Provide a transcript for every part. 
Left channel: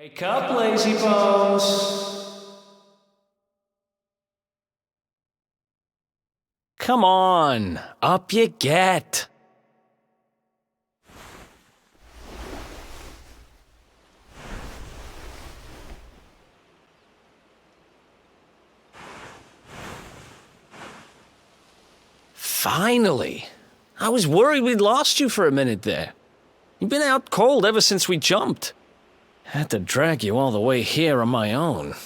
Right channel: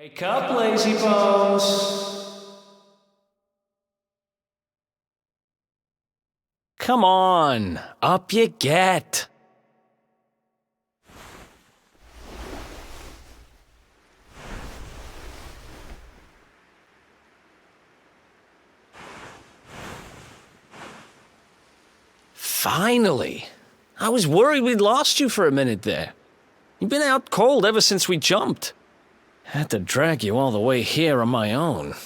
Wake up, lazy bones! Come on, up you get! Finally! I was worried we'd lost you for a minute there. You've been out cold ever since we jumped. Had to drag you all the way here on my own.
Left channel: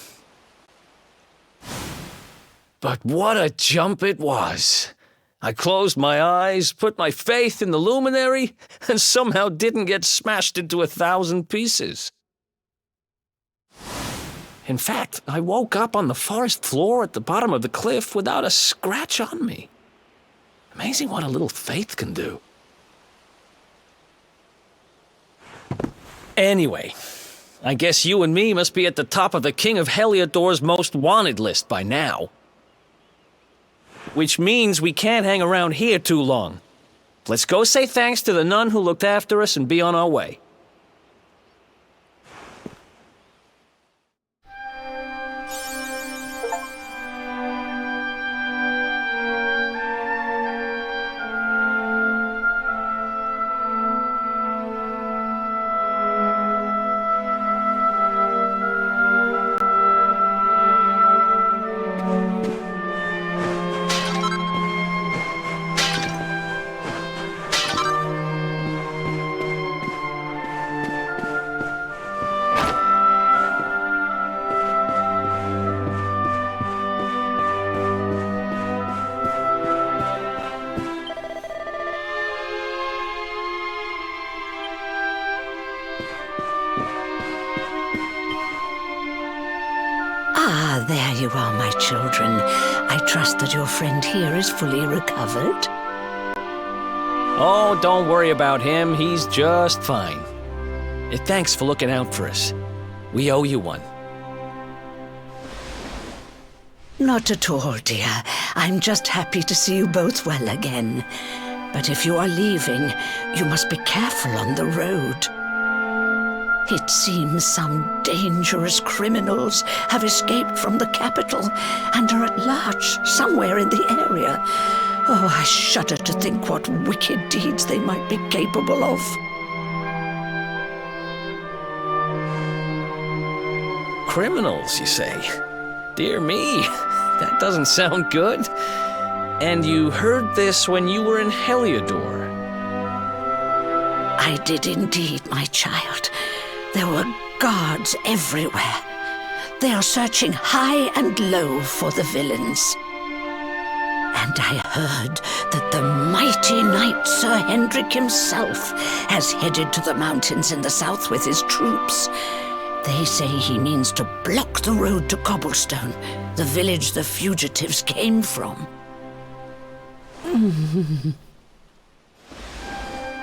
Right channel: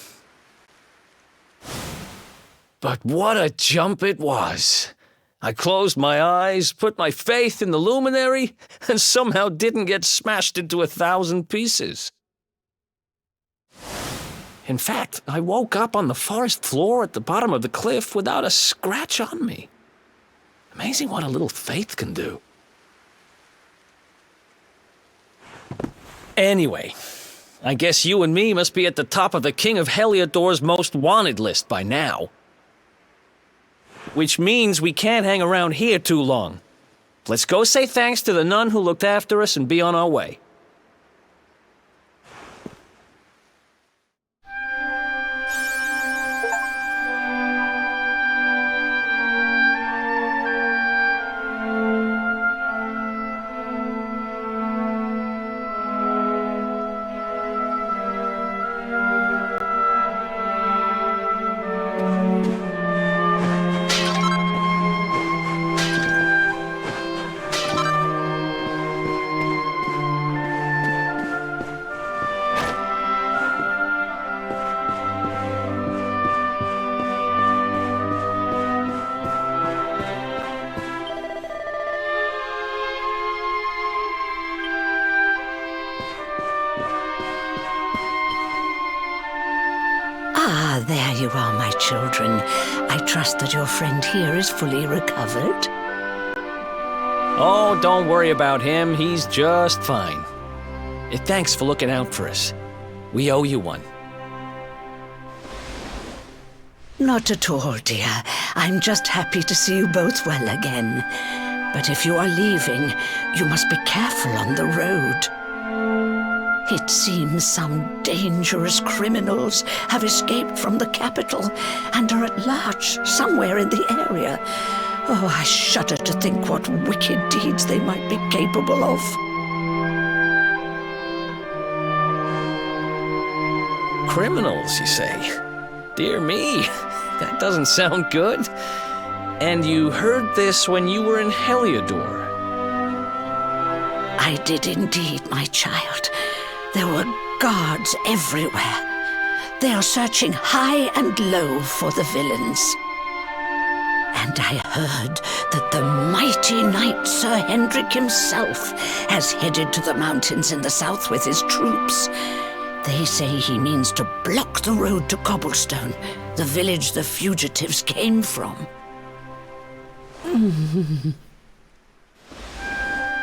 But what a jump it was! I closed my eyes, put my faith in the luminary, and somehow didn't get smashed into 1,000 pieces. In fact, I woke up on the forest floor at the bottom of the cliff without a scratch on me. Amazing what a little faith can do. Anyway, I guess you and me must be at the top of the King of Heliodor's most wanted list by now. Which means we can't hang around here too long. Let's go say thanks to the nun who looked after us and be on our way. Ah, there you are, my children. I trust that your friend here is fully recovered. Oh, don't worry about him. He's just fine. Thanks for looking out for us. We owe you one. Not at all, dear. I'm just happy to see you both well again. But if you are leaving, you must be careful on the road. It seems some dangerous criminals have escaped from the capital and are at large somewhere in the area. Oh, I shudder to think what wicked deeds they might be capable of. Criminals, you say? Dear me, that doesn't sound good. And you heard this when you were in Heliodor? I did indeed, my child. There were guards everywhere. They are searching high and low for the villains. And I heard that the mighty knight Sir Hendrik himself has headed to the mountains in the south with his troops. They say he means to block the road to Cobblestone, the village the fugitives came from.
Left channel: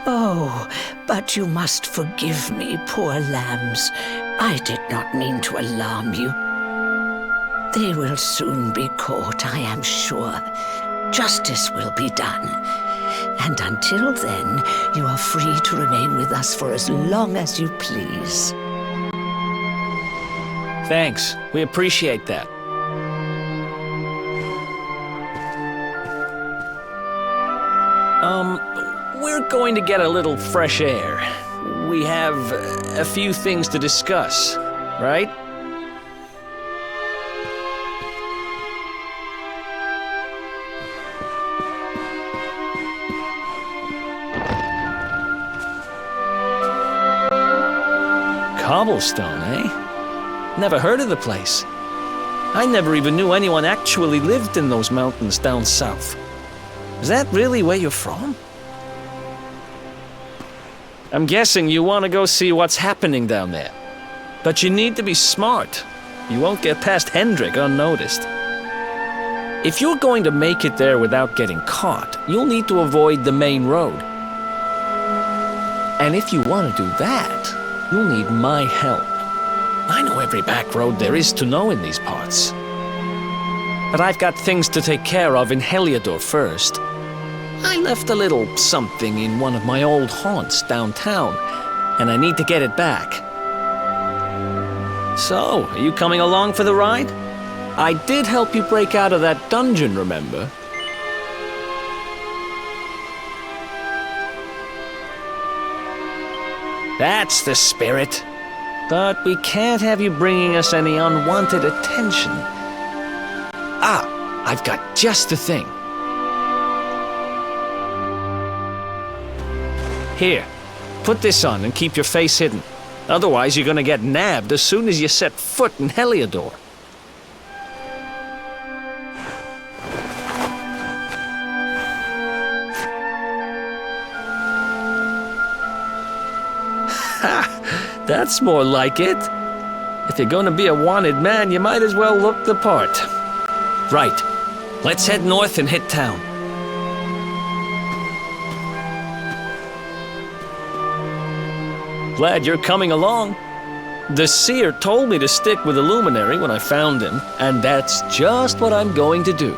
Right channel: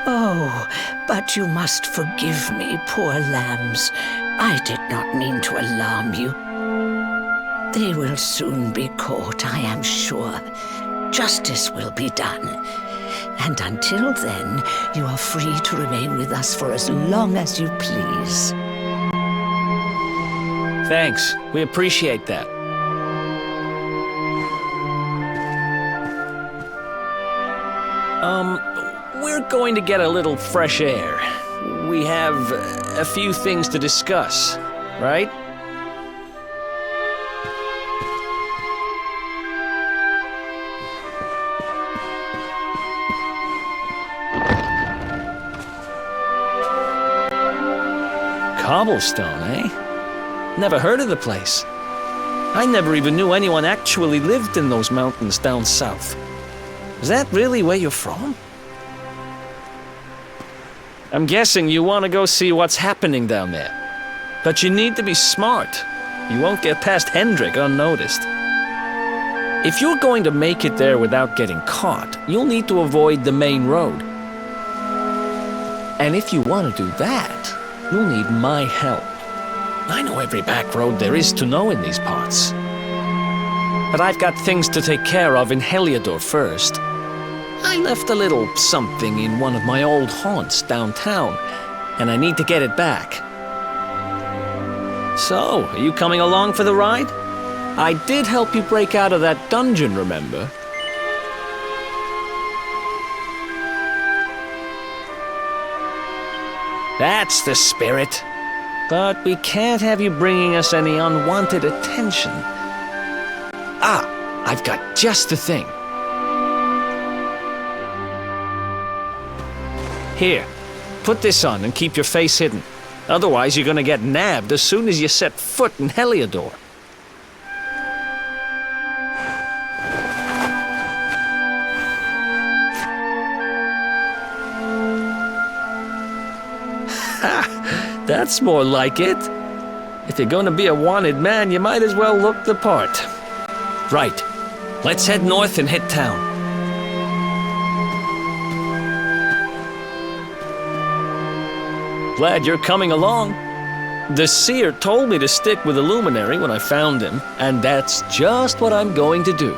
Oh, but you must forgive me, poor lambs. I did not mean to alarm you. They will soon be caught, I am sure. Justice will be done. And until then, you are free to remain with us for as long as you please. Thanks. We appreciate that. We're going to get a little fresh air. We have a few things to discuss, right? Cobblestone, eh? Never heard of the place. I never even knew anyone actually lived in those mountains down south. Is that really where you're from? I'm guessing you want to go see what's happening down there. But you need to be smart. You won't get past Hendrik unnoticed. If you're going to make it there without getting caught, you'll need to avoid the main road. And if you want to do that, you'll need my help. I know every back road there is to know in these parts. But I've got things to take care of in Heliodor first. I left a little something in one of my old haunts downtown, and I need to get it back. So, are you coming along for the ride? I did help you break out of that dungeon, remember? That's the spirit. But we can't have you bringing us any unwanted attention. Ah, I've got just the thing. Here, put this on and keep your face hidden. Otherwise, you're gonna get nabbed as soon as you set foot in Heliodor. Ha! That's more like it. If you're gonna be a wanted man, you might as well look the part. Right. Let's head north and hit town. Glad you're coming along. The seer told me to stick with the luminary when I found him, and that's just what I'm going to do.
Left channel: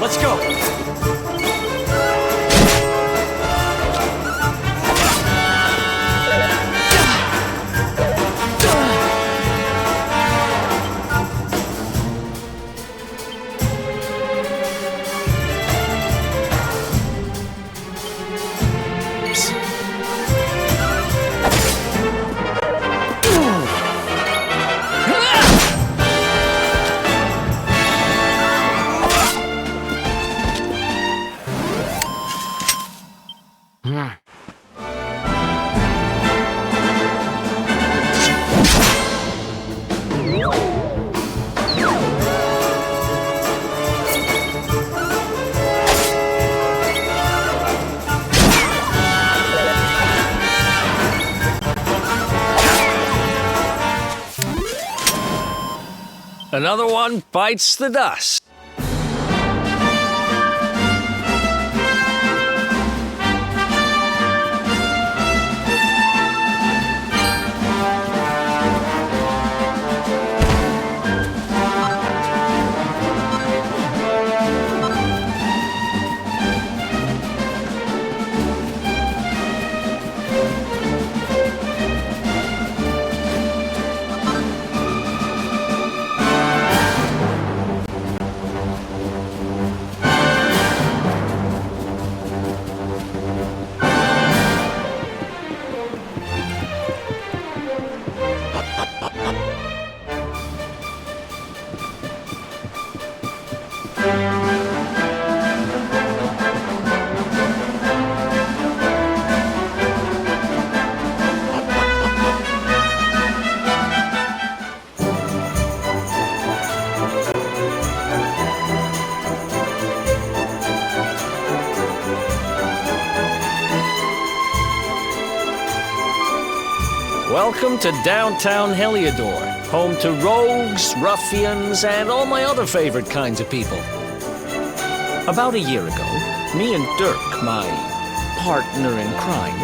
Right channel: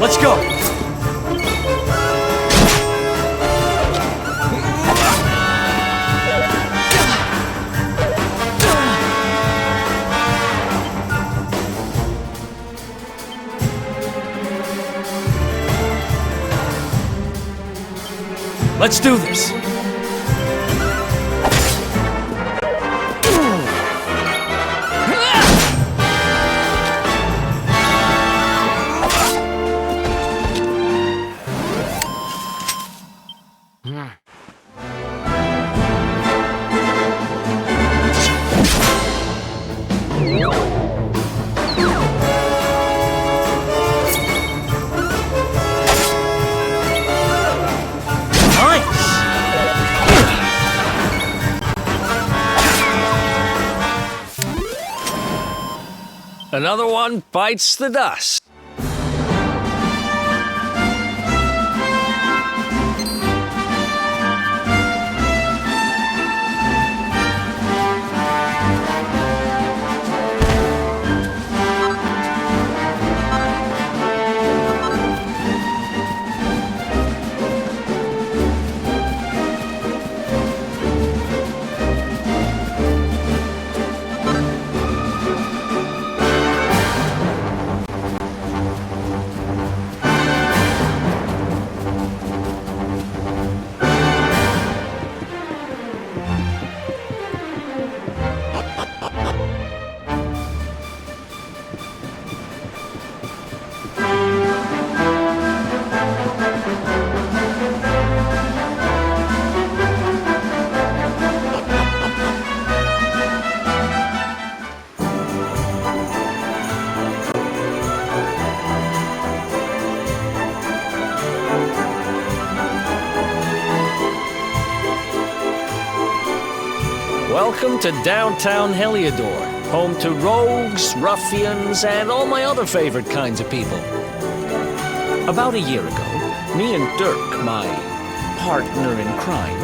Let's go! Let's do this! Another one bites the dust. Welcome to downtown Heliodor, home to rogues, ruffians, and all my other favorite kinds of people. About a year ago, me and Dirk, my partner in crime,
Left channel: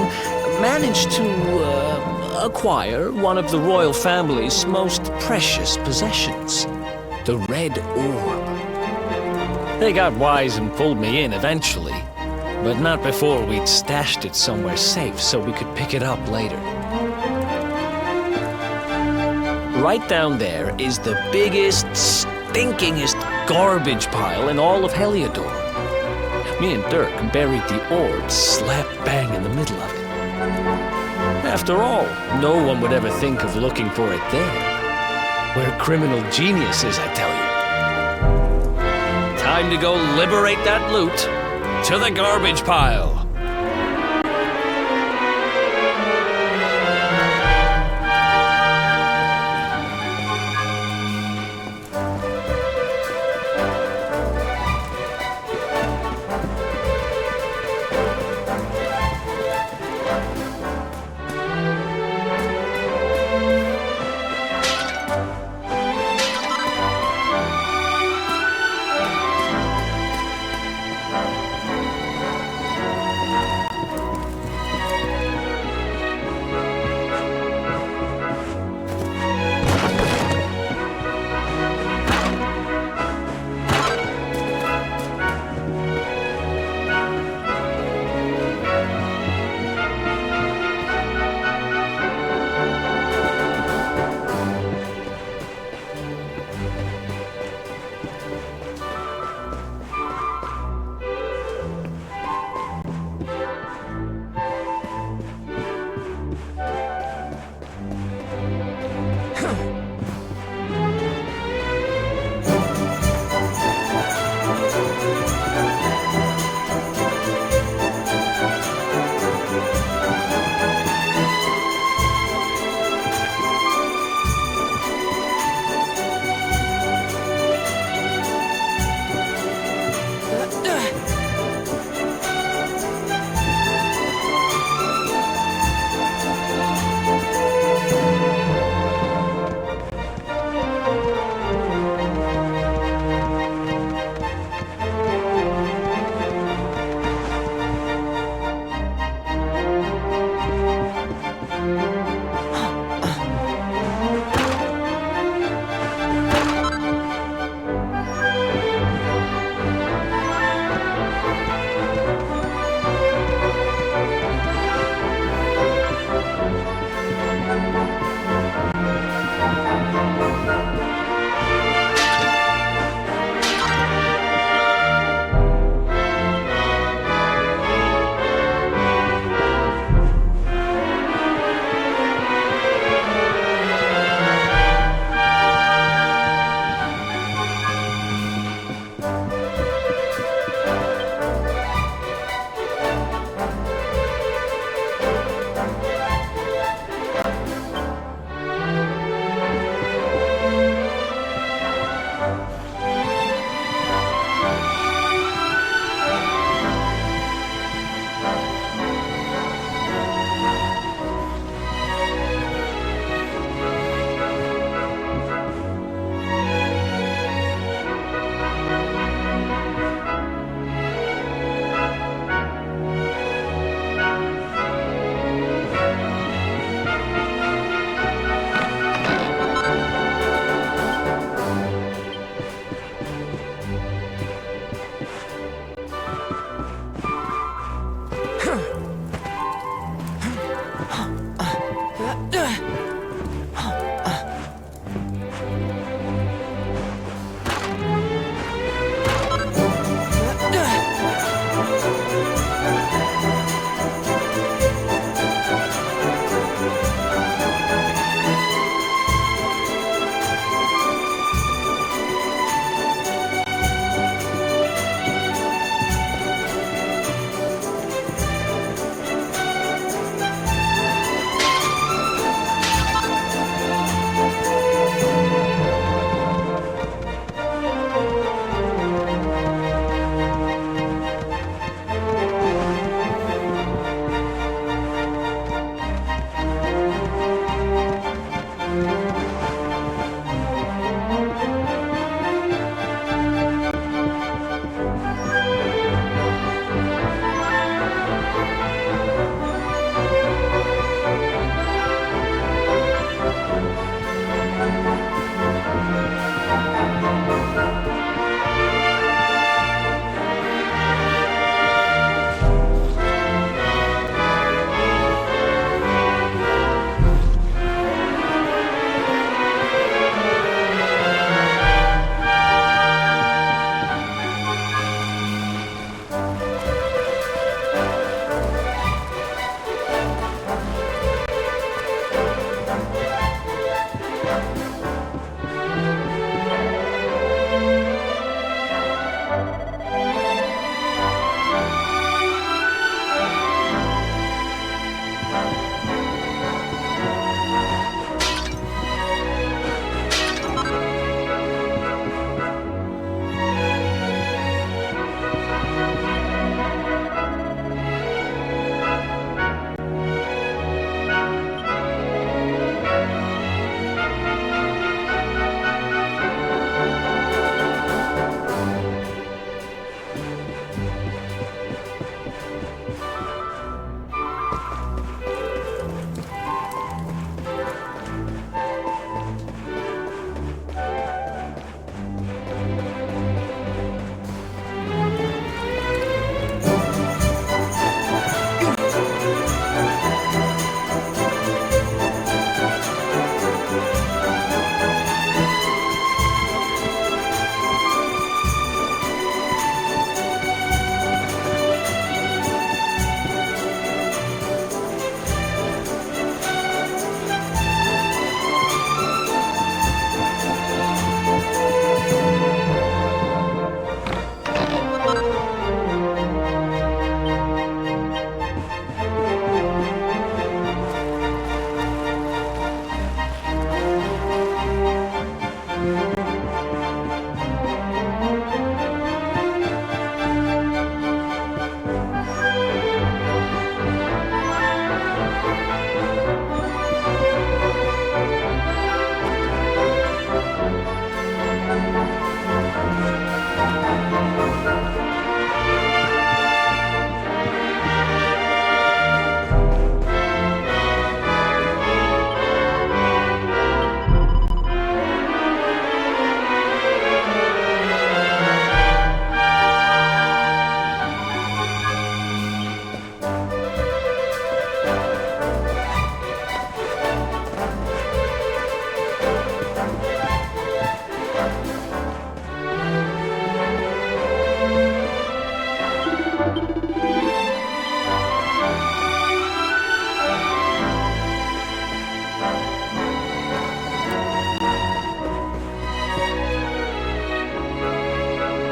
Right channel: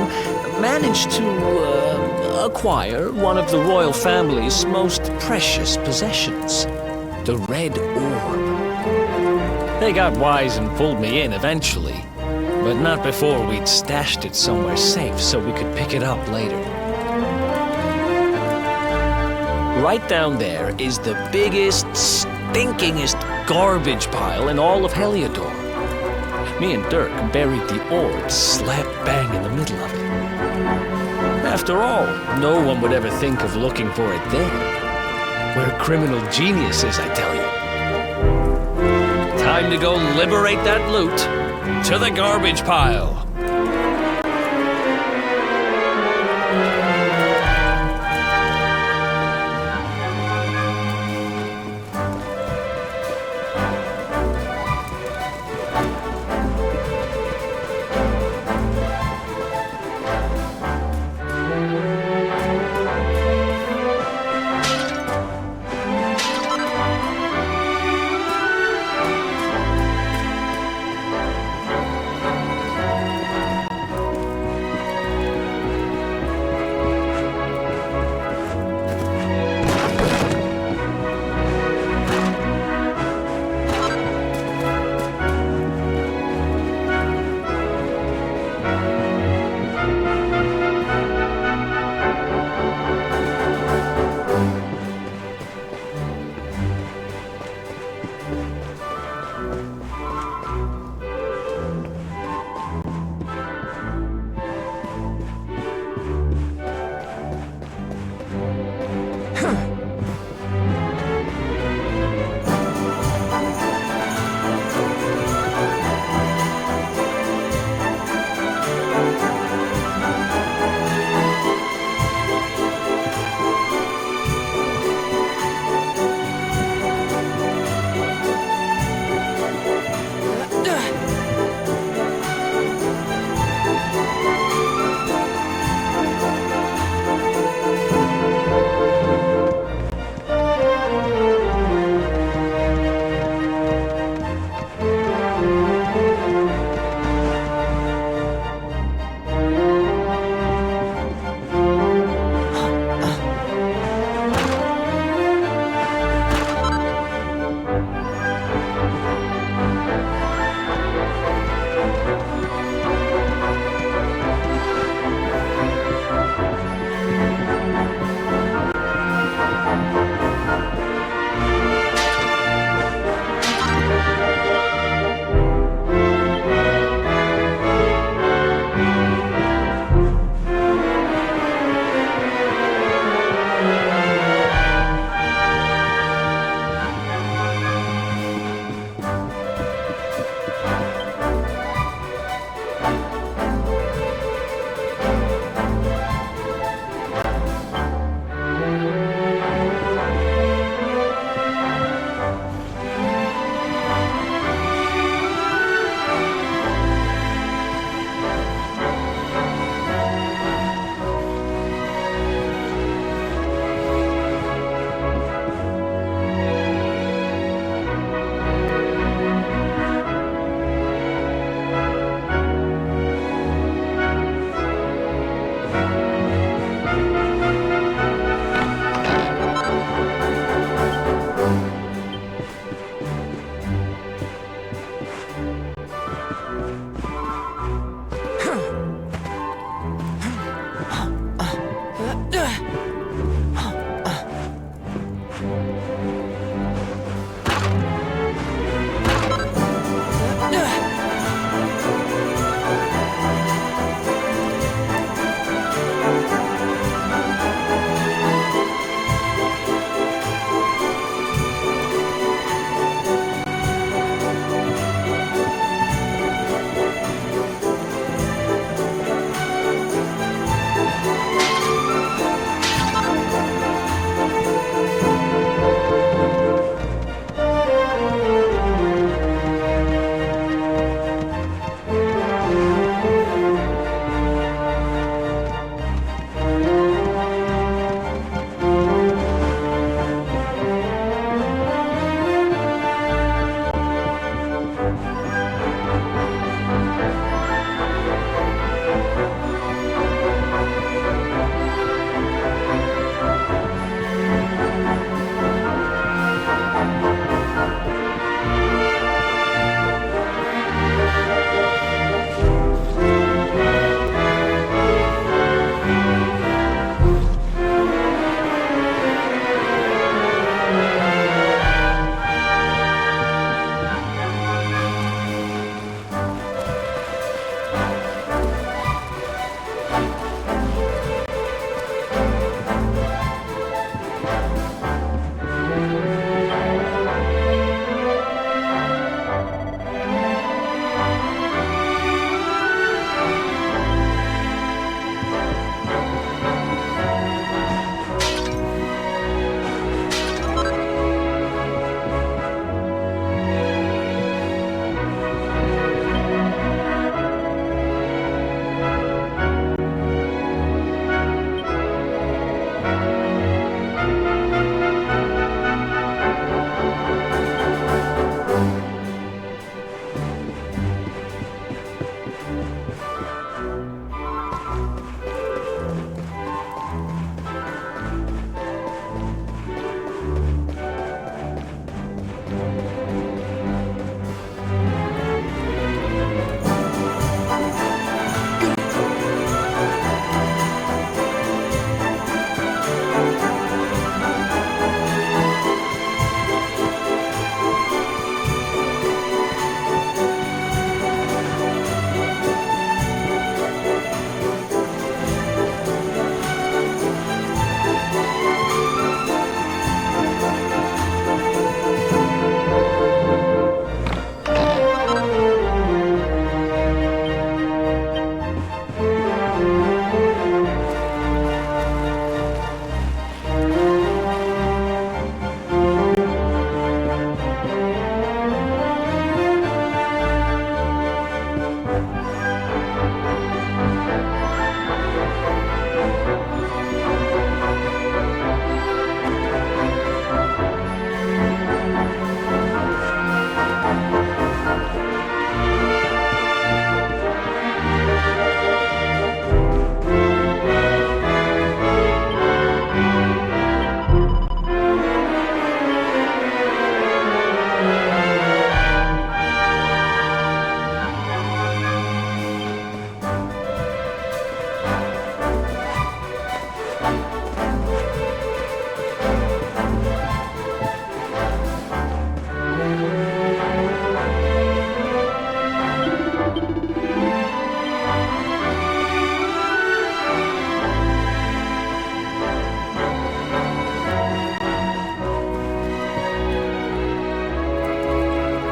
managed to acquire one of the royal family's most precious possessions, the Red Orb. They got wise and pulled me in eventually, but not before we'd stashed it somewhere safe so we could pick it up later. Right down there is the biggest, stinkingest garbage pile in all of Heliodor. Me and Dirk buried the orb slap bang in the middle of it. After all, no one would ever think of looking for it there. We're criminal geniuses, I tell you. Time to go liberate that loot. To the garbage pile.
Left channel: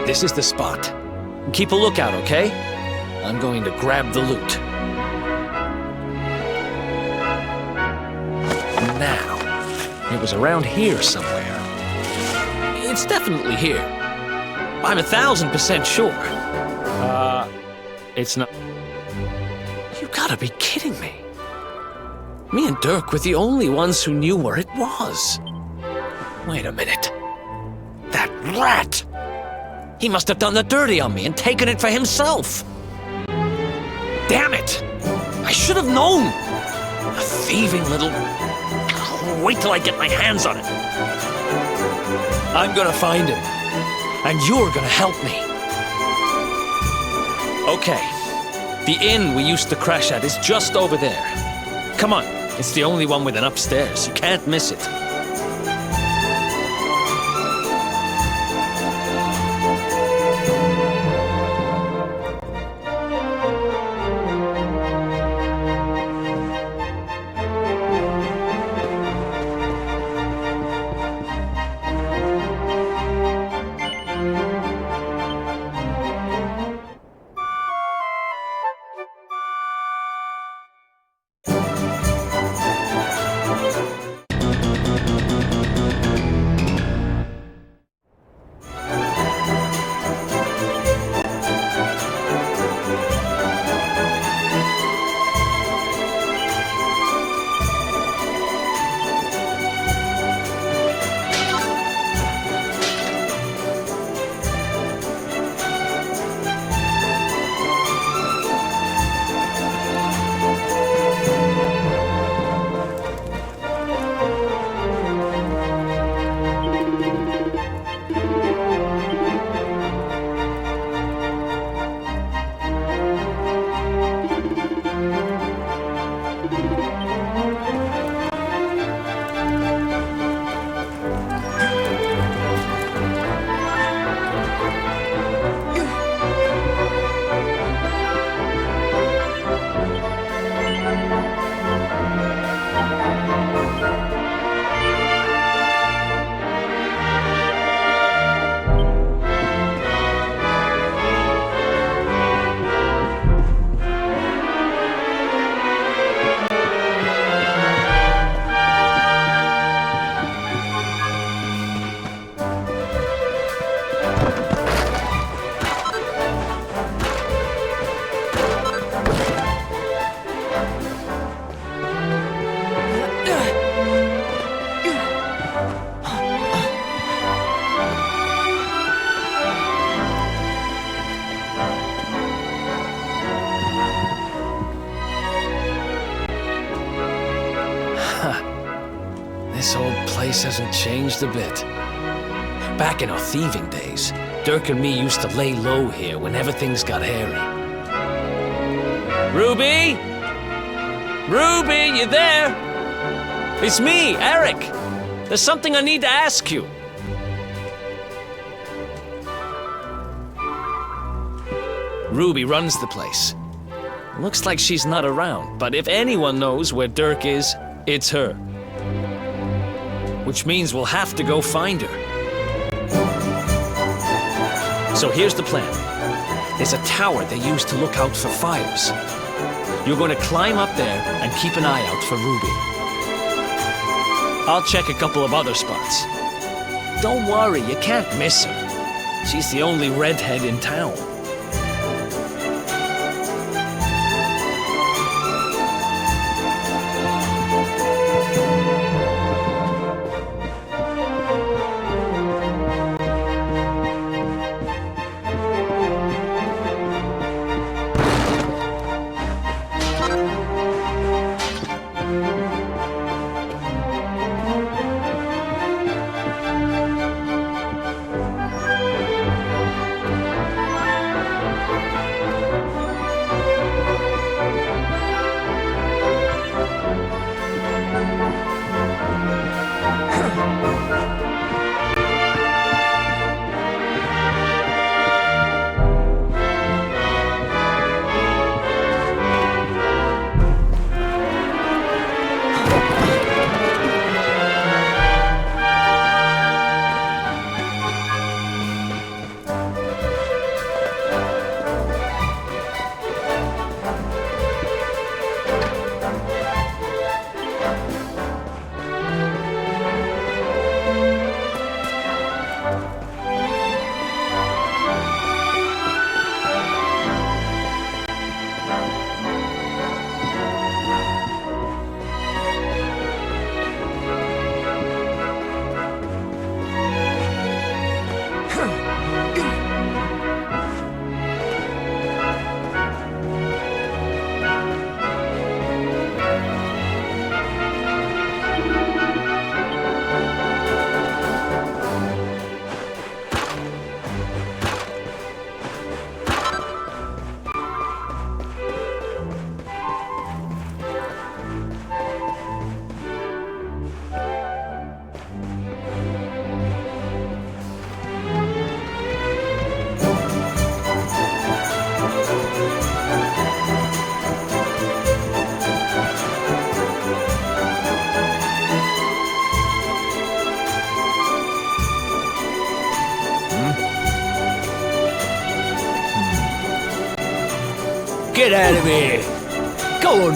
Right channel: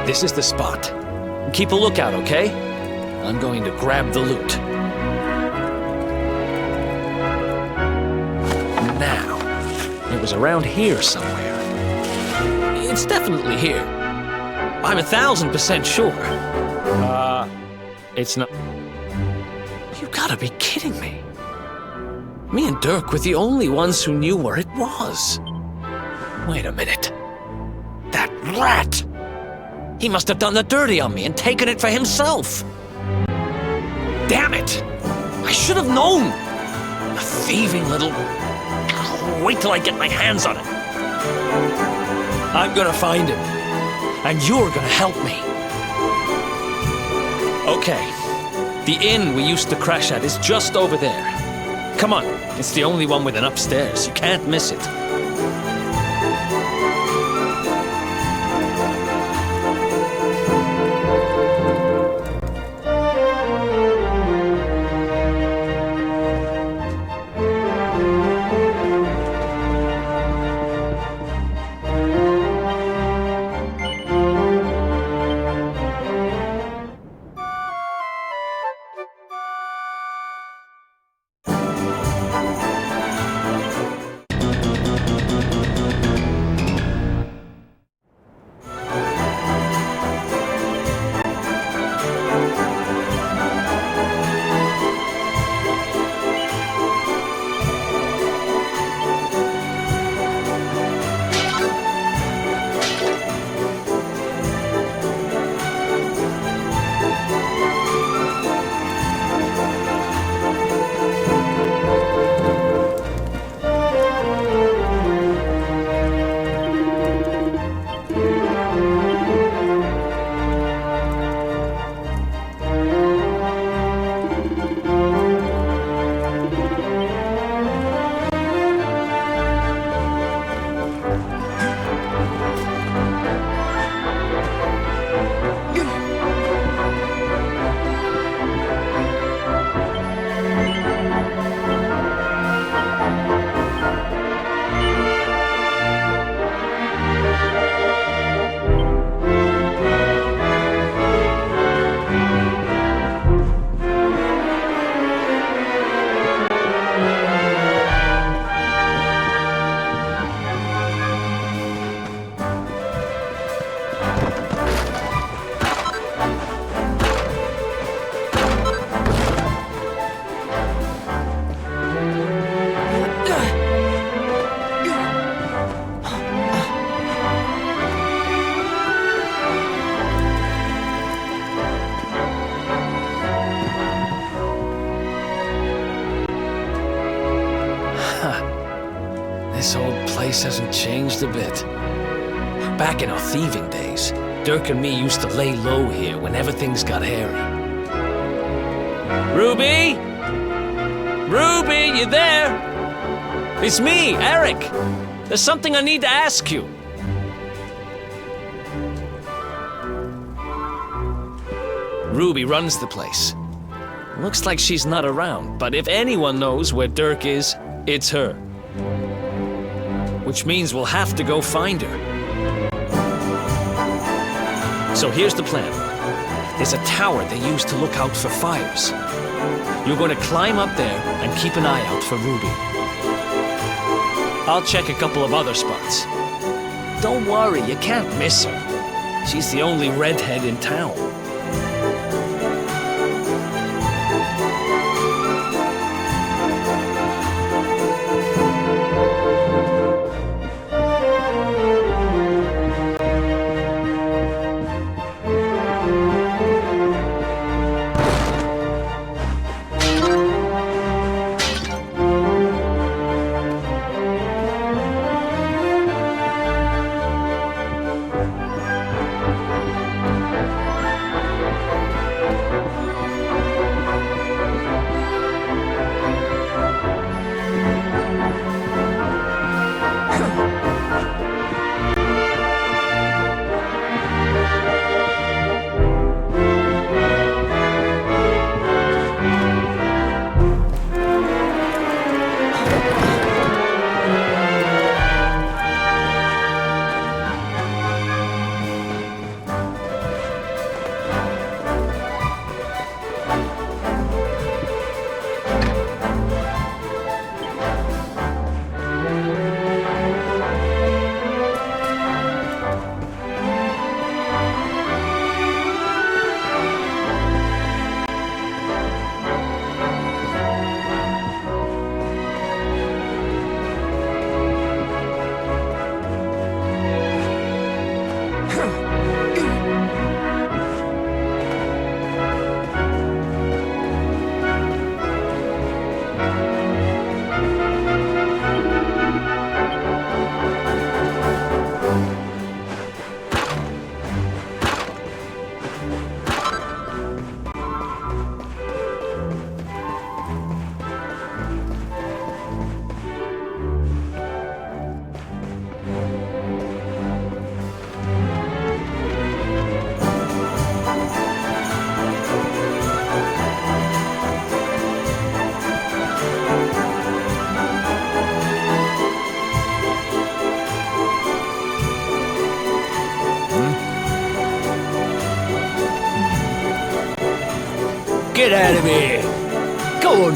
This is the spot. Keep a lookout, okay? I'm going to grab the loot. Now, it was around here somewhere. It's definitely here. I'm 1000% sure. It's not... You gotta be kidding me. Me and Dirk were the only ones who knew where it was. Wait a minute. That rat! He must have done the dirty on me and taken it for himself. Damn it! I should have known! A thieving little... Wait till I get my hands on it. I'm gonna find him. And you're gonna help me. Okay. The inn we used to crash at is just over there. Come on. It's the only one with an upstairs. You can't miss it. This old place hasn't changed a bit. Back in our thieving days, Dirk and me used to lay low here whenever things got hairy. Ruby? Ruby, you there? It's me, Eric. There's something I need to ask you. Ruby runs the place. Looks like she's not around, but if anyone knows where Dirk is, it's her. Which means we'll have to go find her. So here's the plan. There's a tower they use to look out for fires. You're going to climb up there and keep an eye out for Ruby. I'll check a couple of other spots. Don't worry, you can't miss her. She's the only redhead in town. Get out of here! Go on!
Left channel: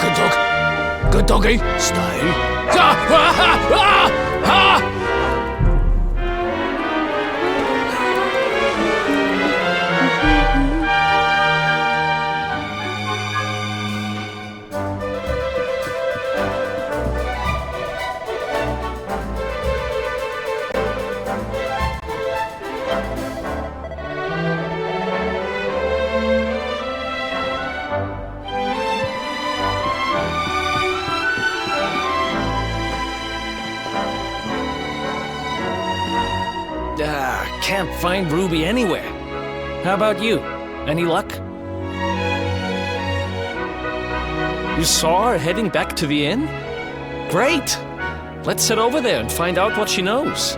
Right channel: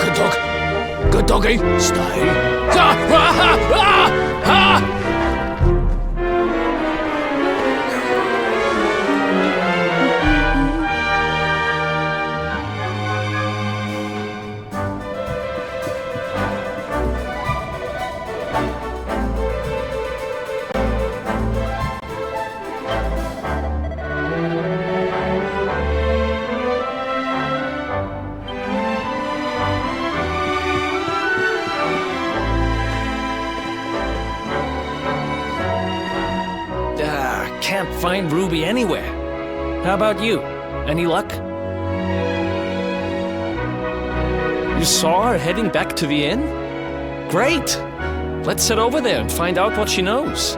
Good dog. Good doggy. Stay. Can't find Ruby anywhere. How about you? Any luck? You saw her heading back to the inn? Great! Let's head over there and find out what she knows.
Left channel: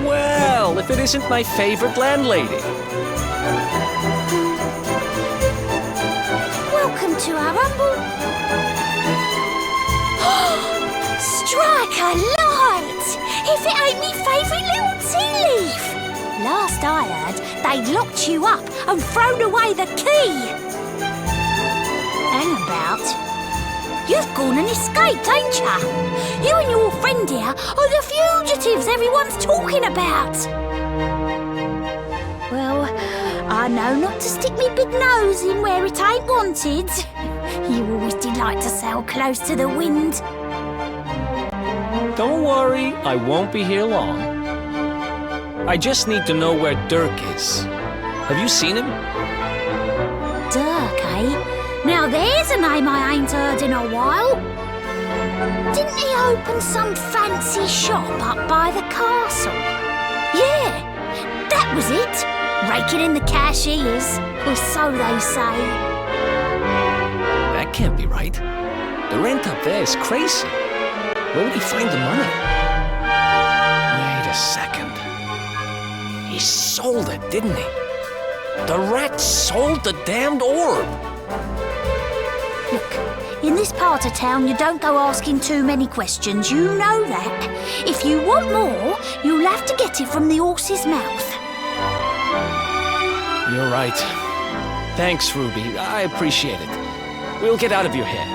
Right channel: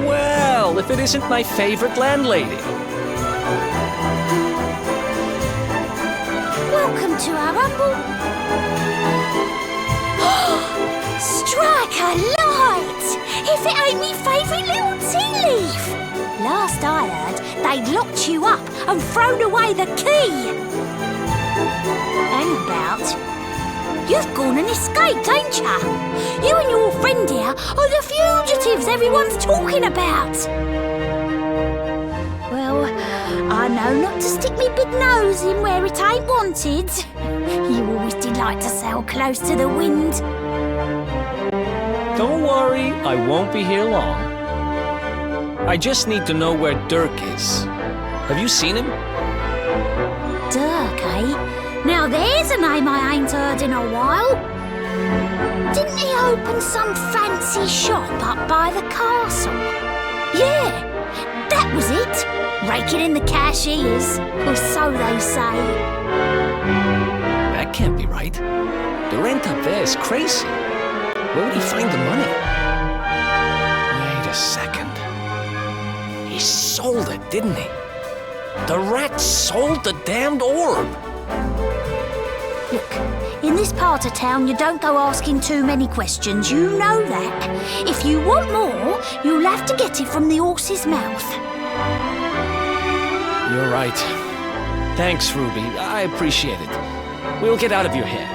Well, if it isn't my favorite landlady. Welcome to our humble... Strike a light! If it ain't me favourite little tea leaf! Last I heard, they'd locked you up and thrown away the key. Hang about. You've gone and escaped, ain't ya? You and your friend here are the fugitives everyone's talking about. Well, I know not to stick me big nose in where it ain't wanted. You always did like to sail close to the wind. Don't worry, I won't be here long. I just need to know where Dirk is. Have you seen him? Dirk, eh? Now there's a name I ain't heard in a while. Didn't he open some fancy shop up by the castle? Yeah, that was it. Raking in the cash he is, or so they say. That can't be right. The rent up there is crazy. Where would he find the money? Wait a second. He sold it, didn't he? The rat sold the damned orb. Look, in this part of town, you don't go asking too many questions. You know that. If you want more, you'll have to get it from the horse's mouth. You're right. Thanks, Ruby. I appreciate it. We'll get out of your hair.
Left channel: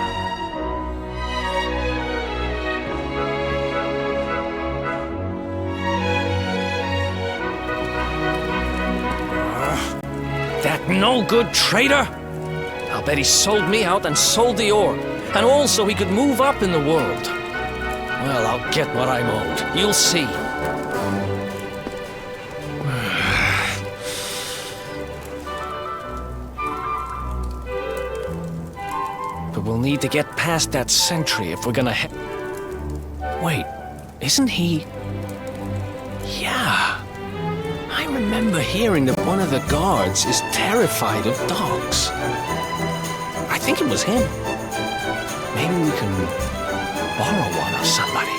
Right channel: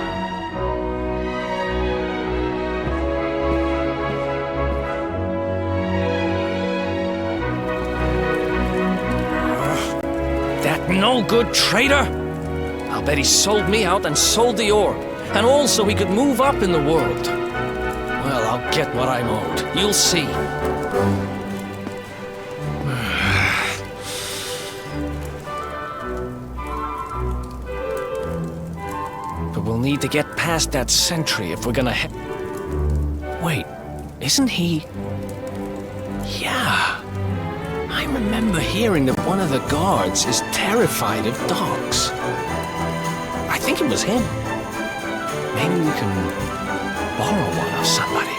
That no-good traitor! I'll bet he sold me out and sold the orb. And also he could move up in the world. Well, I'll get what I'm owed. You'll see. But we'll need to get past that sentry if we're gonna Wait, isn't he... Yeah. I remember hearing that one of the guards is terrified of dogs. I think it was him. Maybe we can borrow one of somebody.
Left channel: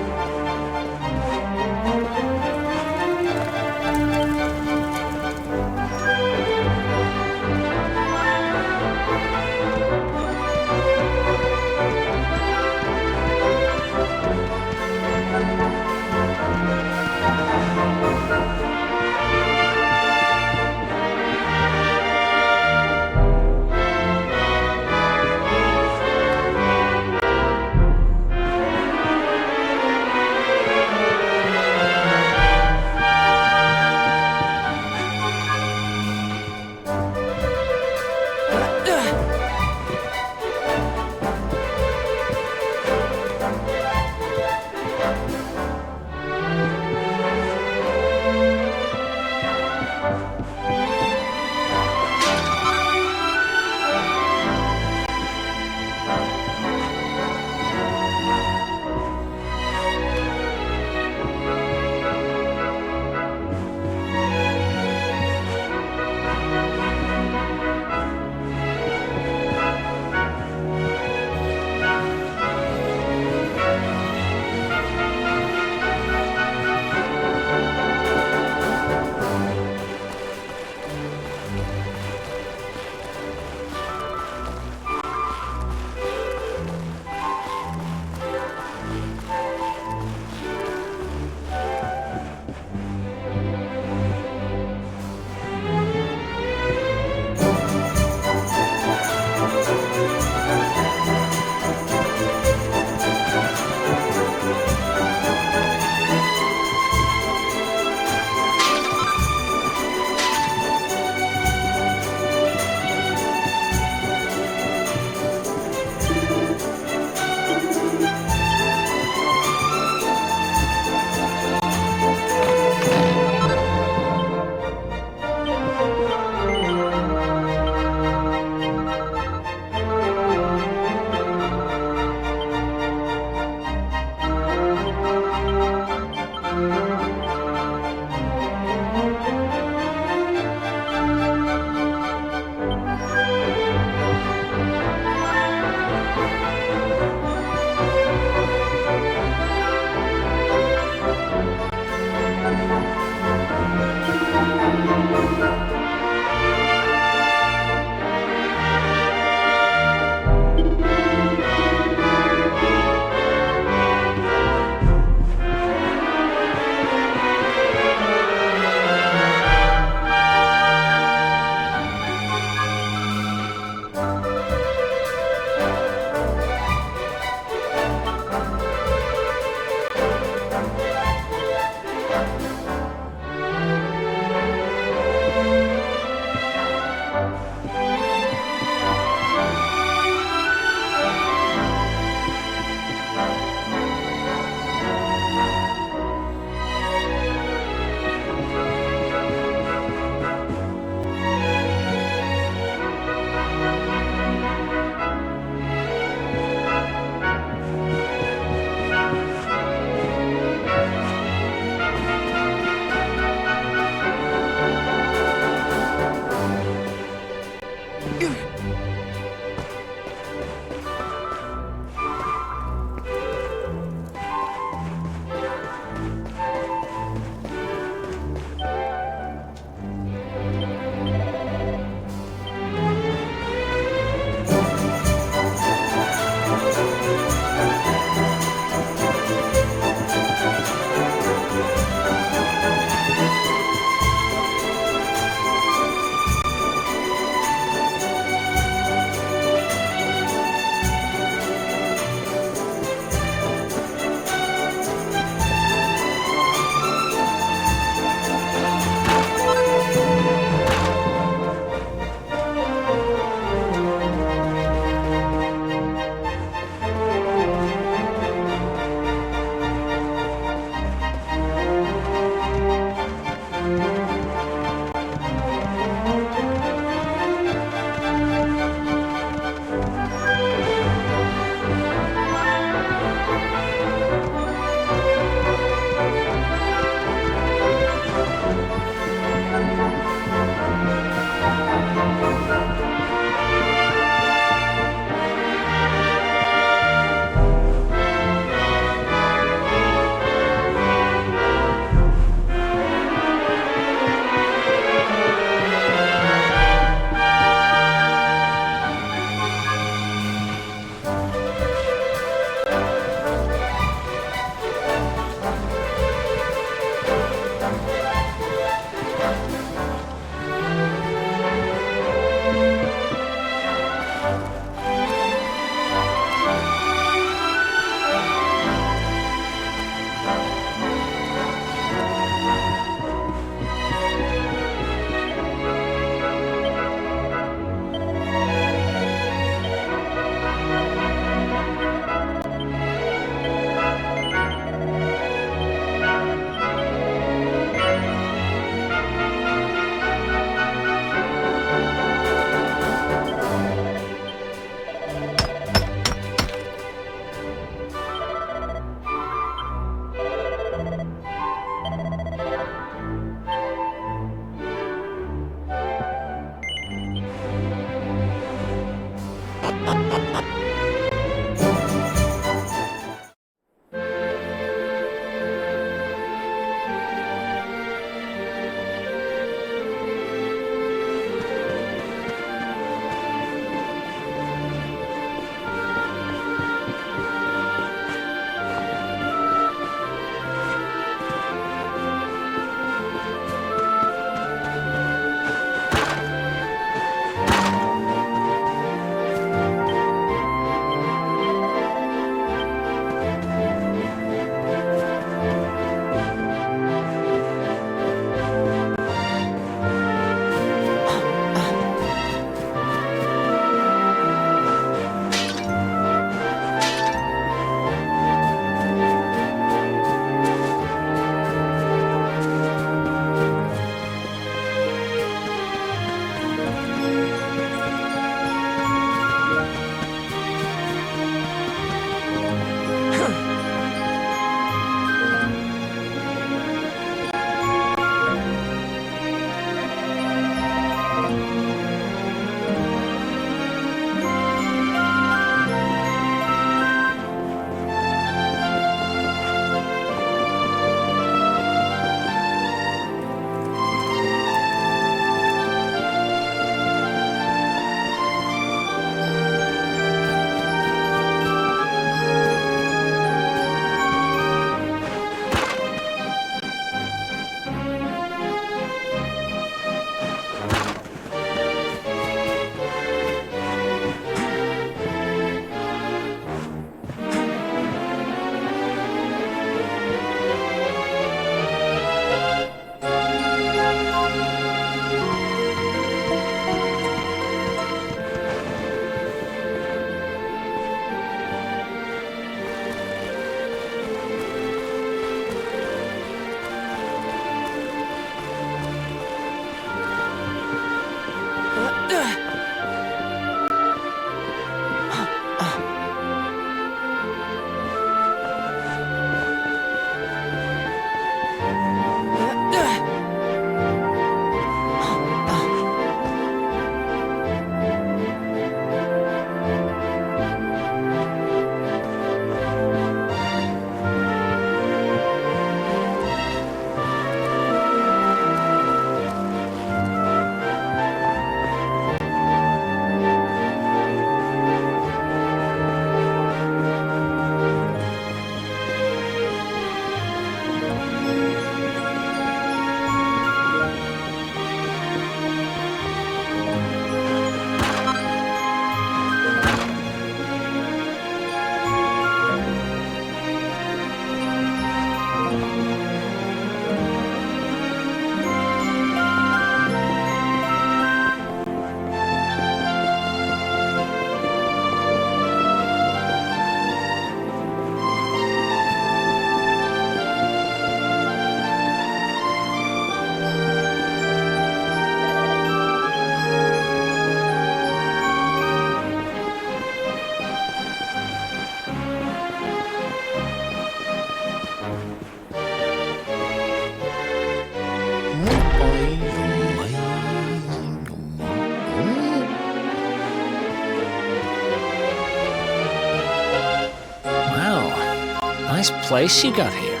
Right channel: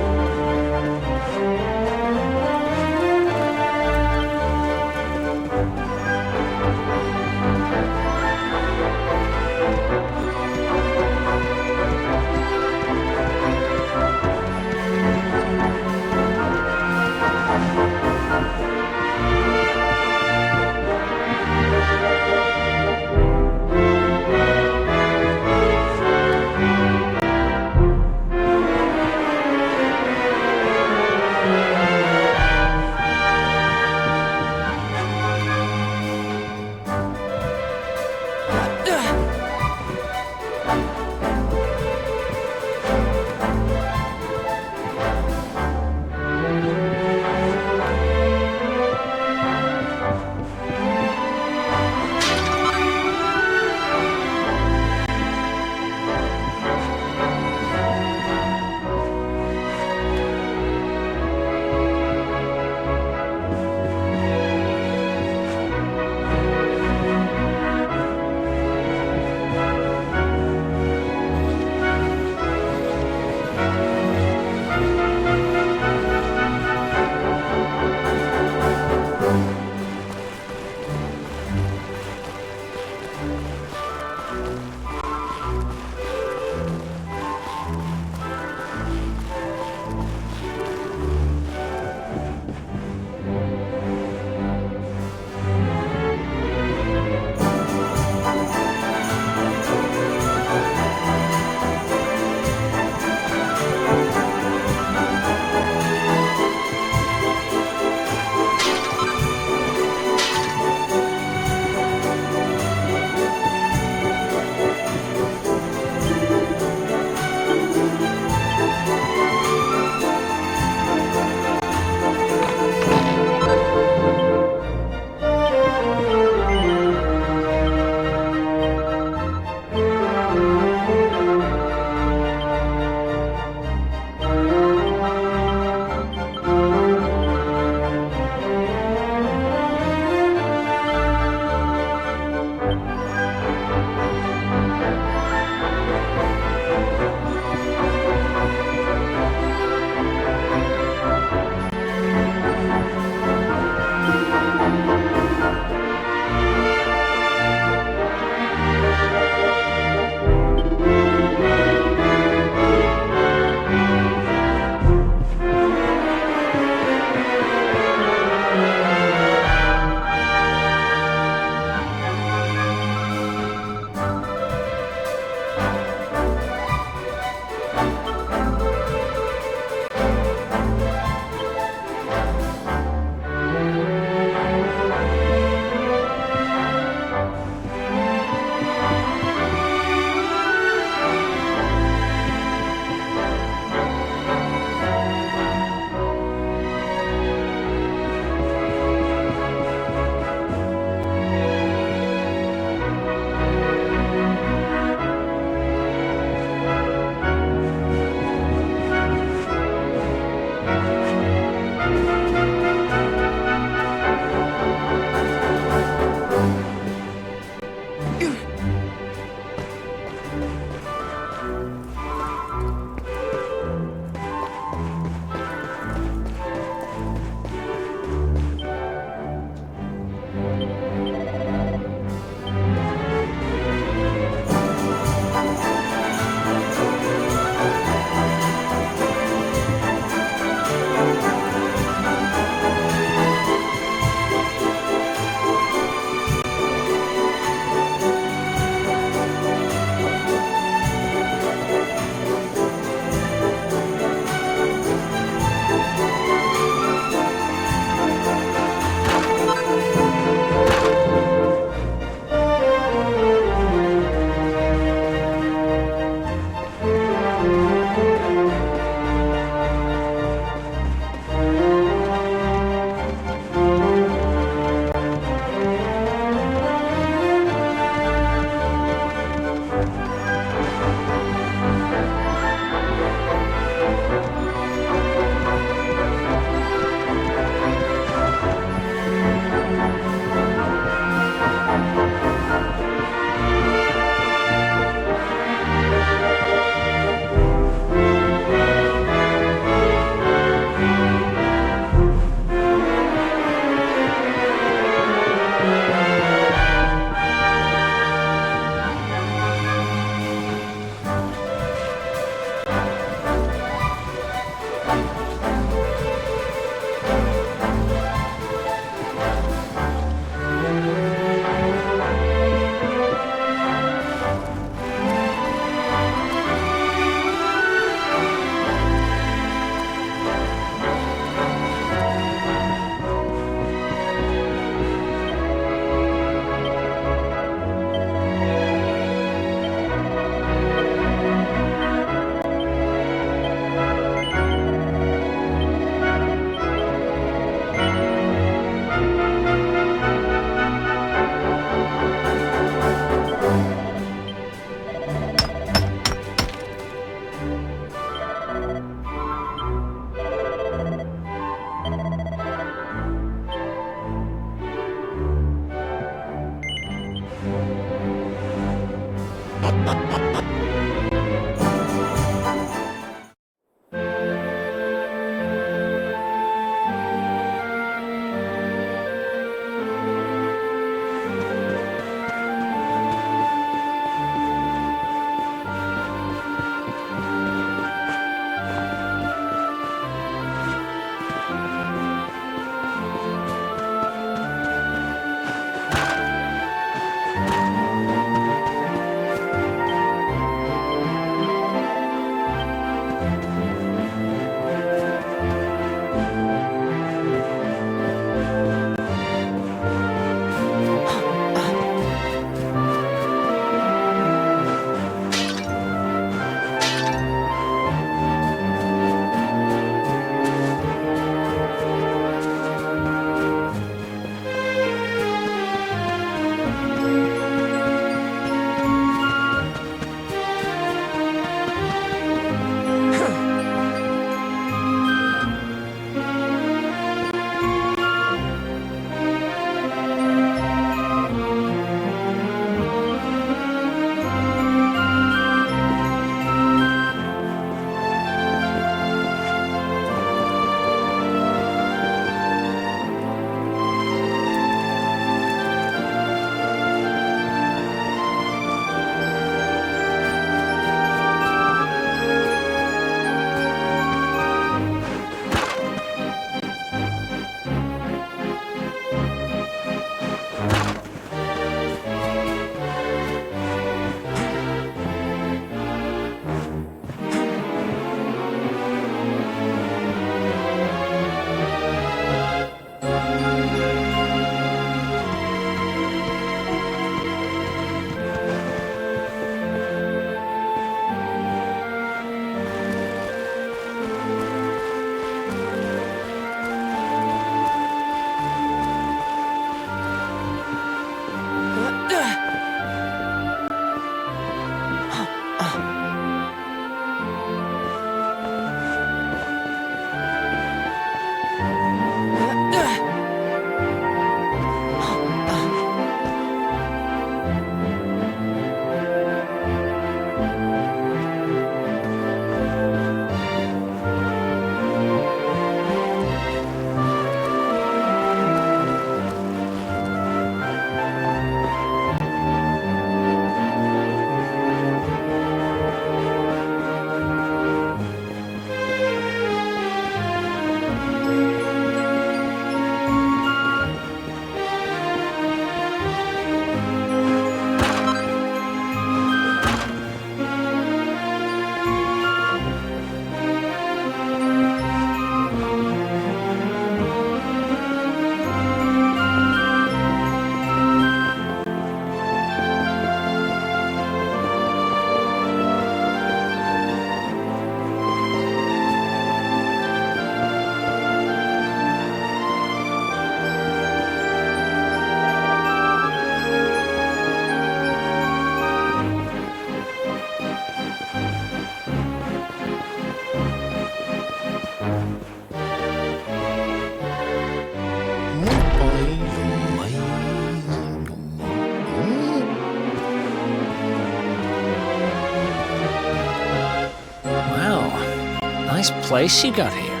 Nice place you got here.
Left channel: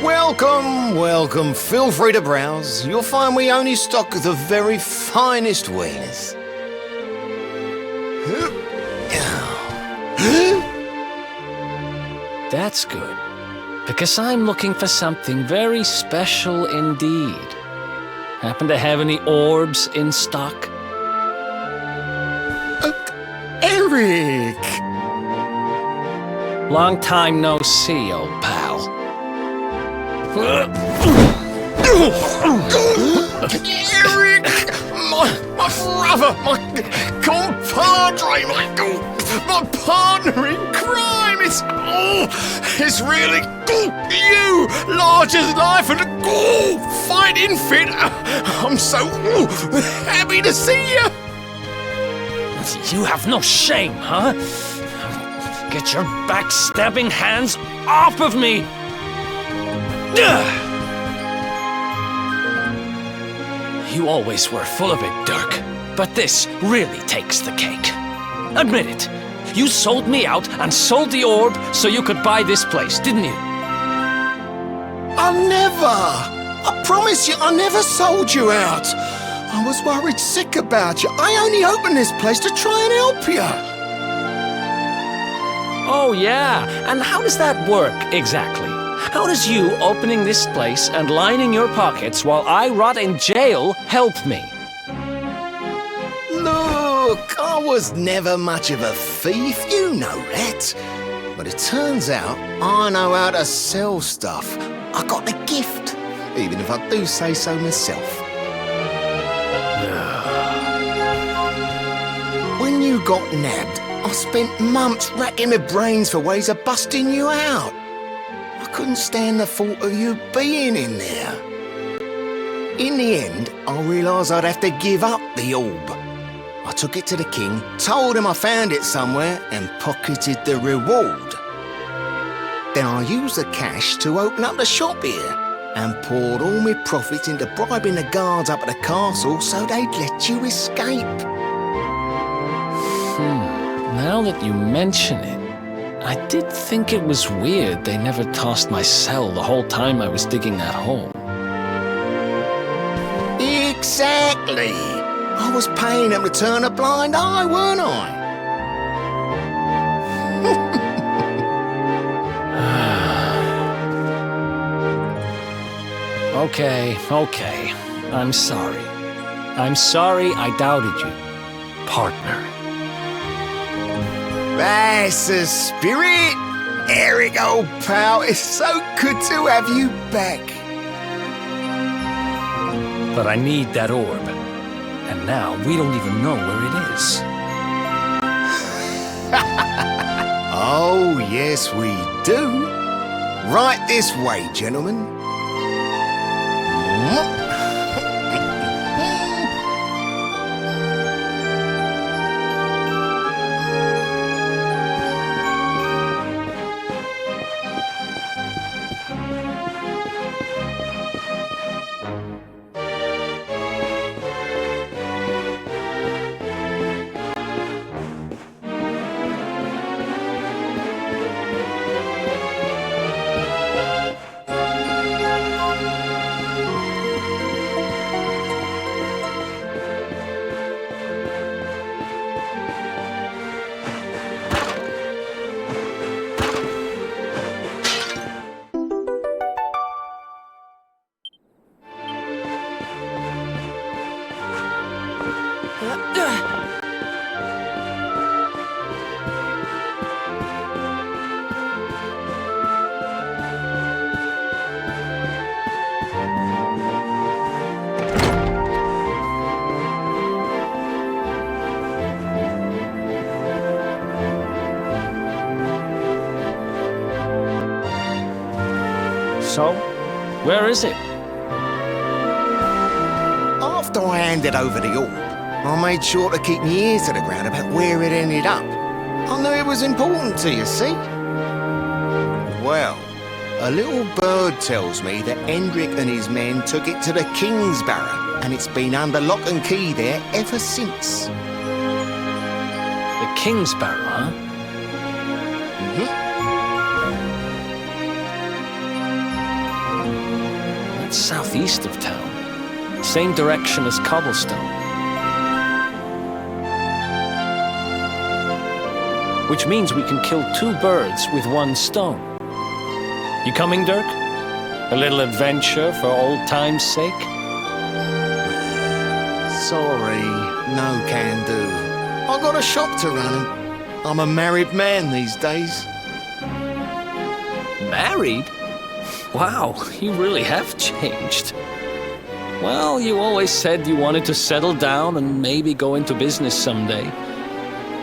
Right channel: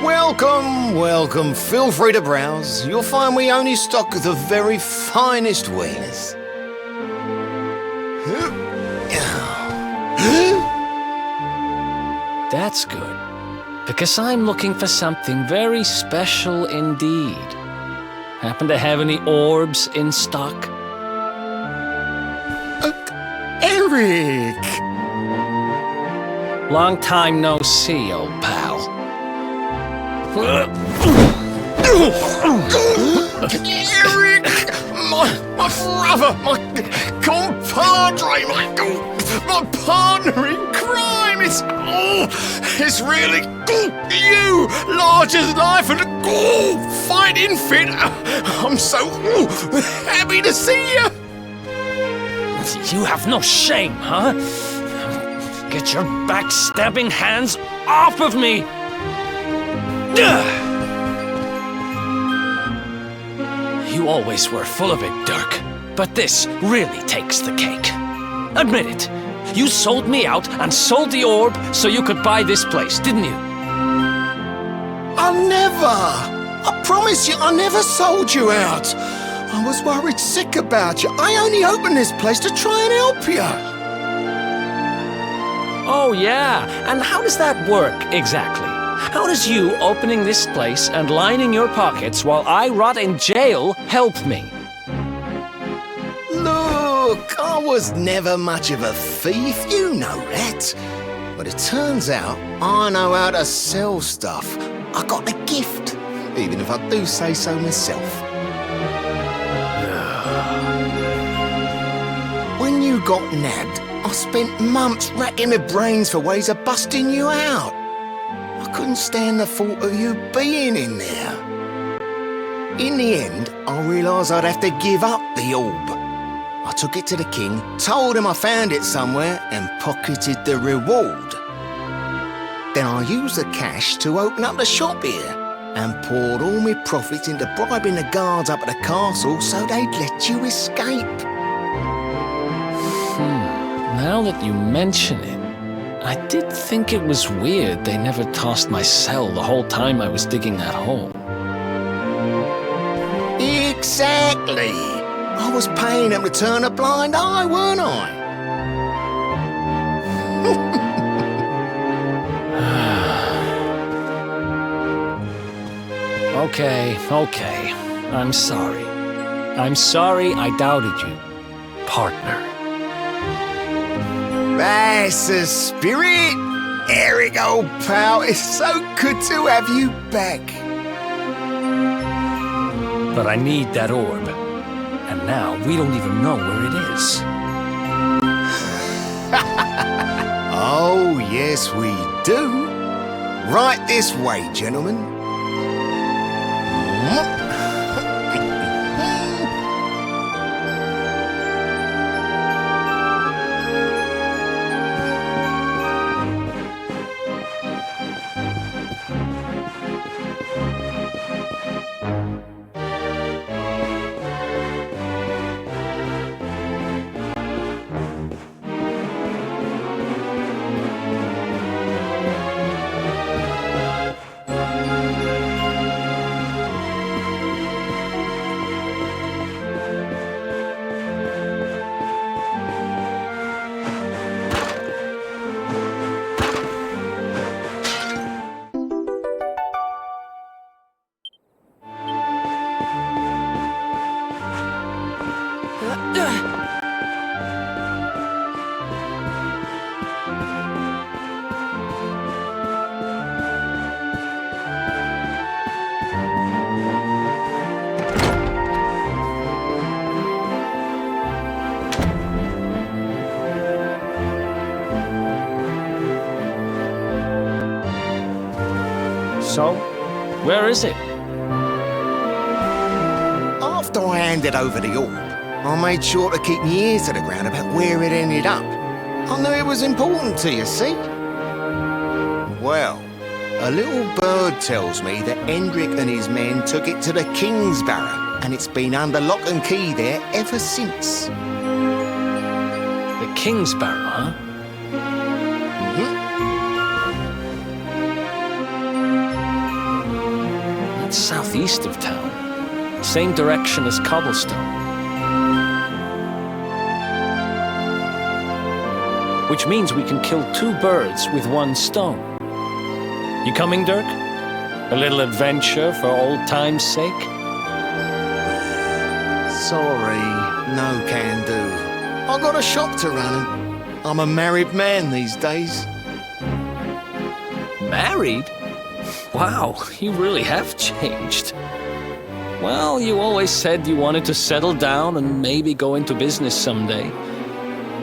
Welcome, welcome. Feel free to browse. You'll find we only stock the very finest wieners. That's good, because I'm looking for something very special indeed. Happen to have any orbs in stock? Eric! Long time no see, old pal. Eric! My brother, my compadre, my partner in crime! It's really you, large as life and fighting fit. I'm so happy to see you. You have no shame, huh? Get your backstabbing hands off of me! You always were full of it, Dirk, but this really takes the cake. Admit it. You sold me out and sold the orb so you could buy this place, didn't you? I never! I promise you, I never sold you out. I was worried sick about you. I only opened this place to try and help you. Oh, yeah. And how does that work, exactly? How does you opening this place and lining your pockets while I rot in jail help me? Look, I was never much of a thief, you know that. But it turns out I know how to sell stuff. I got a gift, even if I do say so myself. When you got nabbed, I spent months racking my brains for ways of busting you out. I couldn't stand the thought of you being in there. In the end, I realised I'd have to give up the orb. I took it to the king, told him I found it somewhere, and pocketed the reward. Then I used the cash to open up the shop here, and poured all my profits into bribing the guards up at the castle so they'd let you escape. Now that you mention it, I did think it was weird they never tossed my cell the whole time I was digging that hole. Exactly! I was paying them to turn a blind eye, weren't I? Okay. I'm sorry. I'm sorry I doubted you, partner. That's the spirit! Eric, old pal, it's so good to have you back. But I need that orb. And now we don't even know where it is. Oh, yes, we do. Right this way, gentlemen. So, where is it? After I handed over the orb, I made sure to keep my ears to the ground about where it ended up. I knew it was important to you, see? Well, a little bird tells me that 𝐷𝐷𝐷rick and his men took it to the King's Barrow, and it's been under lock and key there ever since. The King's Barrow, huh? That's southeast of town. Same direction as Cobblestone. Which means we can kill two birds with one stone. You coming, Dirk? A little adventure for old time's sake? Sorry, no can do. I got a shop to run and I'm a married man these days. Married? Wow, you really have changed. Well, you always said you wanted to settle down and maybe go into business someday.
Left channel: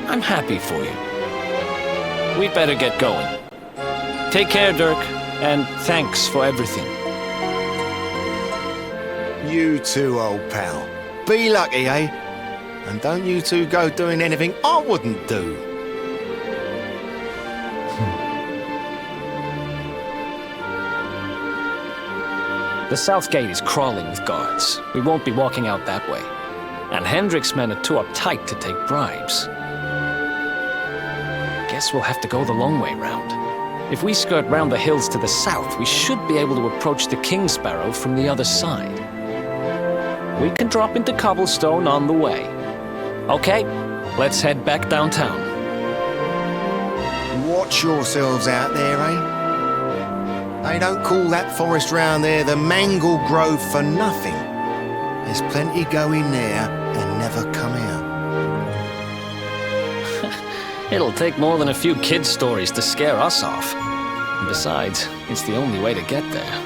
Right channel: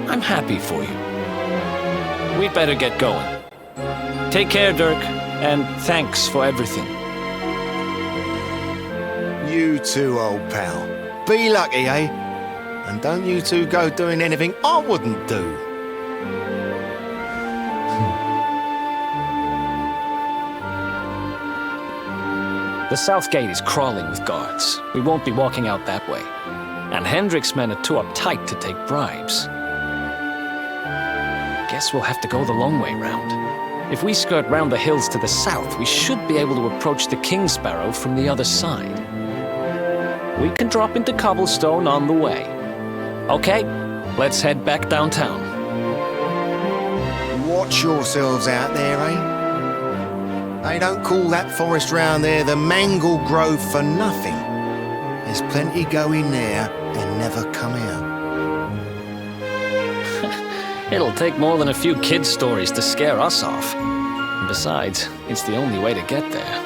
I'm happy for you. We'd better get going. Take care, Dirk, and thanks for everything. You too, old pal. Be lucky, eh? And don't you two go doing anything I wouldn't do. The south gate is crawling with guards. We won't be walking out that way. And 𝐷𝐷rick's men are too uptight to take bribes. Guess we'll have to go the long way round. If we skirt round the hills to the south, we should be able to approach the King Sparrow from the other side. We can drop into Cobblestone on the way. Okay, let's head back downtown. Watch yourselves out there, eh? They don't call that forest round there the Mangle Grove for nothing. There's plenty go in there and never come out. It'll take more than a few kid stories to scare us off. And besides, it's the only way to get there.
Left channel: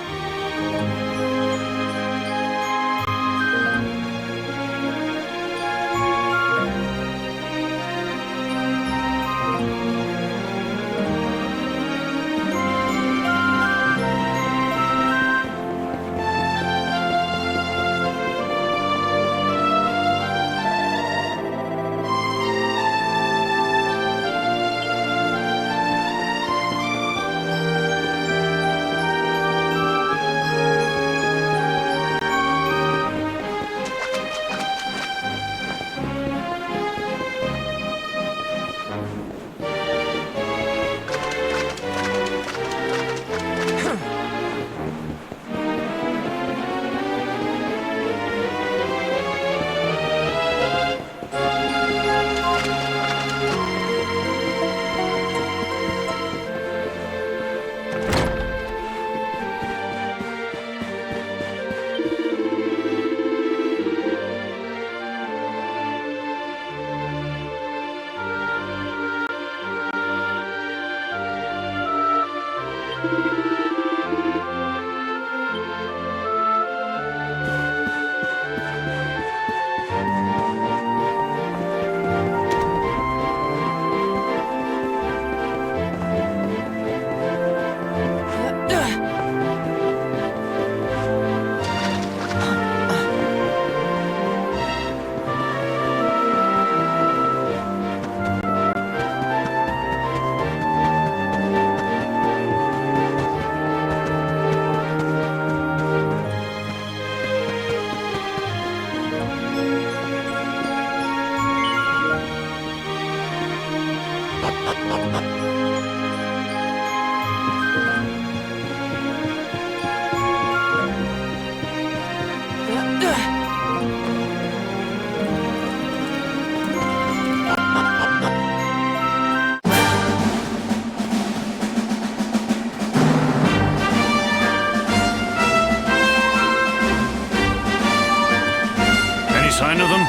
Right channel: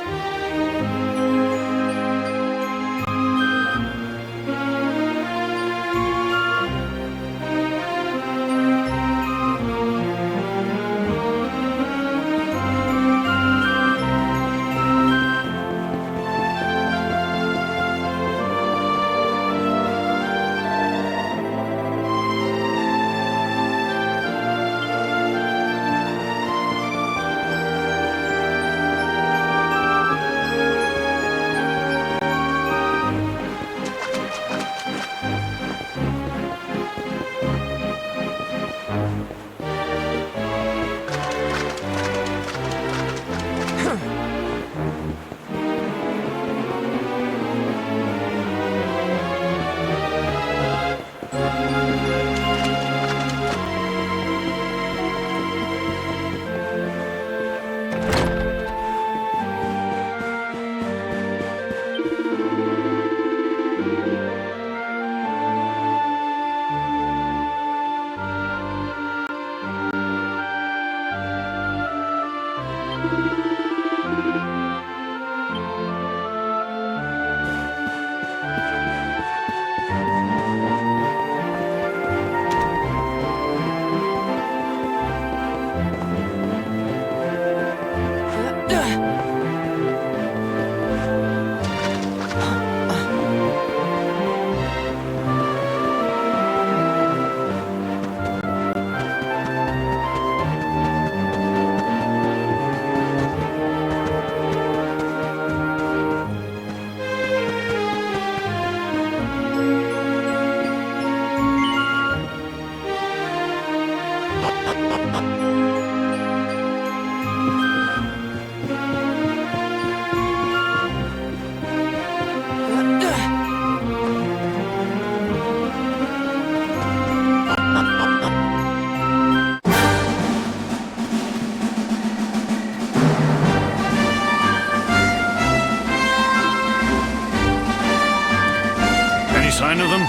Any sign of them?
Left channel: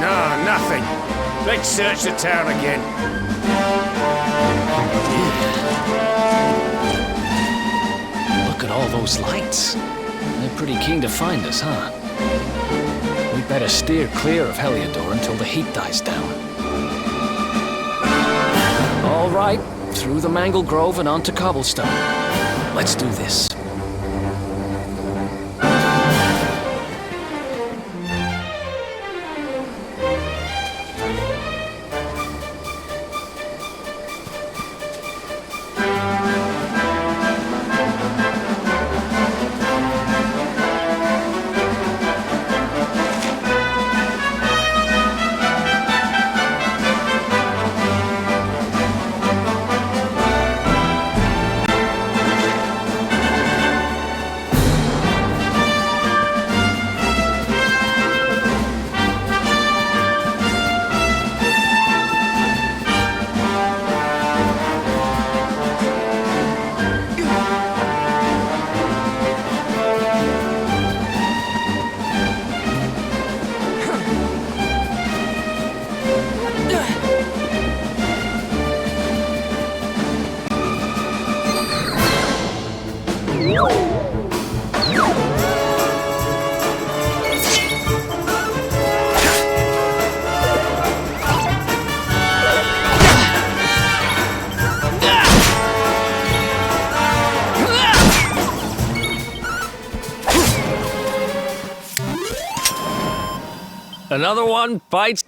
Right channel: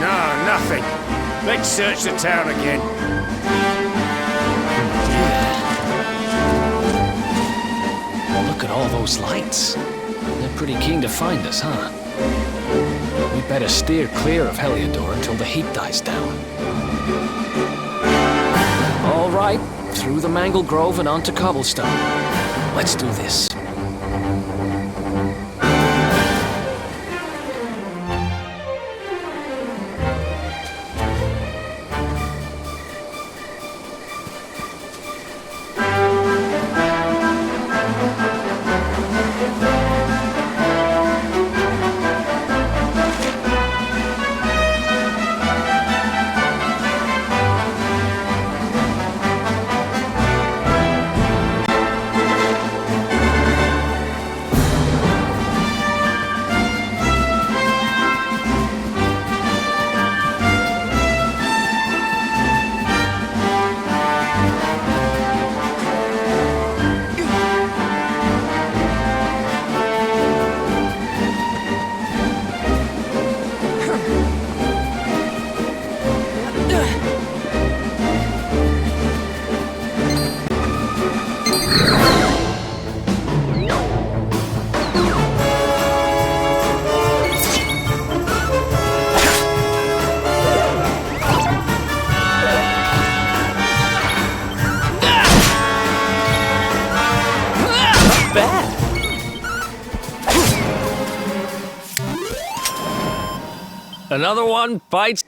No, nothing. Let's search the town again. Look at all those lights. They're pretty keen to find us, huh? We better steer clear of Heliodor until the heat dies down. All right, through the Mangle Grove and onto Cobblestone. Let's do this. Another one bites.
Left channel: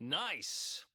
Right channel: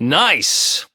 Nice!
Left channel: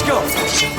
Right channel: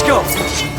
Let's go!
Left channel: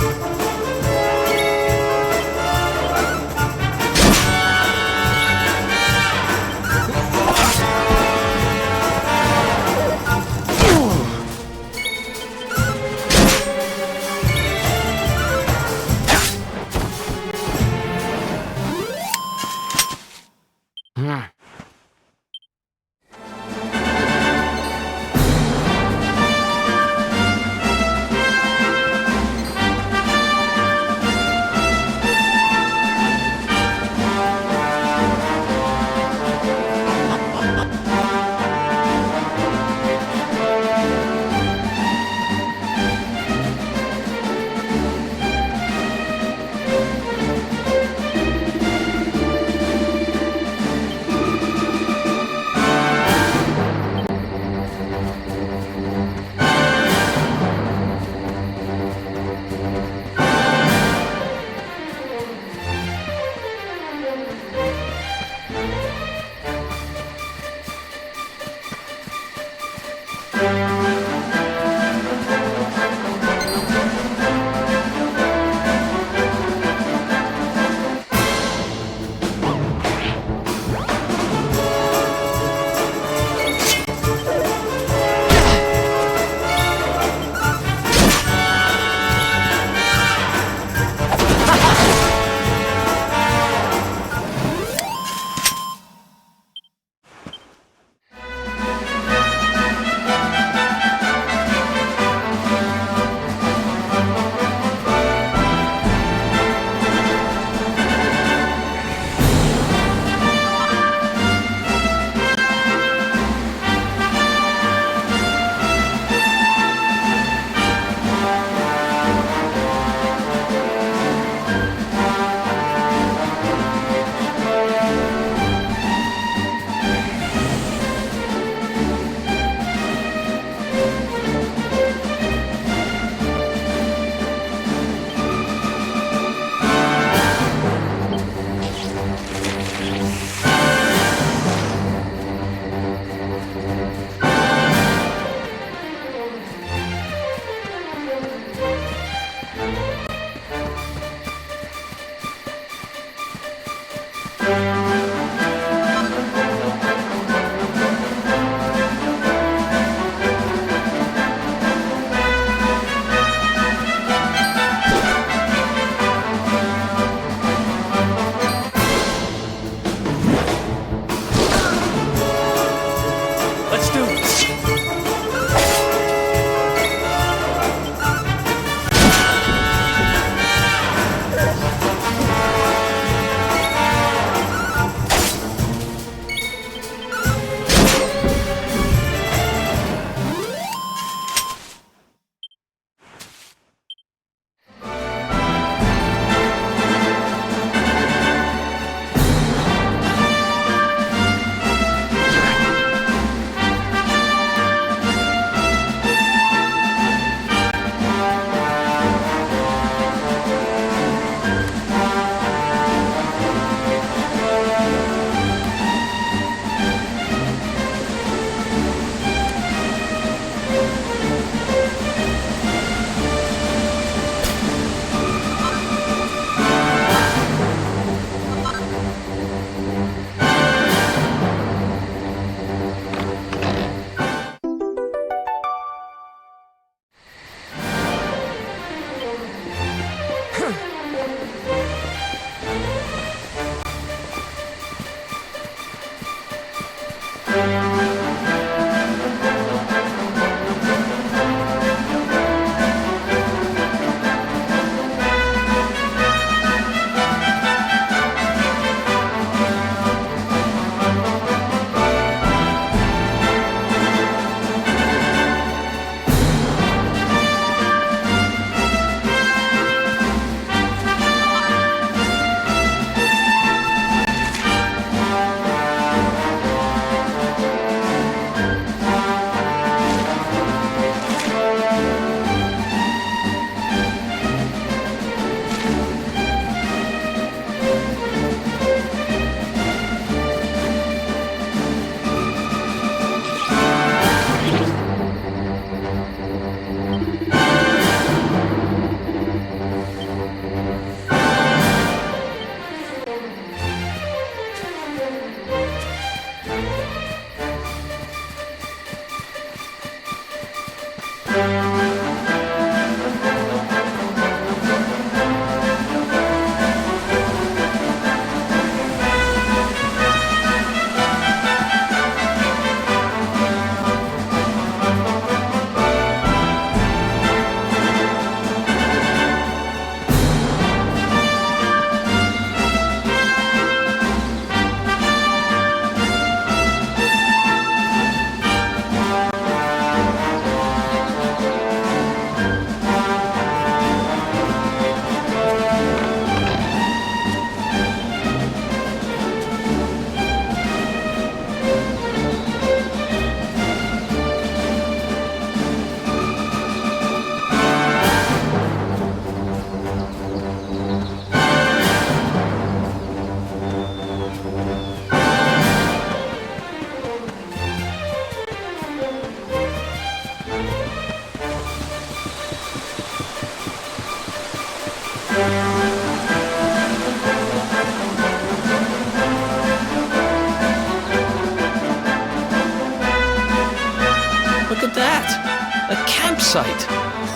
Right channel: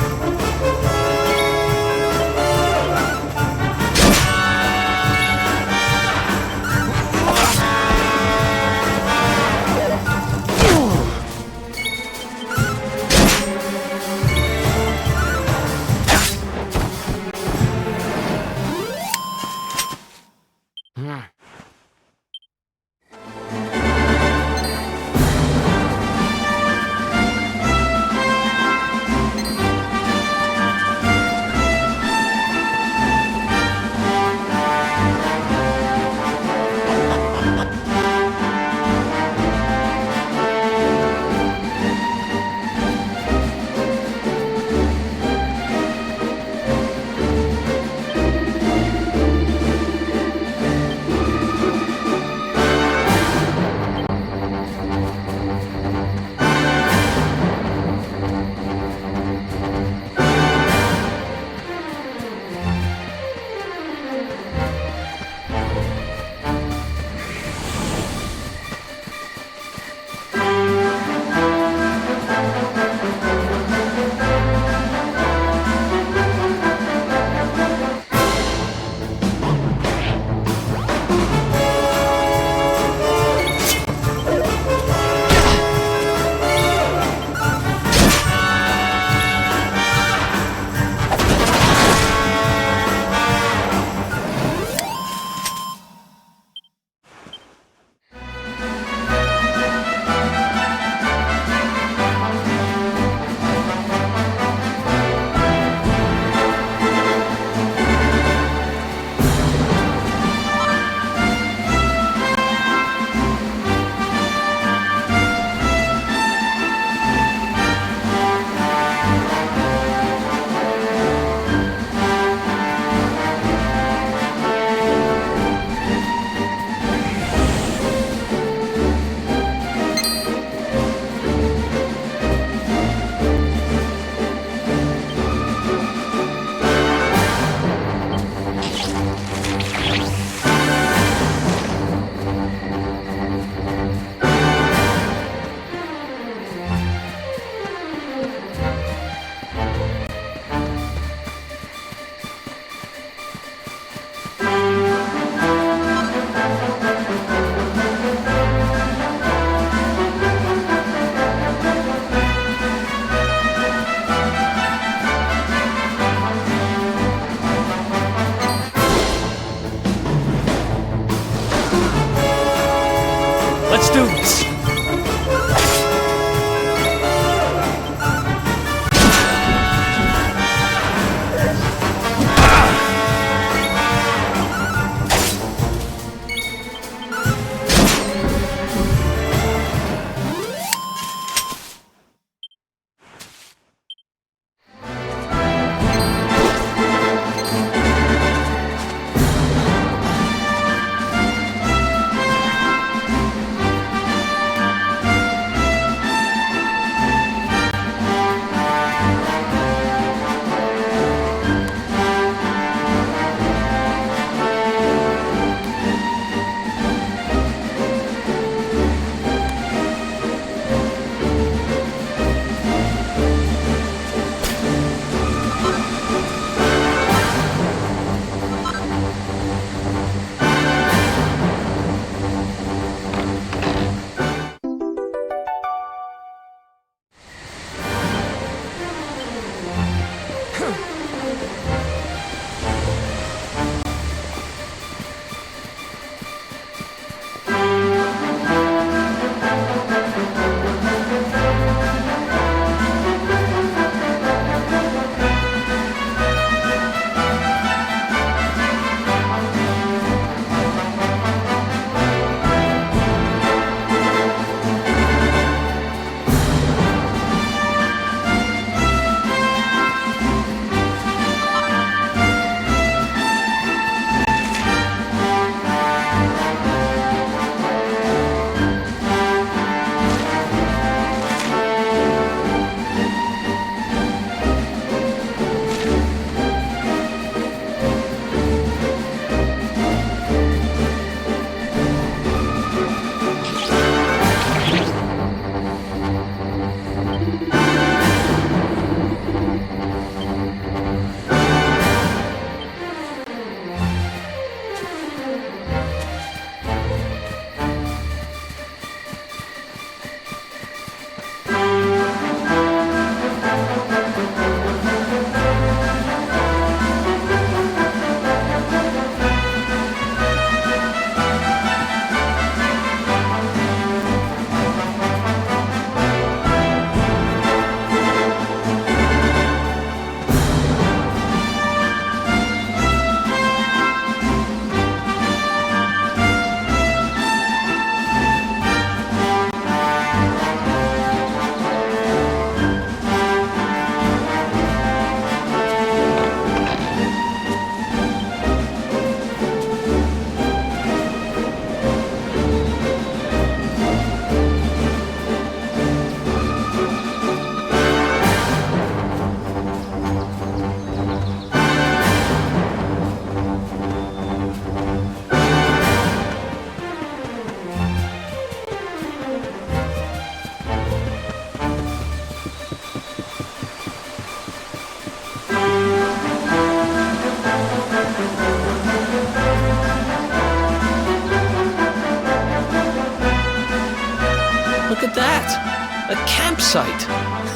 at that! A campsite!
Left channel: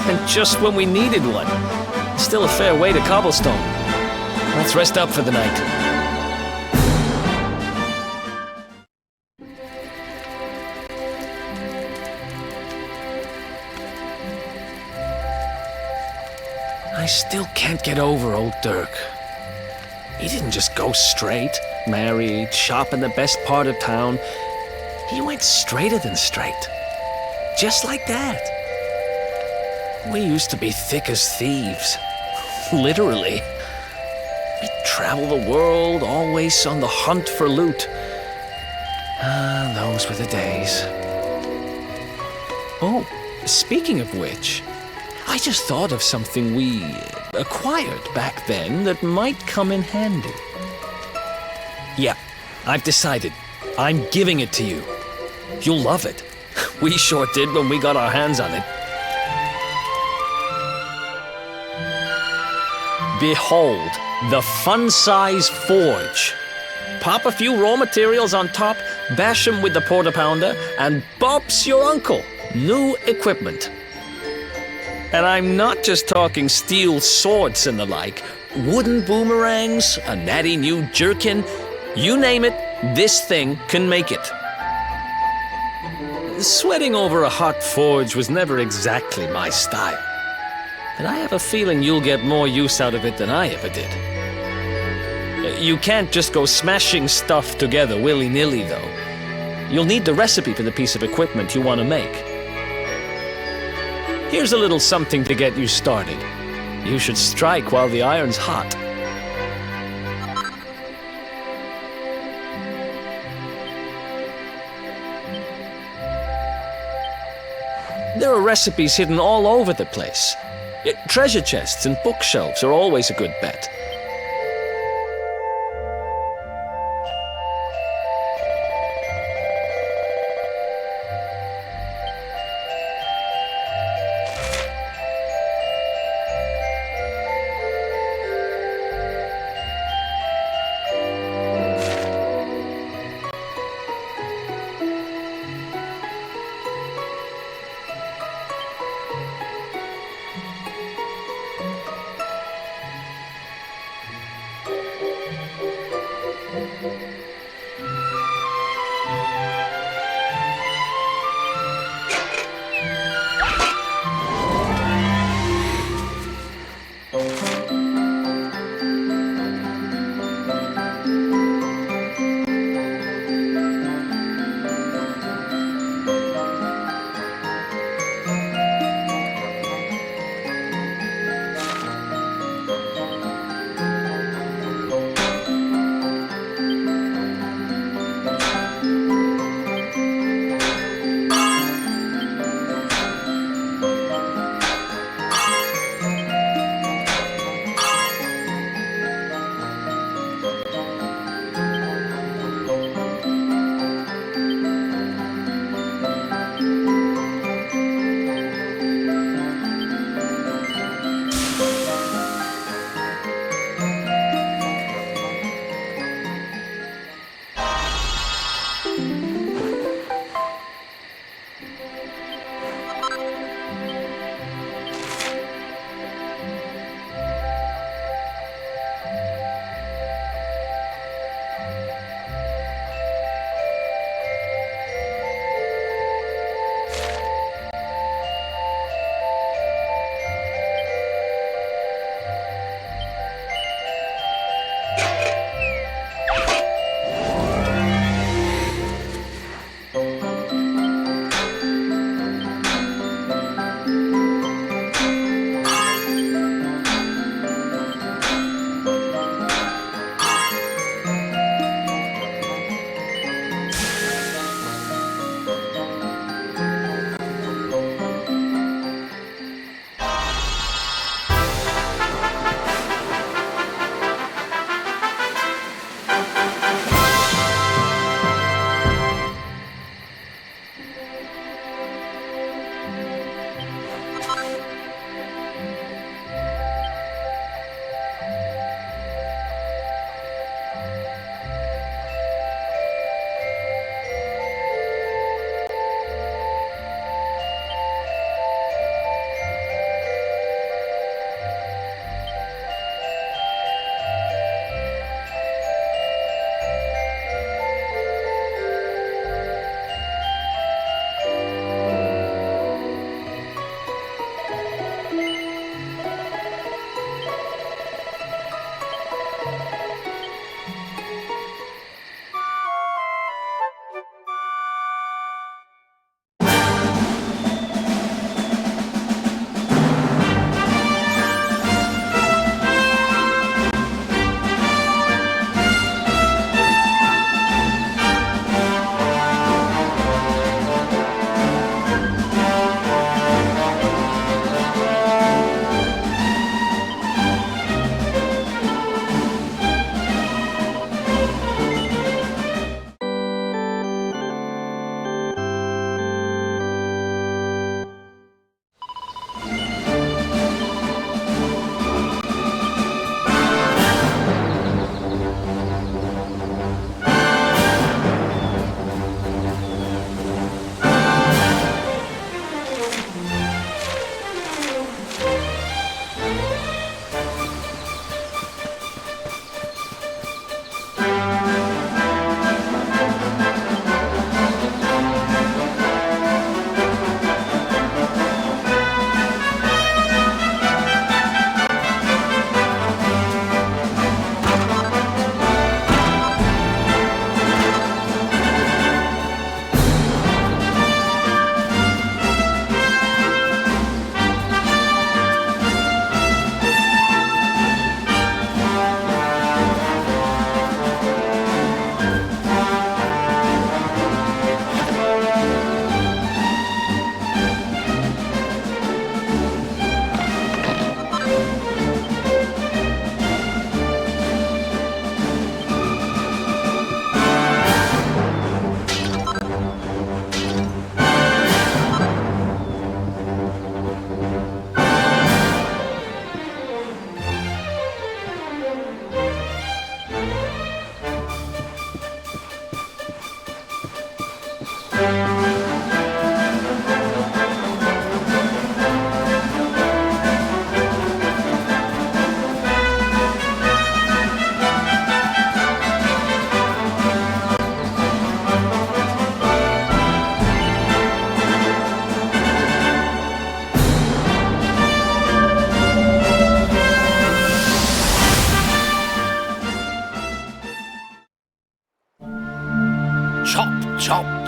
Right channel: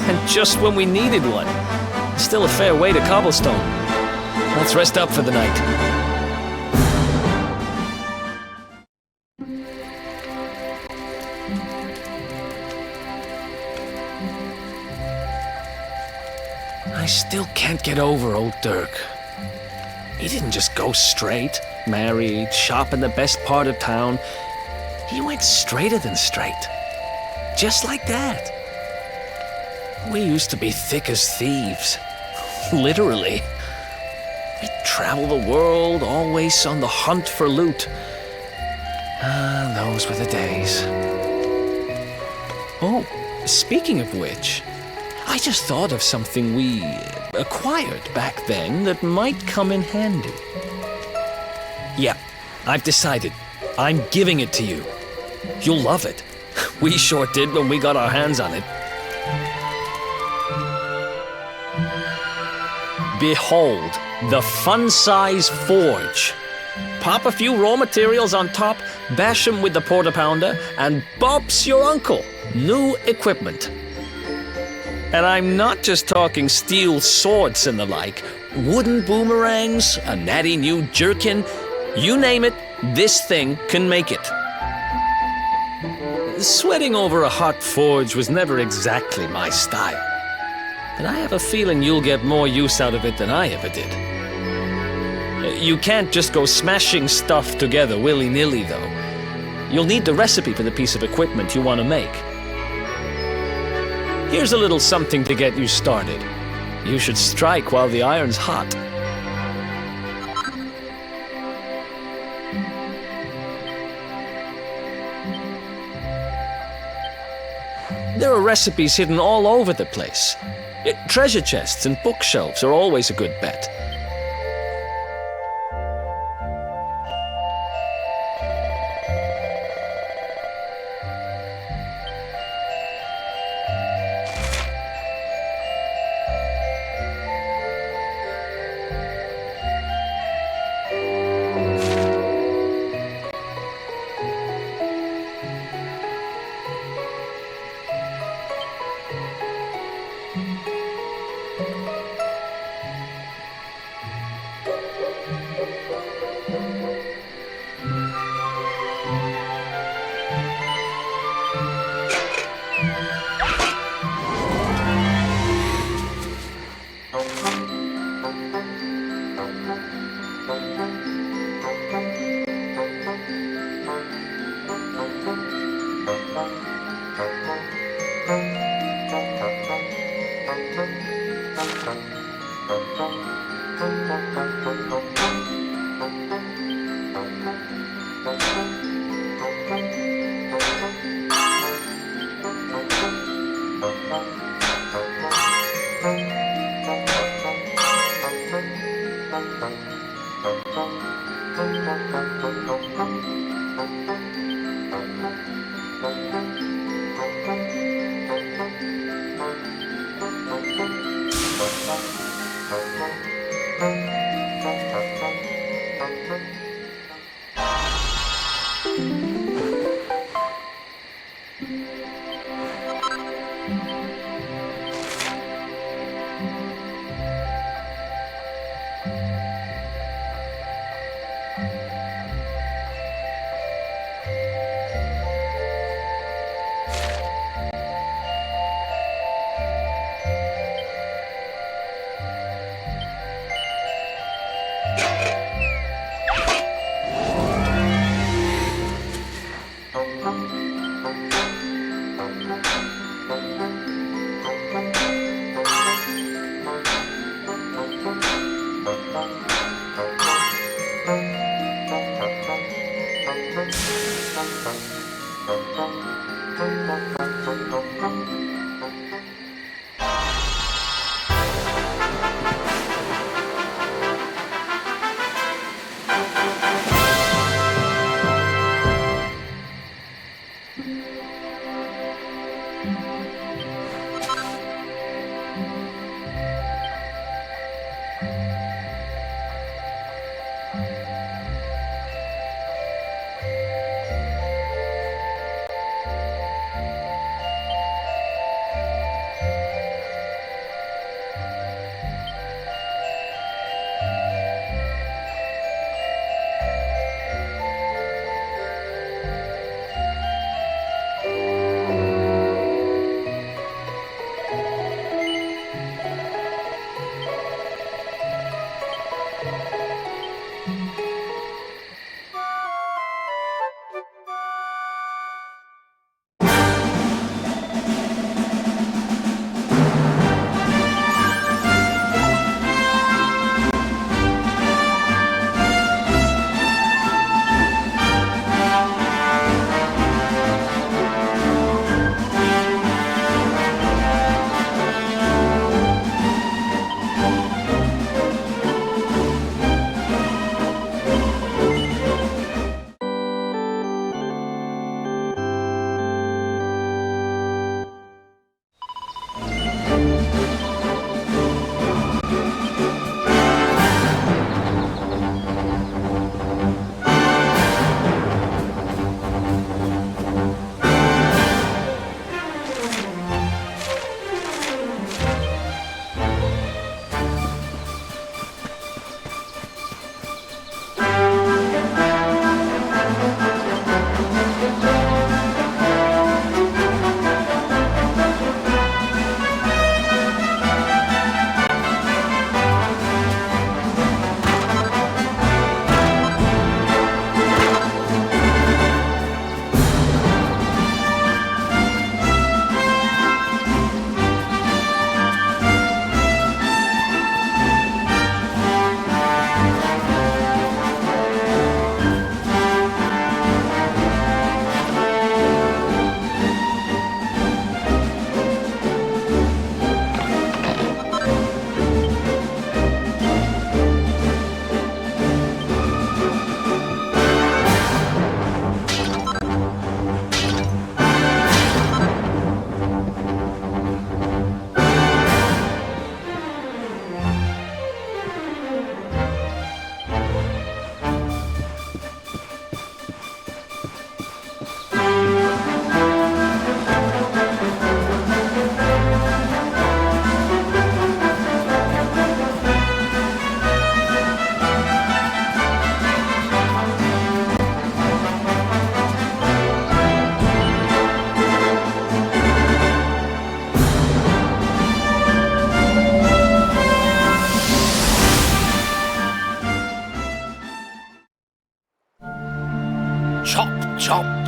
And just when we needed one. Still a fair way to cobblestone. Let's rest up for the night. I still can't get over old Dirk. He didn't just go straight, married, shop in the best part of town. He went straighter than straight. Just like that. We used to be thick as thieves. Literally. We'd travel the world, always on the hunt for loot. Ah, those were the days. Oh, speaking of which, I just thought of something we acquired back then that might come in handy. Yeah, I've decided. I'm giving it to you. You'll love it. We sure did when we got our hands on it. Behold, the fun-size forge. Pop a few raw materials on top, bash 'em with the porta-pounder, and bop's your uncle. New equipment. And I'm not just talking steel swords and the like. Wooden boomerangs, a natty new jerkin. You name it, this thing can make it. Sweating over a hot forge was never exactly my style. But I have a feeling you'll get more use out of it than I ever did. You can't just go smashing stuff together willy-nilly, though. You'll need the recipe for the piece of equipment you want to make. Here's a little something to get you started. You should strike while the iron's hot. There are recipes hidden all over the place. Treasure chests and bookshelves are always a good bet.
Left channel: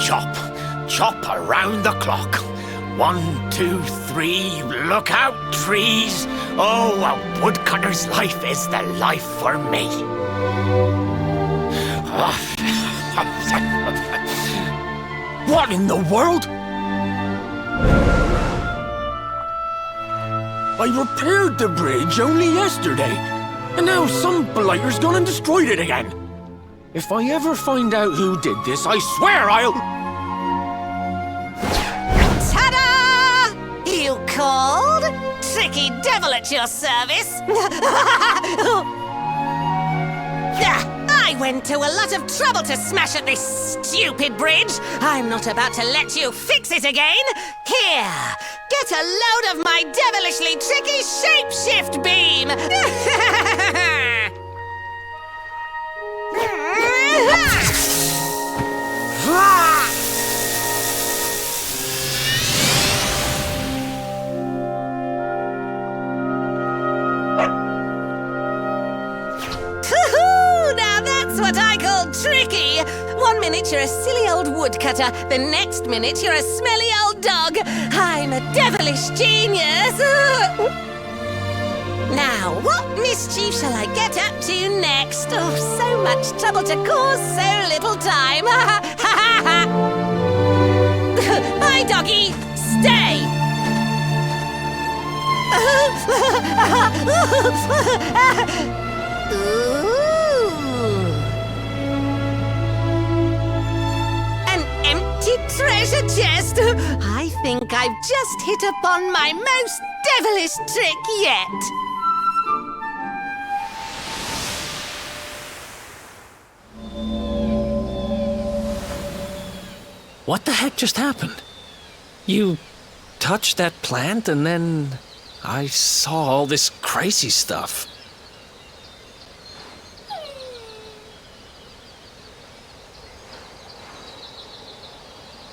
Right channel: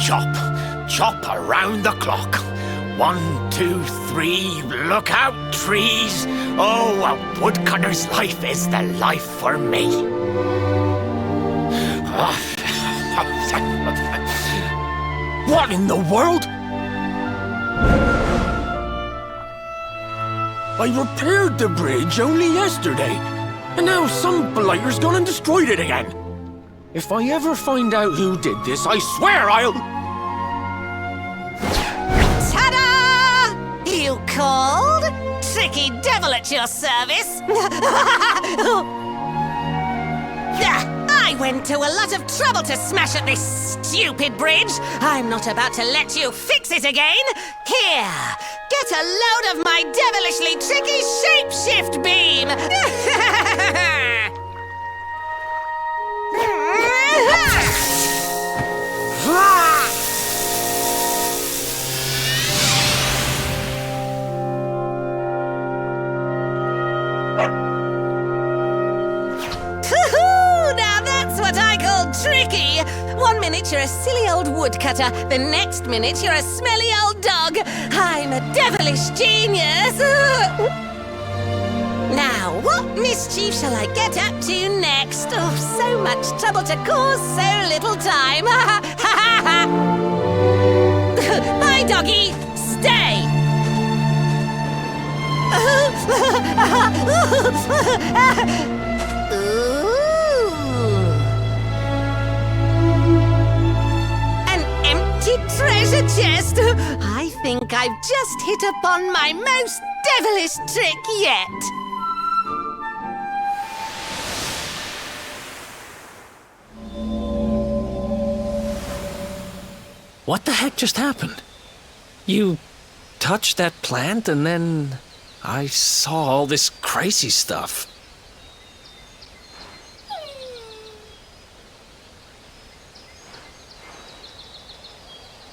chop. Chop around the clock. 1, 2, 3, look out, trees. Oh, a woodcutter's life is the life for me. What in the world? I repaired the bridge only yesterday, and now some blighter's gone and destroyed it again. If I ever find out who did this, I swear I'll... Ta-da! You called? Tricky devil at your service. I went to a lot of trouble to smash at this stupid bridge. I'm not about to let you fix it again. Here, get a load of my devilishly tricky shapeshift beam. Now that's what I call tricky. 1 minute you're a silly old woodcutter, the next minute you're a smelly old dog. I'm a devilish genius. Now, what mischief shall I get up to next? Oh, so much trouble to cause so little time. Bye, doggy. Stay. An empty treasure chest. I think I've just hit upon my most devilish trick yet. What the heck just happened? You touched that plant and then I saw all this crazy stuff.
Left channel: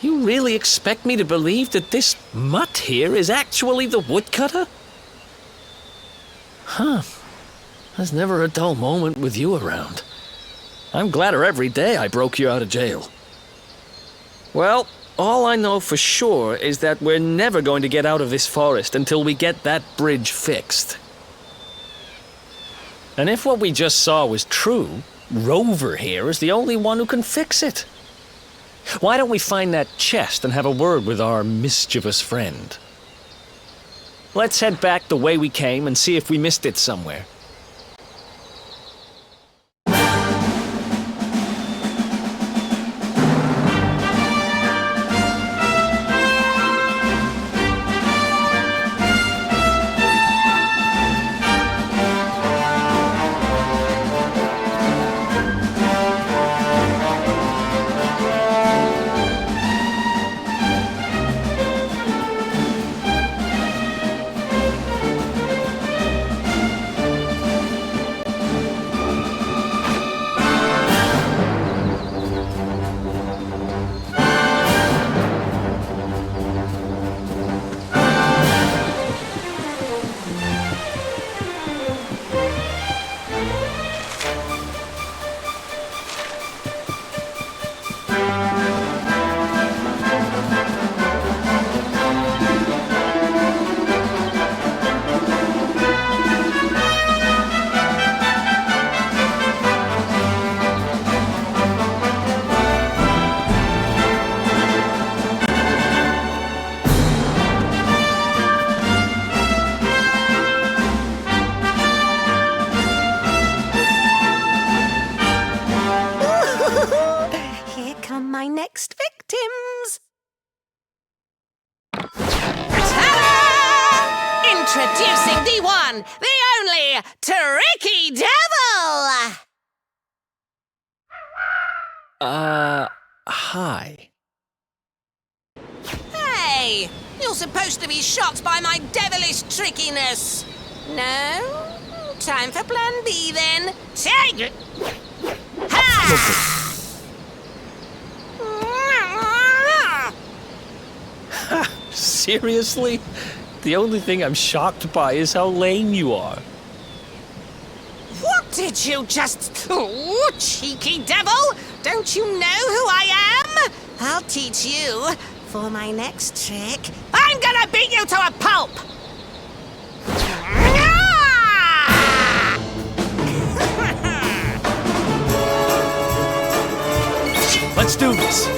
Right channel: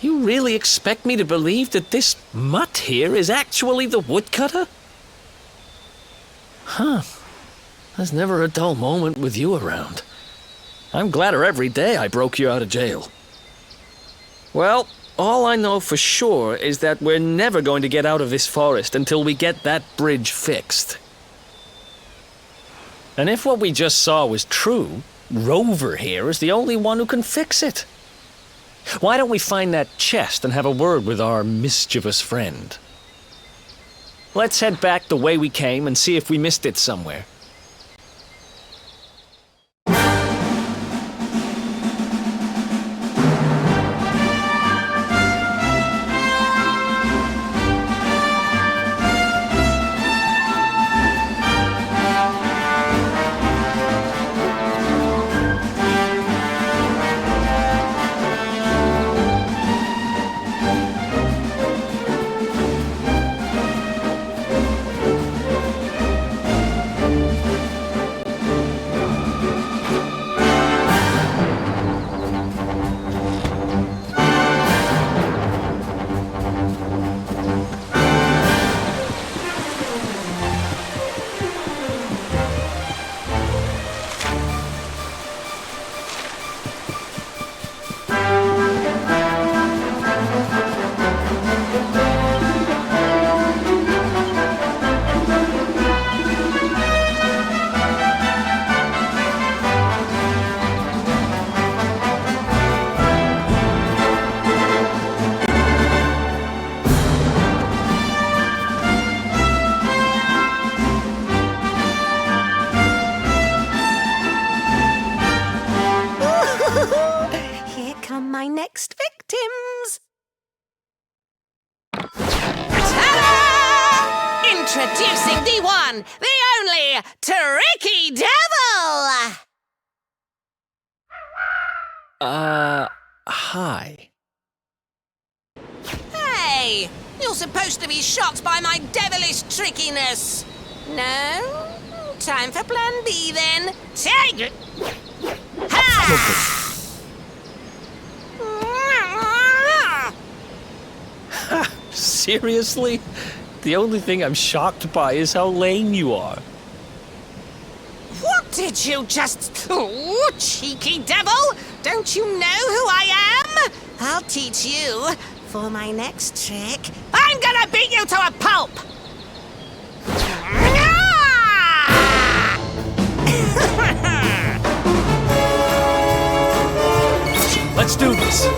You really expect me to believe that this mutt here is actually the woodcutter? Huh. There's never a dull moment with you around. I'm gladder every day I broke you out of jail. Well, all I know for sure is that we're never going to get out of this forest until we get that bridge fixed. And if what we just saw was true, Rover here is the only one who can fix it. Why don't we find that chest and have a word with our mischievous friend? Let's head back the way we came and see if we missed it somewhere. My next victims. Ta-da! Introducing the one, the only, Tricky Devil! Hi. Hey, you're supposed to be shocked by my devilish trickiness. No? Time for plan B then. Take it! Ha! Seriously? The only thing I'm shocked by is how lame you are. What did you just... Oh, cheeky devil! Don't you know who I am? I'll teach you. For my next trick, I'm gonna beat you to a pulp! Let's do this.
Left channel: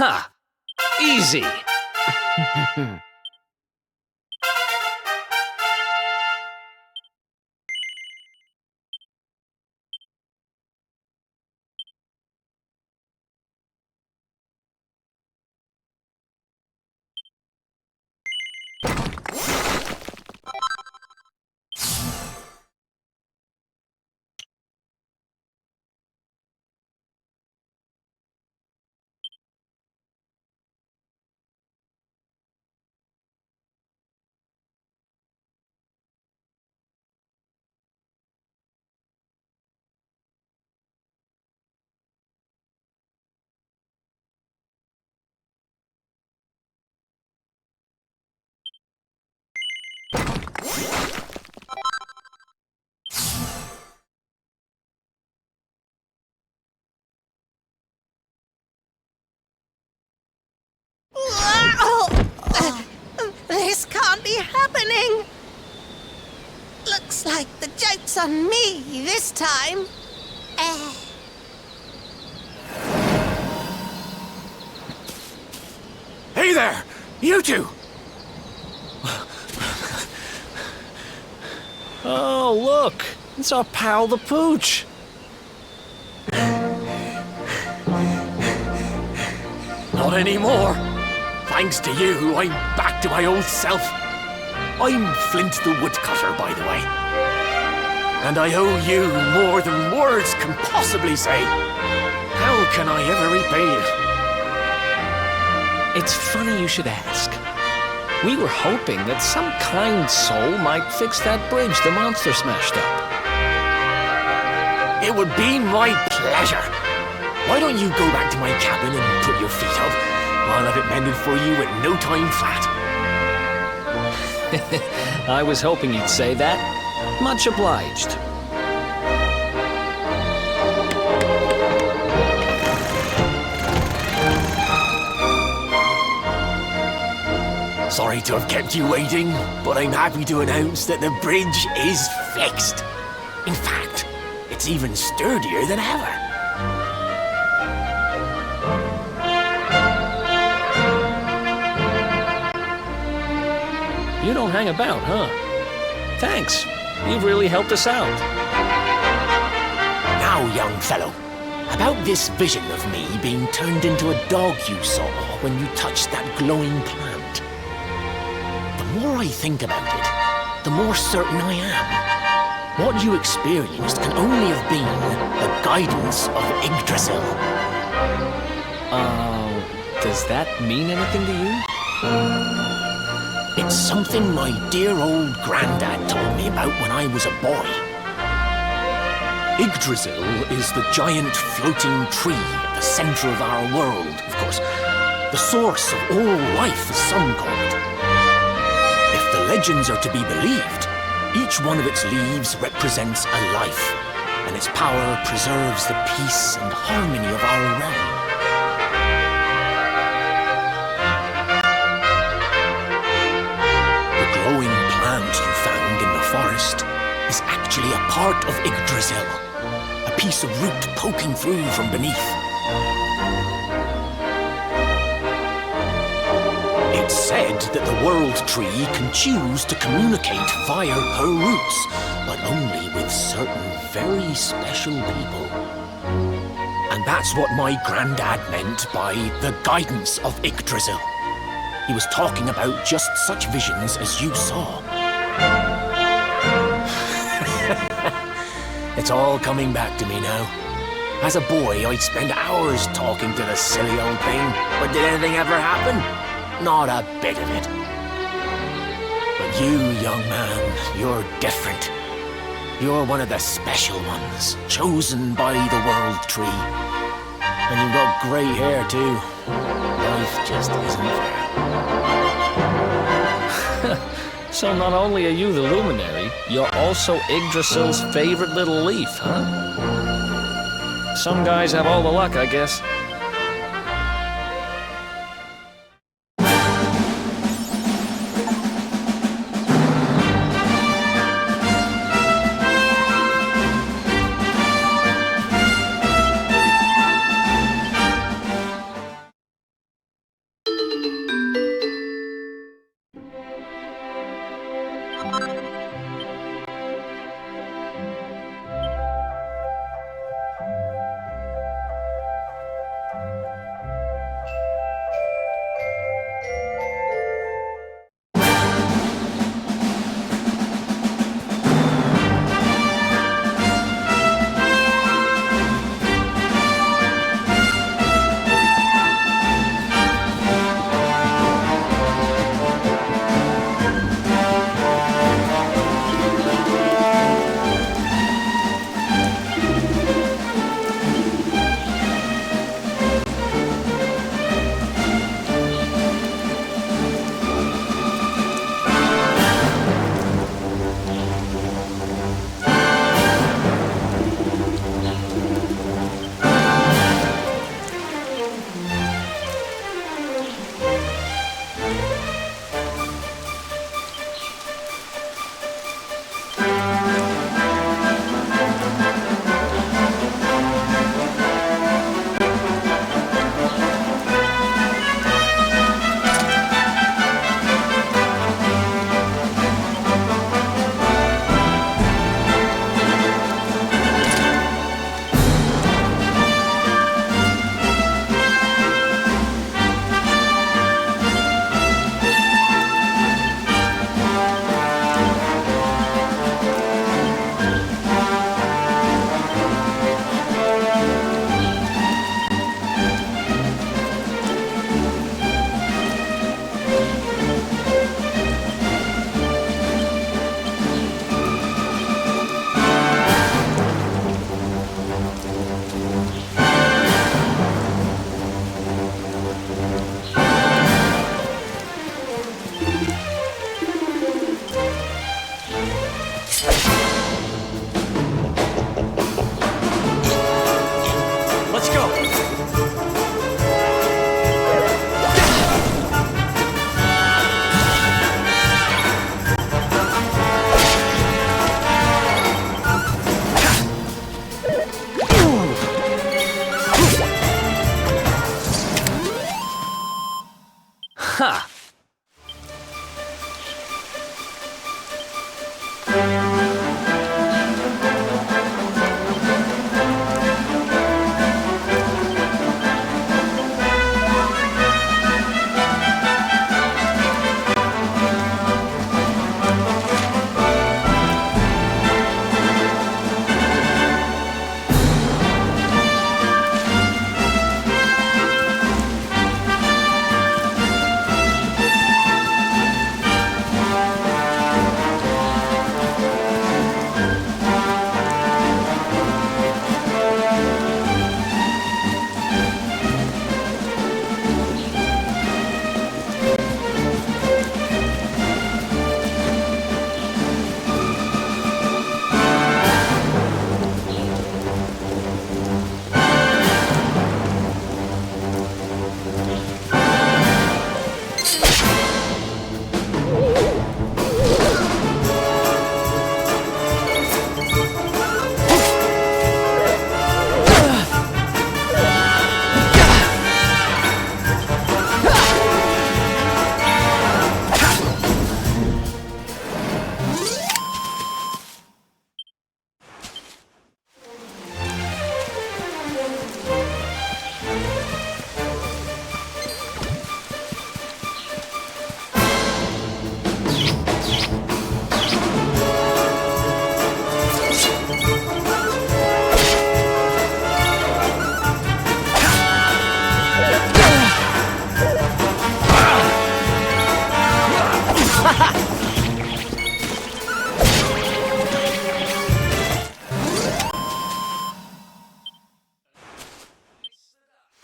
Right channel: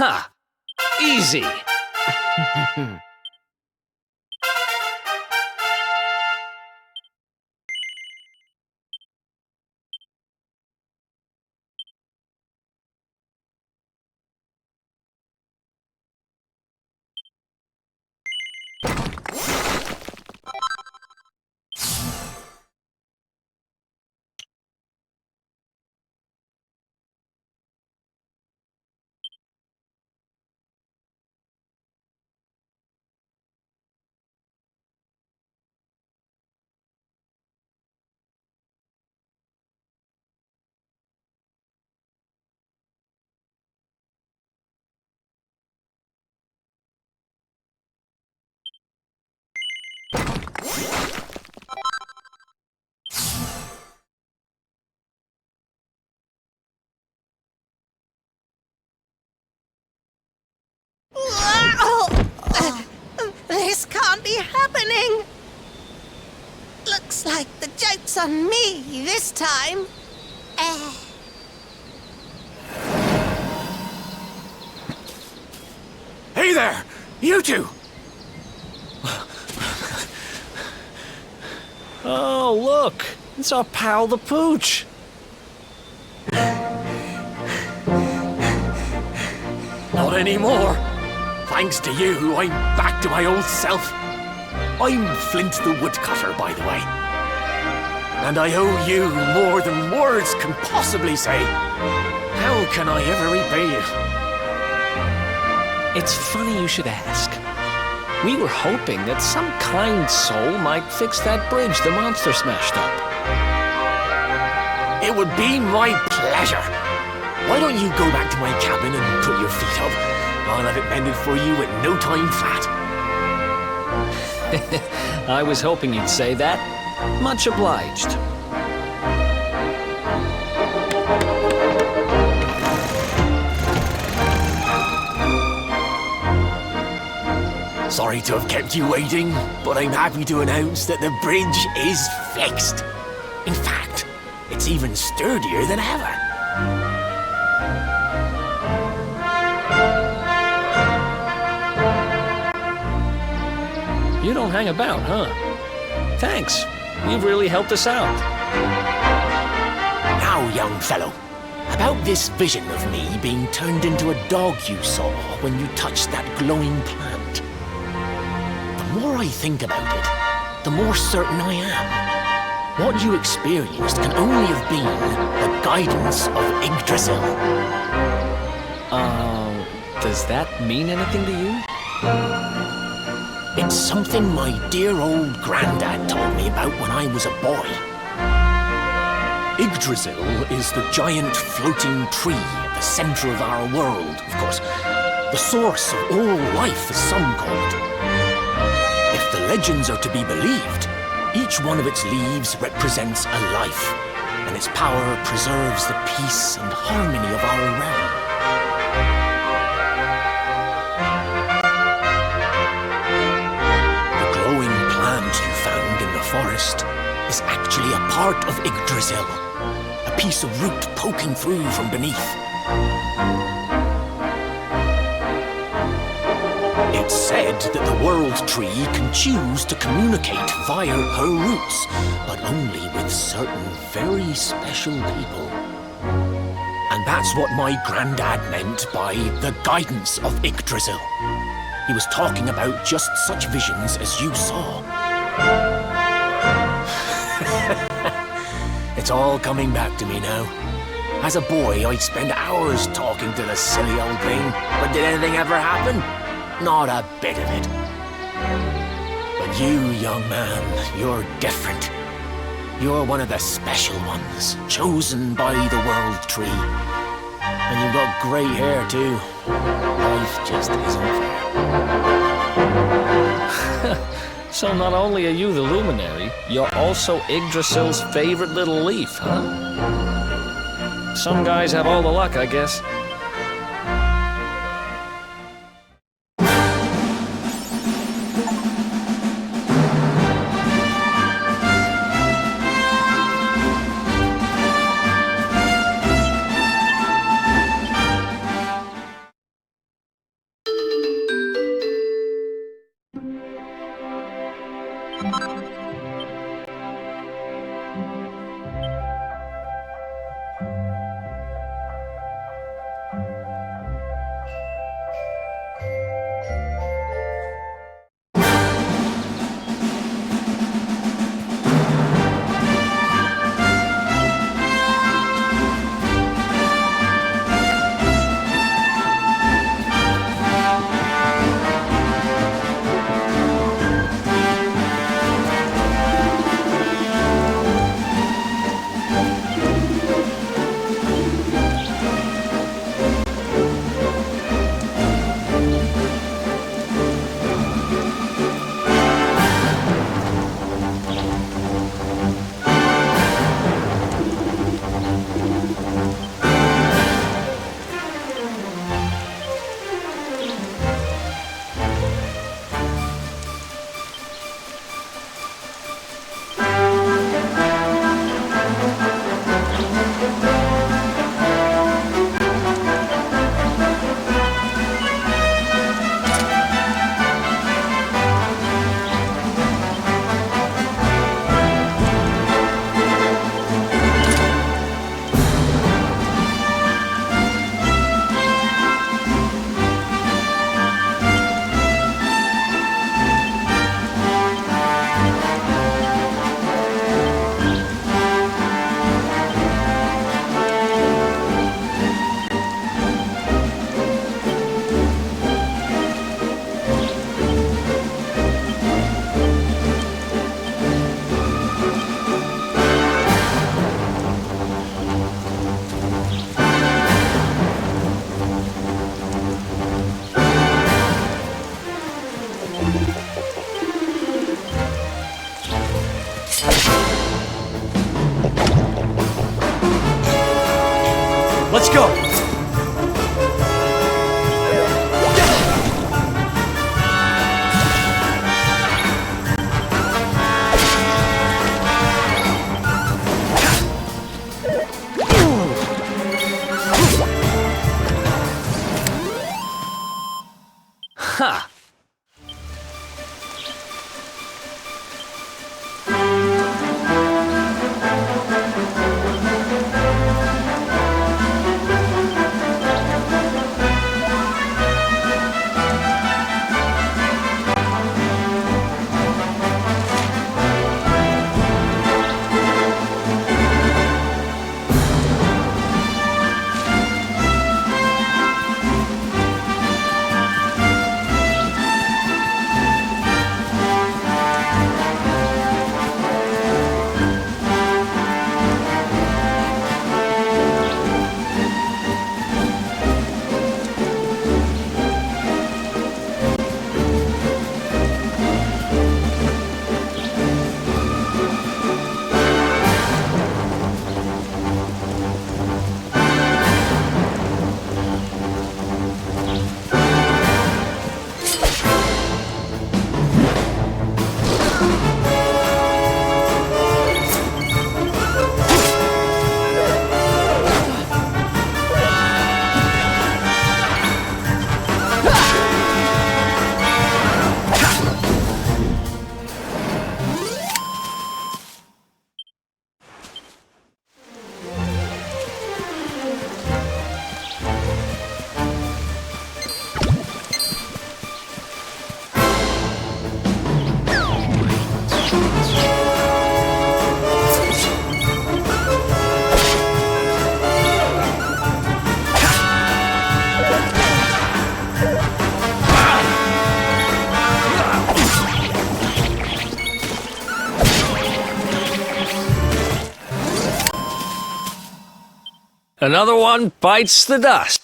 Ha! Easy! This can't be happening. Looks like the joke's on me this time. Hey there! You two! Oh, look! It's our pal the Pooch! Not anymore. Thanks to you, I'm back to my old self. I'm Flint the Woodcutter, by the way. And I owe you more than words can possibly say. How can I ever repay you? It's funny you should ask. We were hoping that some kind soul might fix that bridge the monster smashed up. It would be my pleasure. Why don't you go back to my cabin and put your feet up? I'll have it mended for you in no time flat. I was hoping you'd say that. Much obliged. Sorry to have kept you waiting, but I'm happy to announce that the bridge is fixed. In fact, it's even sturdier than ever. You don't hang about, huh? Thanks. You've really helped us out. Now, young fellow, about this vision of me being turned into a dog you saw when you touched that glowing plant. The more I think about it, the more certain I am. What you experienced can only have been the guidance of Yggdrasil. Does that mean anything to you? It's something my dear old granddad told me about when I was a boy. Yggdrasil is the giant floating tree at the center of our world, of course. The source of all life, as some call it. If the legends are to be believed, each one of its leaves represents a life, and its power preserves the peace and harmony of our realm. The glowing plant you found in the forest is actually a part of Yggdrasil, a piece of root poking through from beneath. It's said that the World Tree can choose to communicate via her roots, but only with certain very special people. And that's what my granddad meant by the guidance of Yggdrasil. He was talking about just such visions as you saw. It's all coming back to me now. As a boy, I'd spend hours talking to the silly old thing, but did anything ever happen? Not a bit of it. But you, young man, you're different. You're one of the special ones, chosen by the World Tree. And you've got great hair, too. Life just isn't fair. So not only are you the luminary, you're also Yggdrasil's favorite little leaf, huh? Some guys have all the luck, I guess. Ha! Another one bites the dust.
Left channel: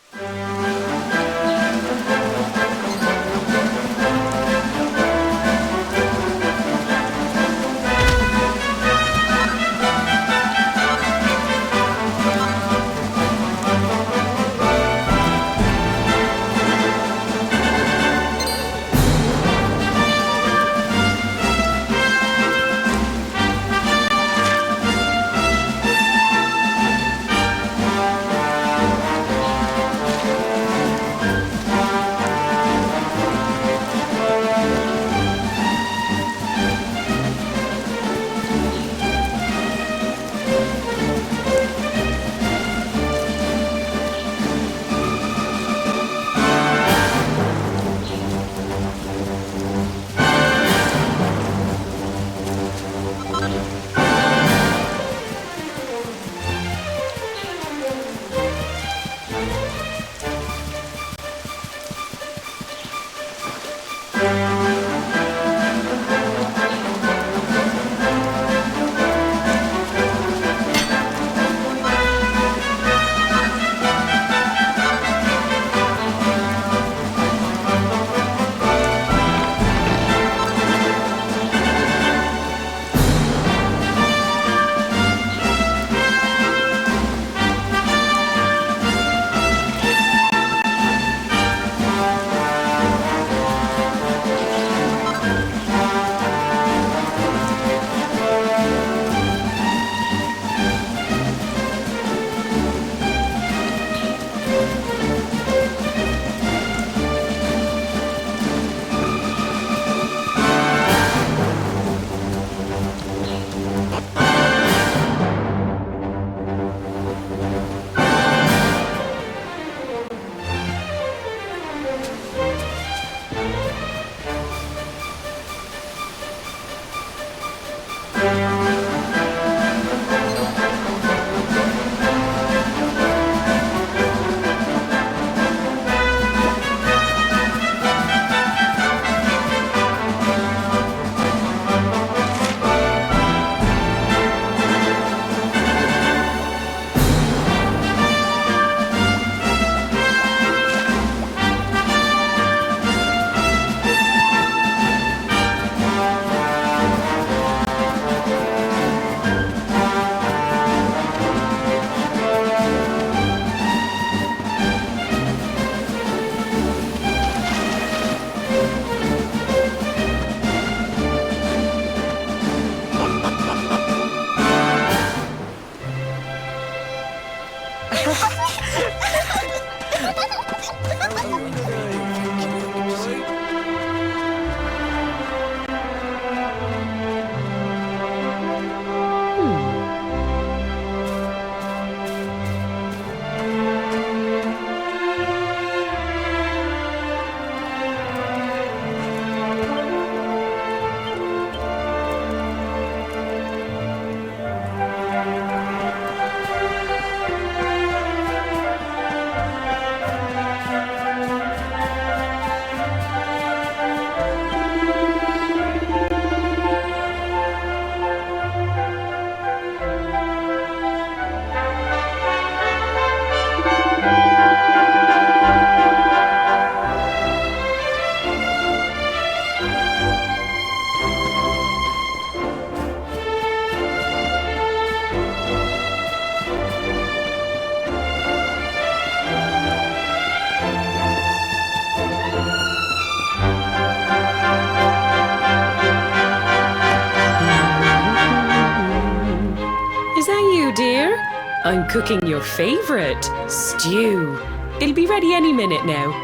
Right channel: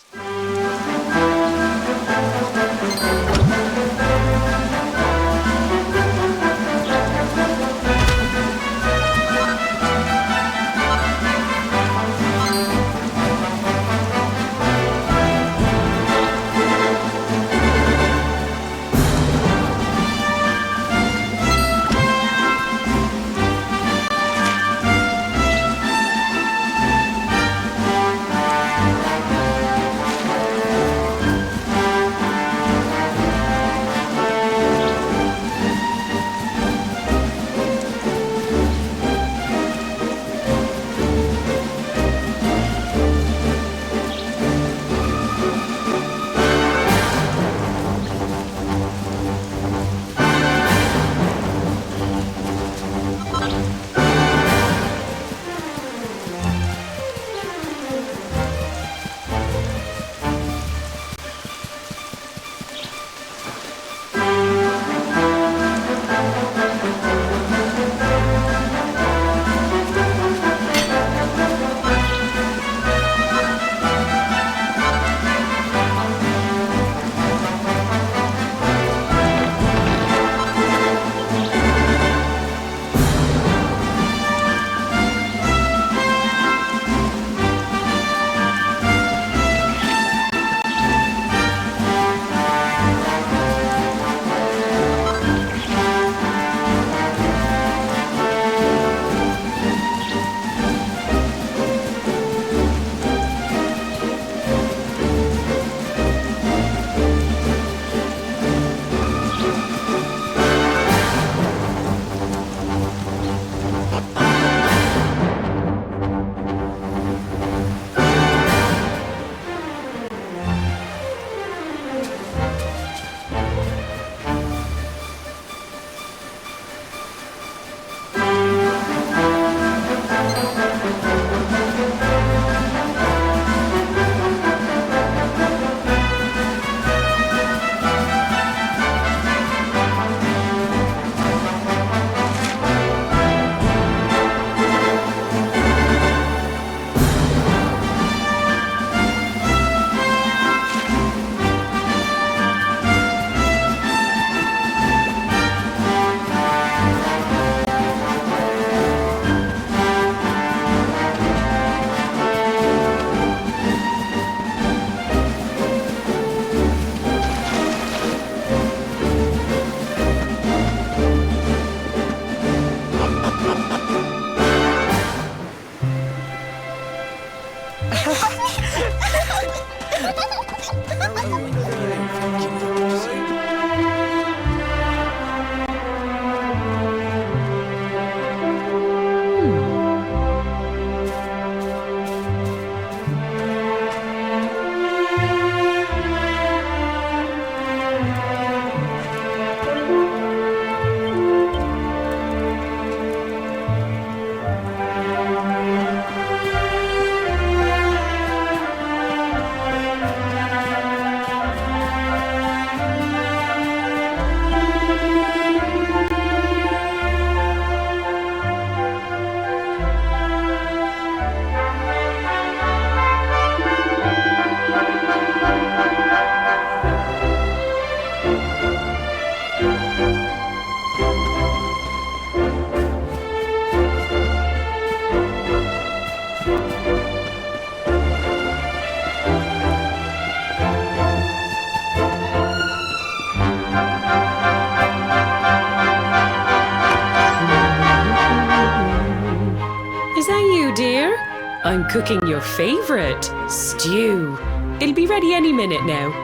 I'm cooking your favorite, stew. It'll be ready any minute now.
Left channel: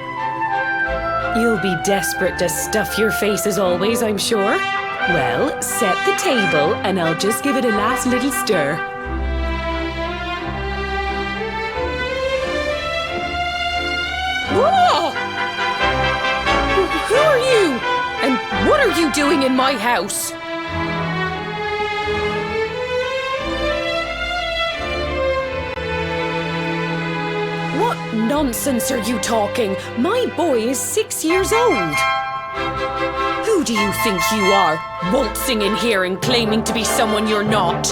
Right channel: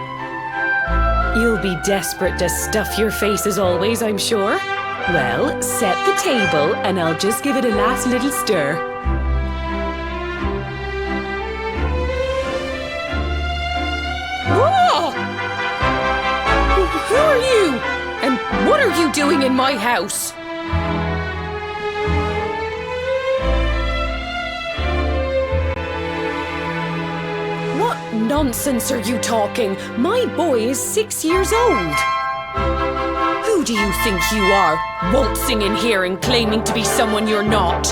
You'll be desperate to stuff your face as always, I'm sure. Well, set the table and I'll just give it a last little stir. Whoa! Who are you? And what are you doing in my house? What nonsense are you talking? My boy is 6 years old. Who do you think you are, waltzing in here and claiming to be someone you're not?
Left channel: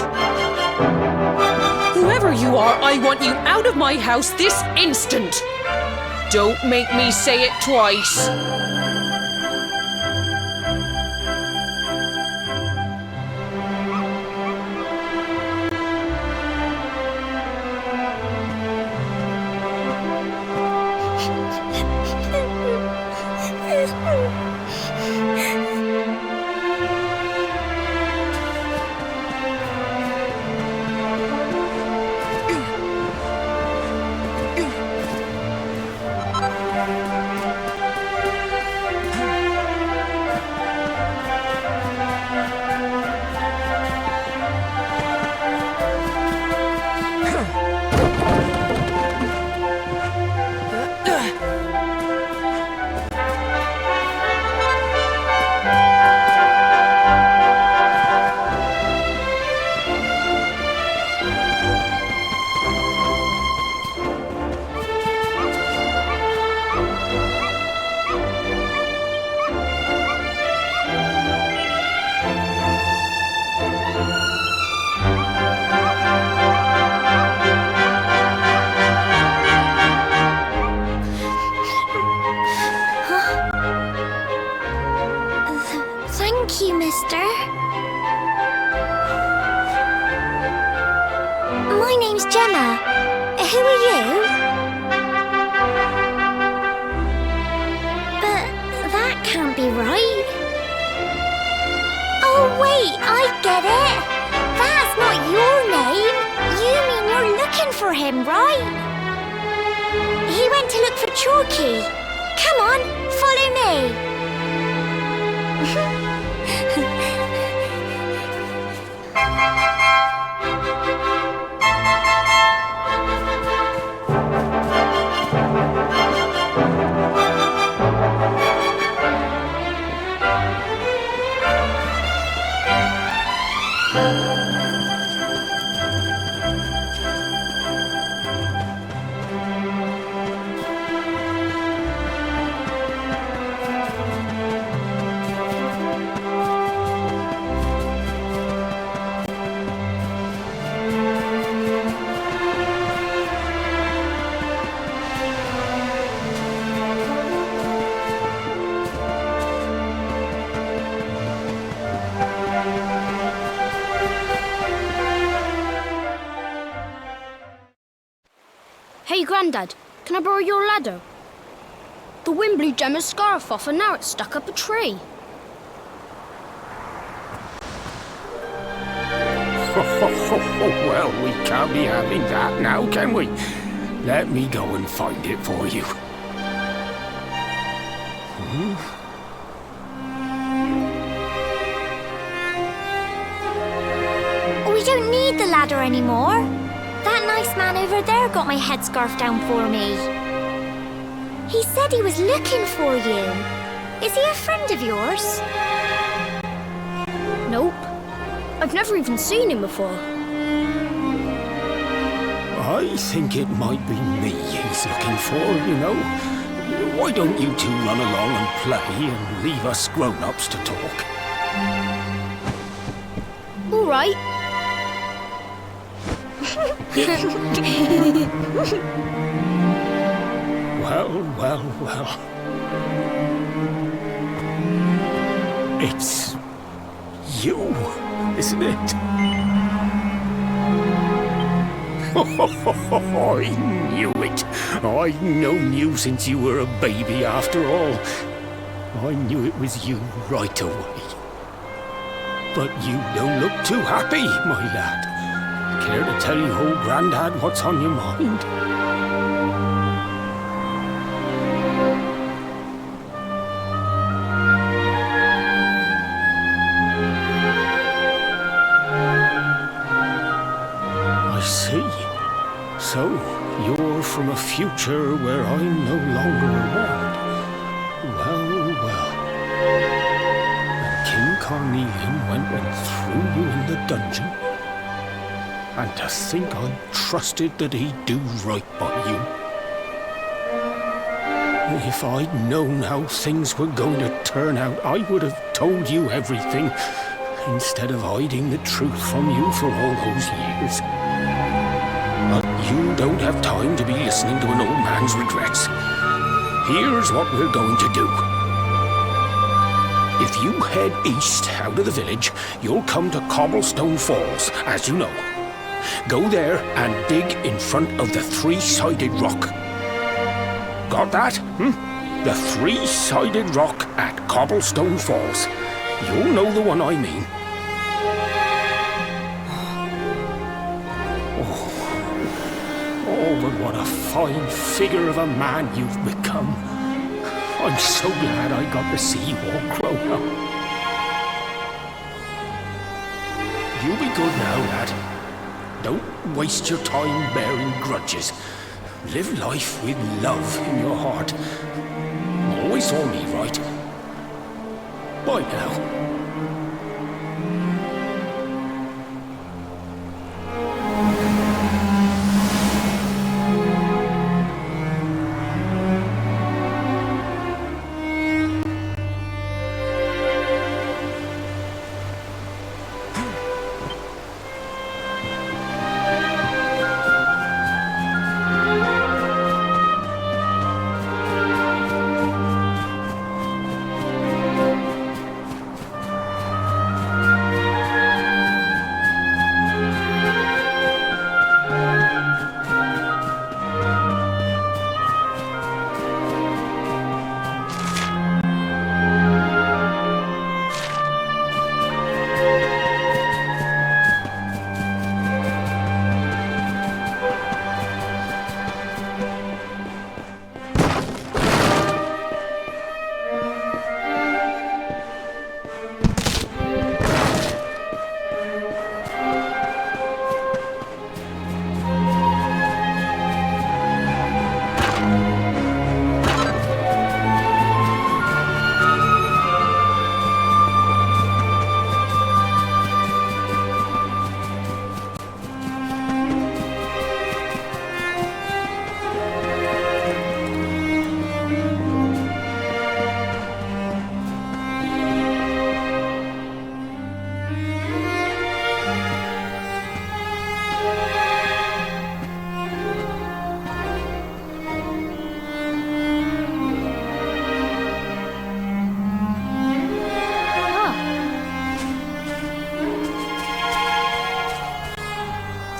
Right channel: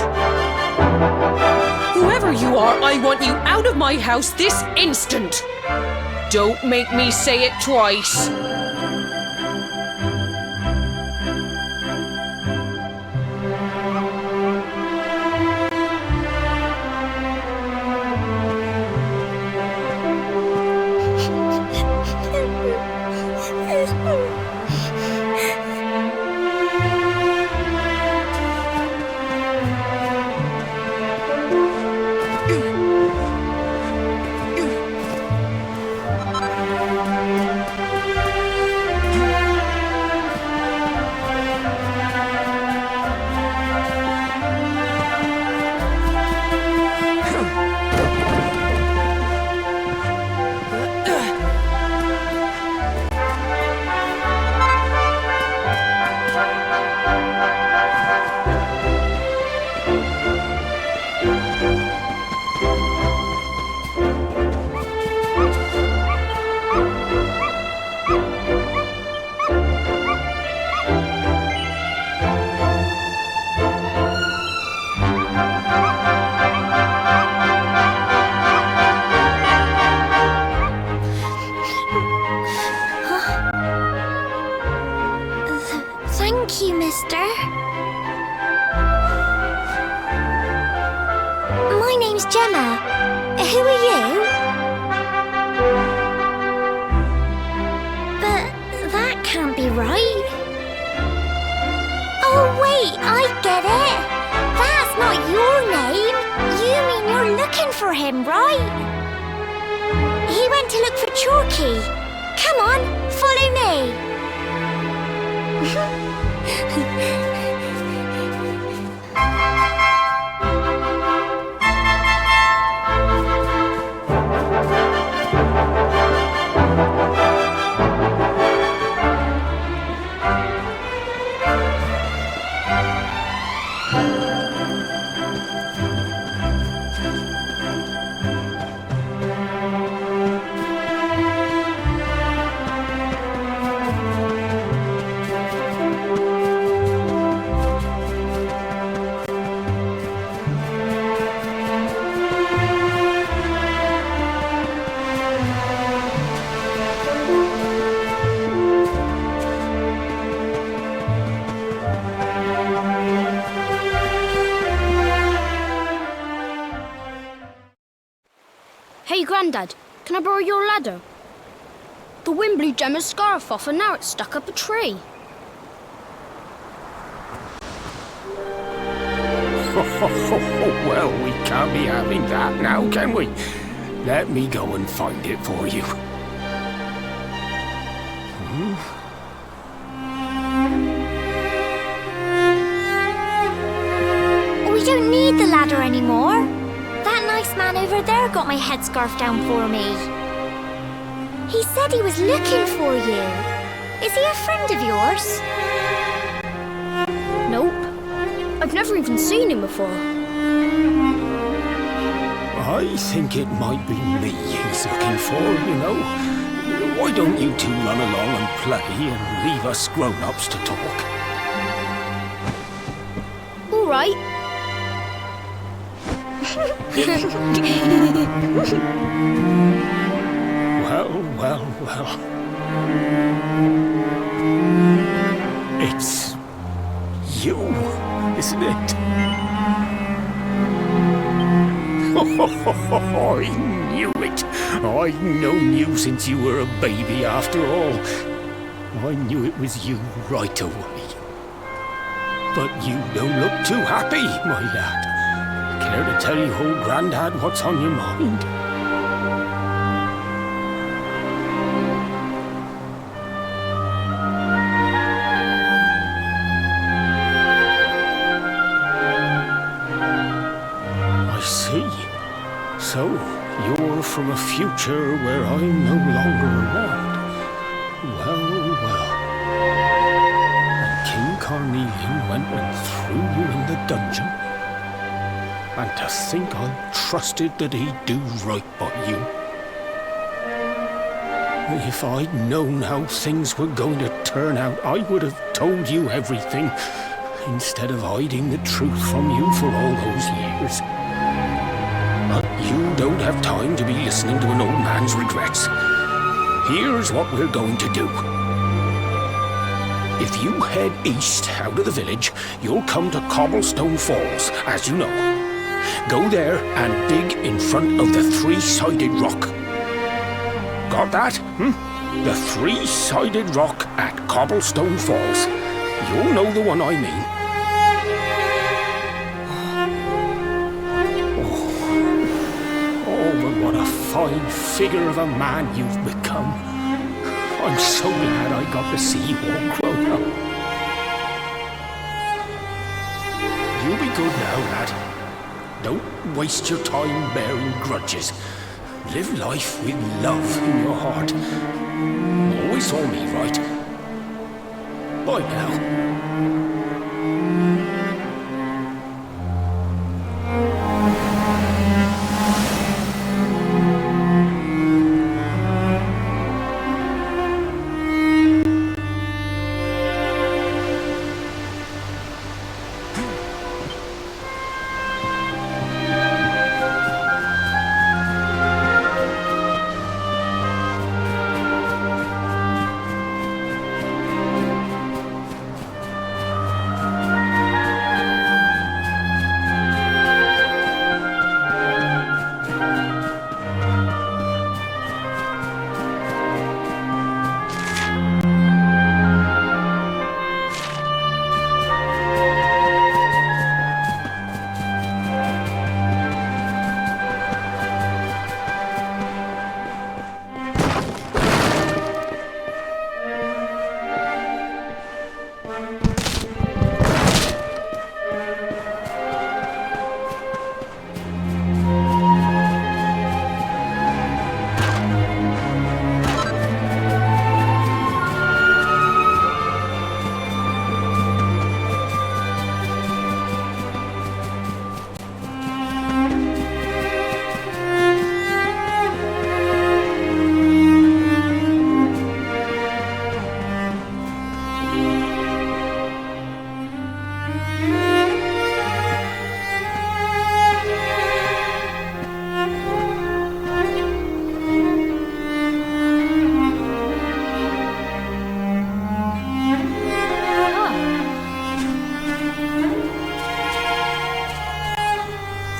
Whoever you are, I want you out of my house this instant. Don't make me say it twice. Thank you, mister. My name's Gemma. Who are you? But that can't be right. Oh, wait, I get it. That's not your name. You mean you're looking for him, right? He went to look for Chalky. Come on, follow me. Hey, Grandad, can I borrow your ladder? The wind blew Gemma's scarf off and now it's stuck up a tree. Well, we can't be having that now, can we? Let me go and find it for you. We don't need the ladder anymore. That nice man over there got my headscarf down for me. He said he was looking for you. Is he a friend of yours? Nope. I've never even seen him before. I think it might be me he's looking for, you know. Why don't you two run along and play and leave us grown-ups to talk? All right. Well. It's you, isn't it? I knew it. I've known you since you were a baby after all. I knew it was you right away. But you don't look too happy, my lad. Care to tell your old granddad what's on your mind? I see. So, you're from a future where I'm no longer around. Well, well. And King Carnelian went and threw you in the dungeon? And to think I trusted that he'd do right by you. If I'd known how things were going to turn out, I would have told you everything, instead of hiding the truth from you for all those years. But you don't have time to be listening to an old man's regrets. Here's what we're going to do. If you head east out of the village, you'll come to Cobblestone Falls, as you know. Go there and dig in front of the three-sided rock. Got that? The three-sided rock at Cobblestone Falls. You'll know the one I mean. Oh, but what a fine figure of a man you've become. I'm so glad I got to see you all grown up. You be good now, lad. Don't waste your time bearing grudges. Live life with love in your heart. Always saw me right. Bye now.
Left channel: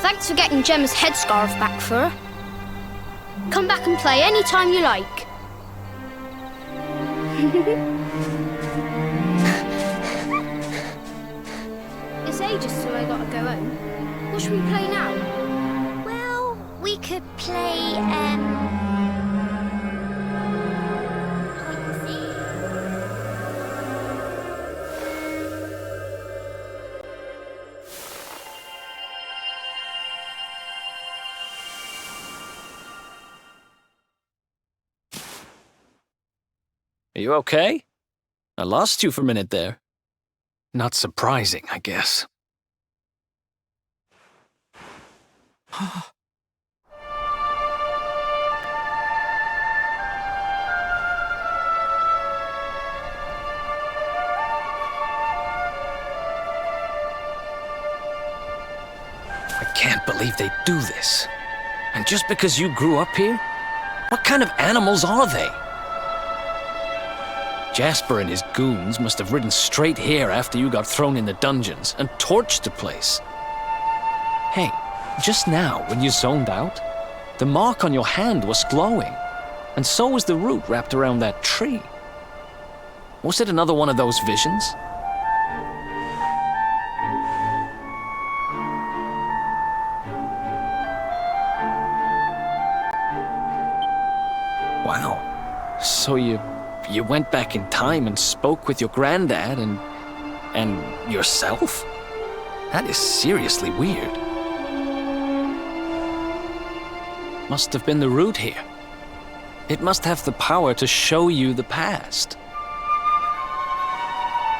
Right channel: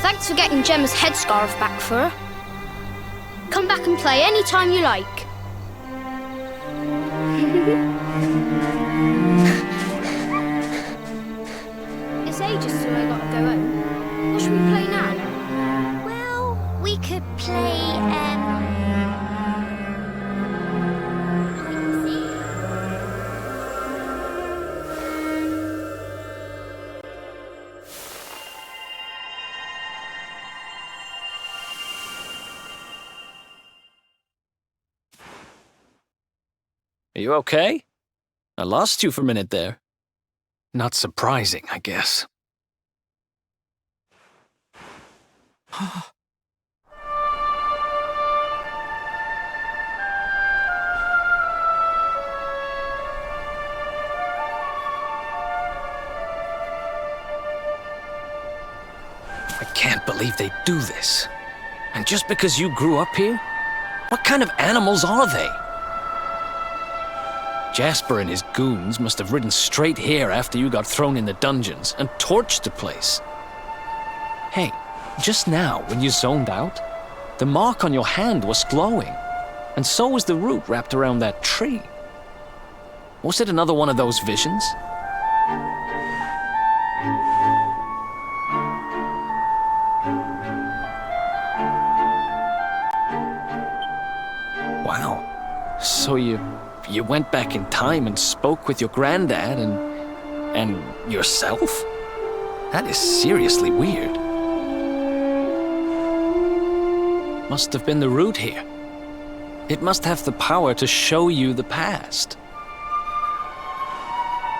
Thanks for getting Gemma's headscarf back for her. Come back and play any time you like. It's ages till I gotta go home. What should we play now? Well, we could play, Are you okay? I lost you for a minute there. Not surprising, I guess. I can't believe they do this. And just because you grew up here? What kind of animals are they? Jasper and his goons must have ridden straight here after you got thrown in the dungeons and torched the place. Hey, just now, when you zoned out, the mark on your hand was glowing, and so was the root wrapped around that tree. Was it another one of those visions? So you went back in time and spoke with your granddad and yourself? That is seriously weird. Must have been the root here. It must have the power to show you the past.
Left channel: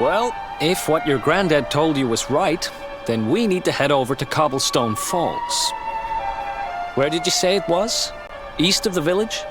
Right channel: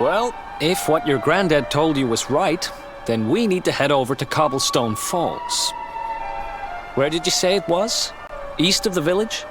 Well, if what your granddad told you was right, then we need to head over to Cobblestone Falls. Where did you say it was? East of the village?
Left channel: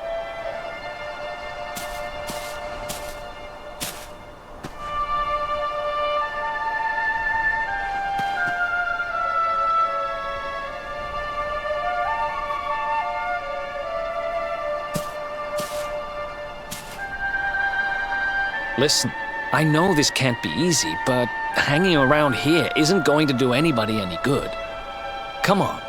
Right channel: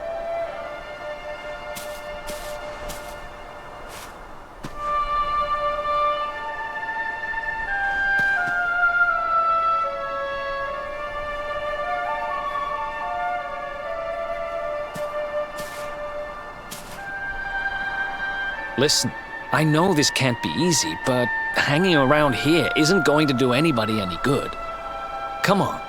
Listen, I know this can't be easy, but hanging around here isn't going to do anybody any good. Come on.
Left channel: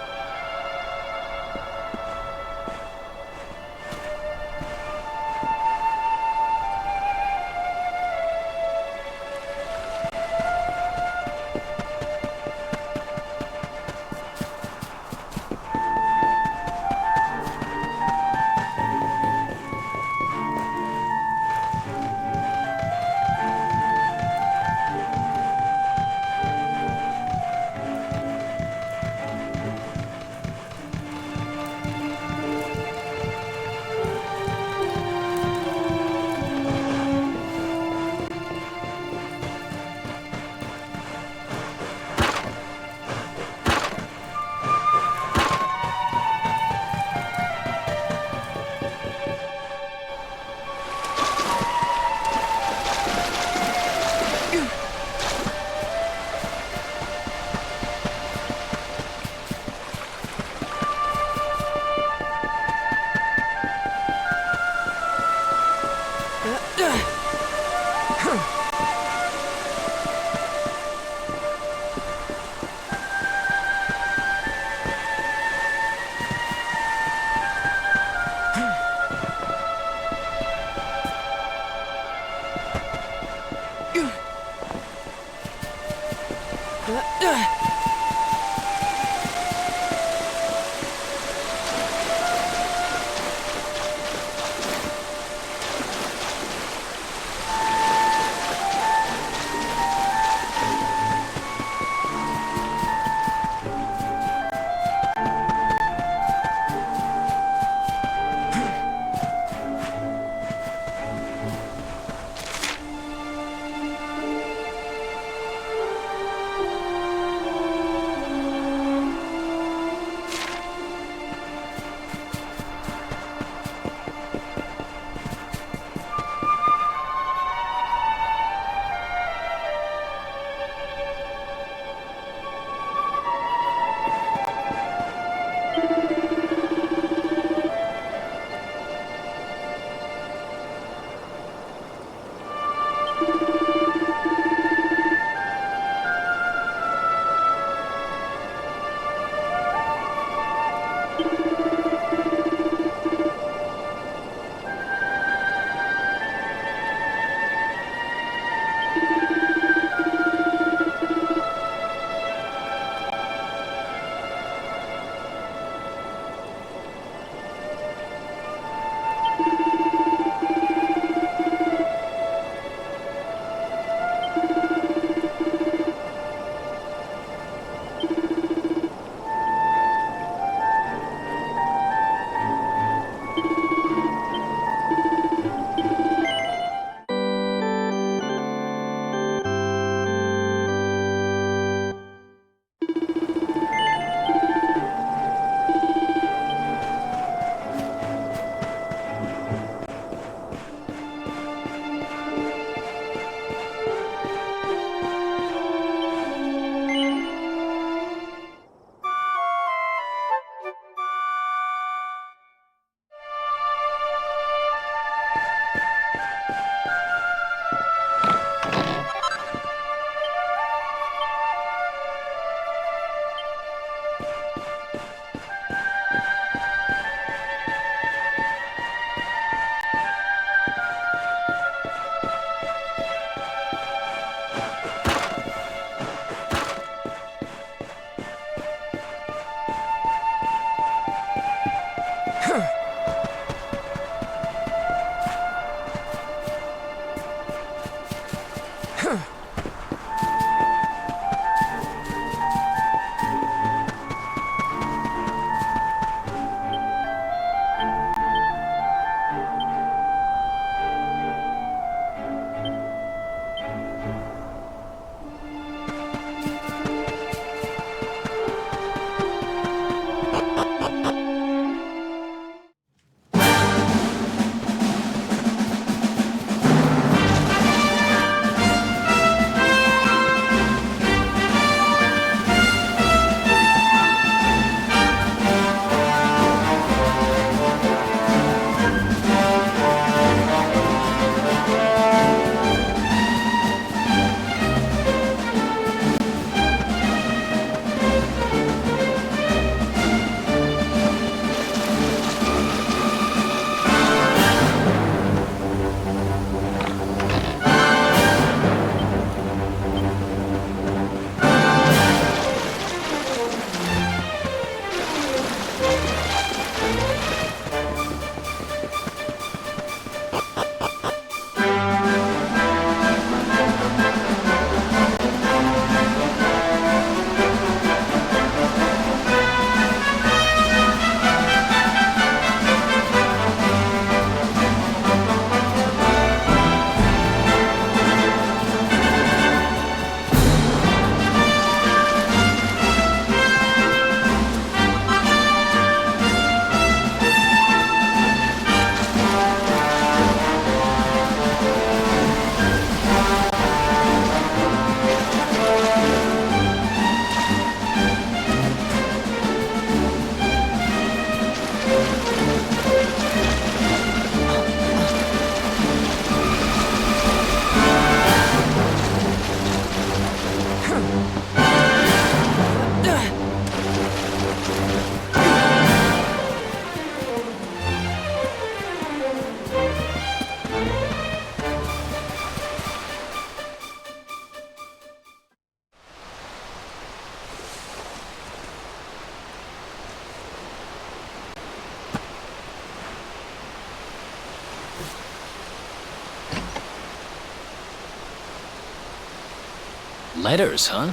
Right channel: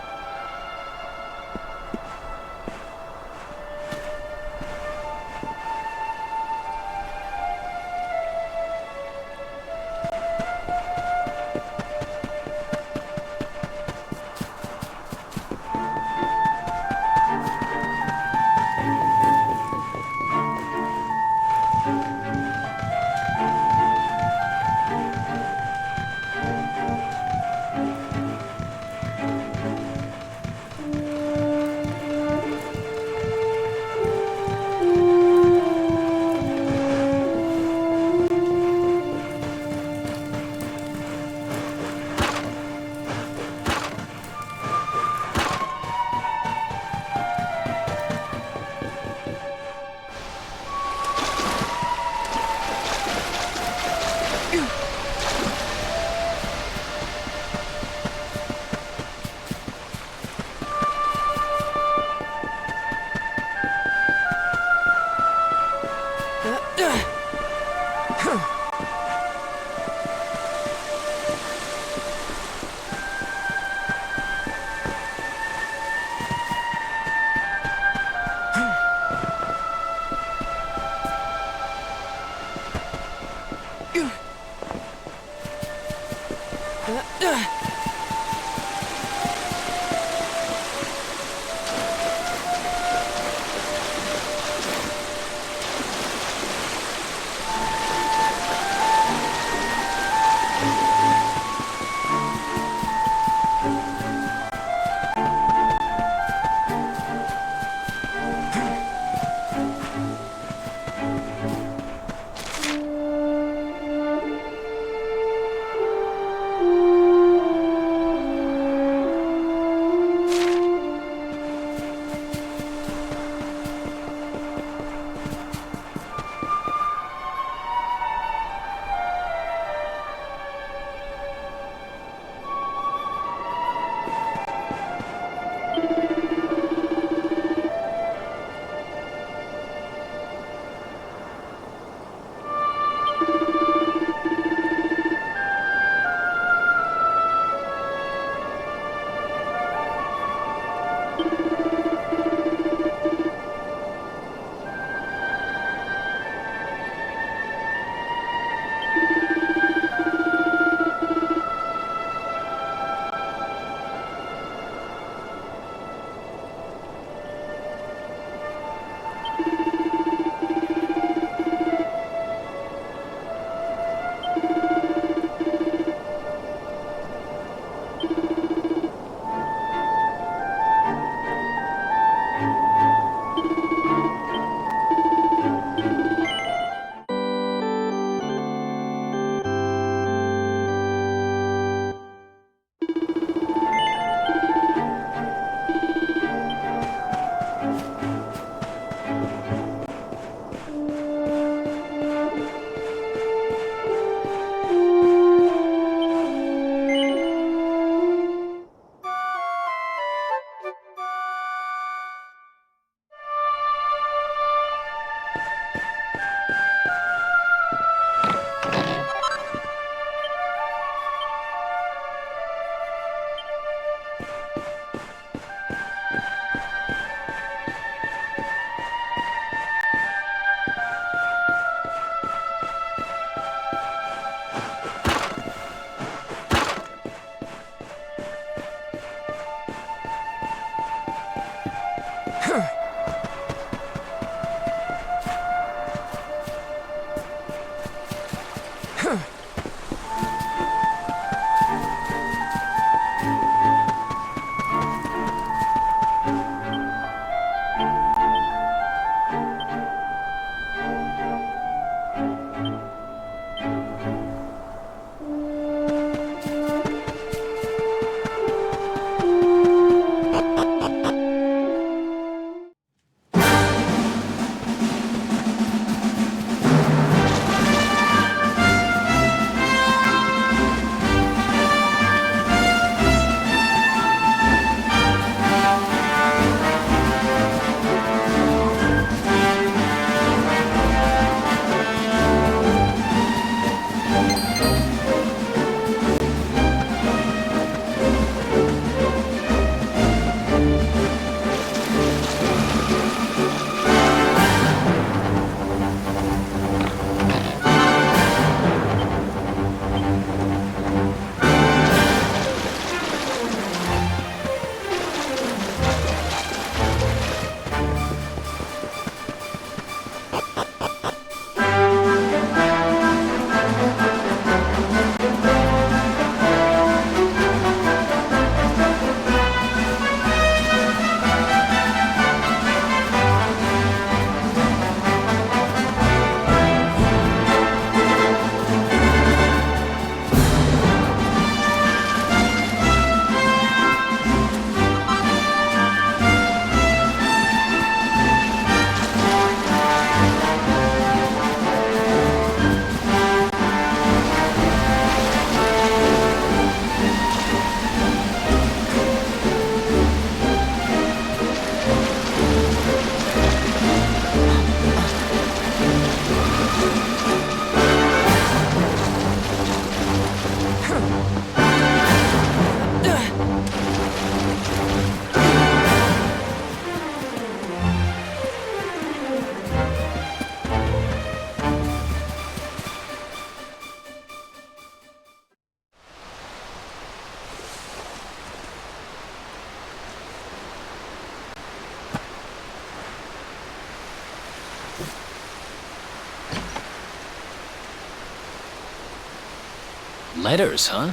Letters, huh?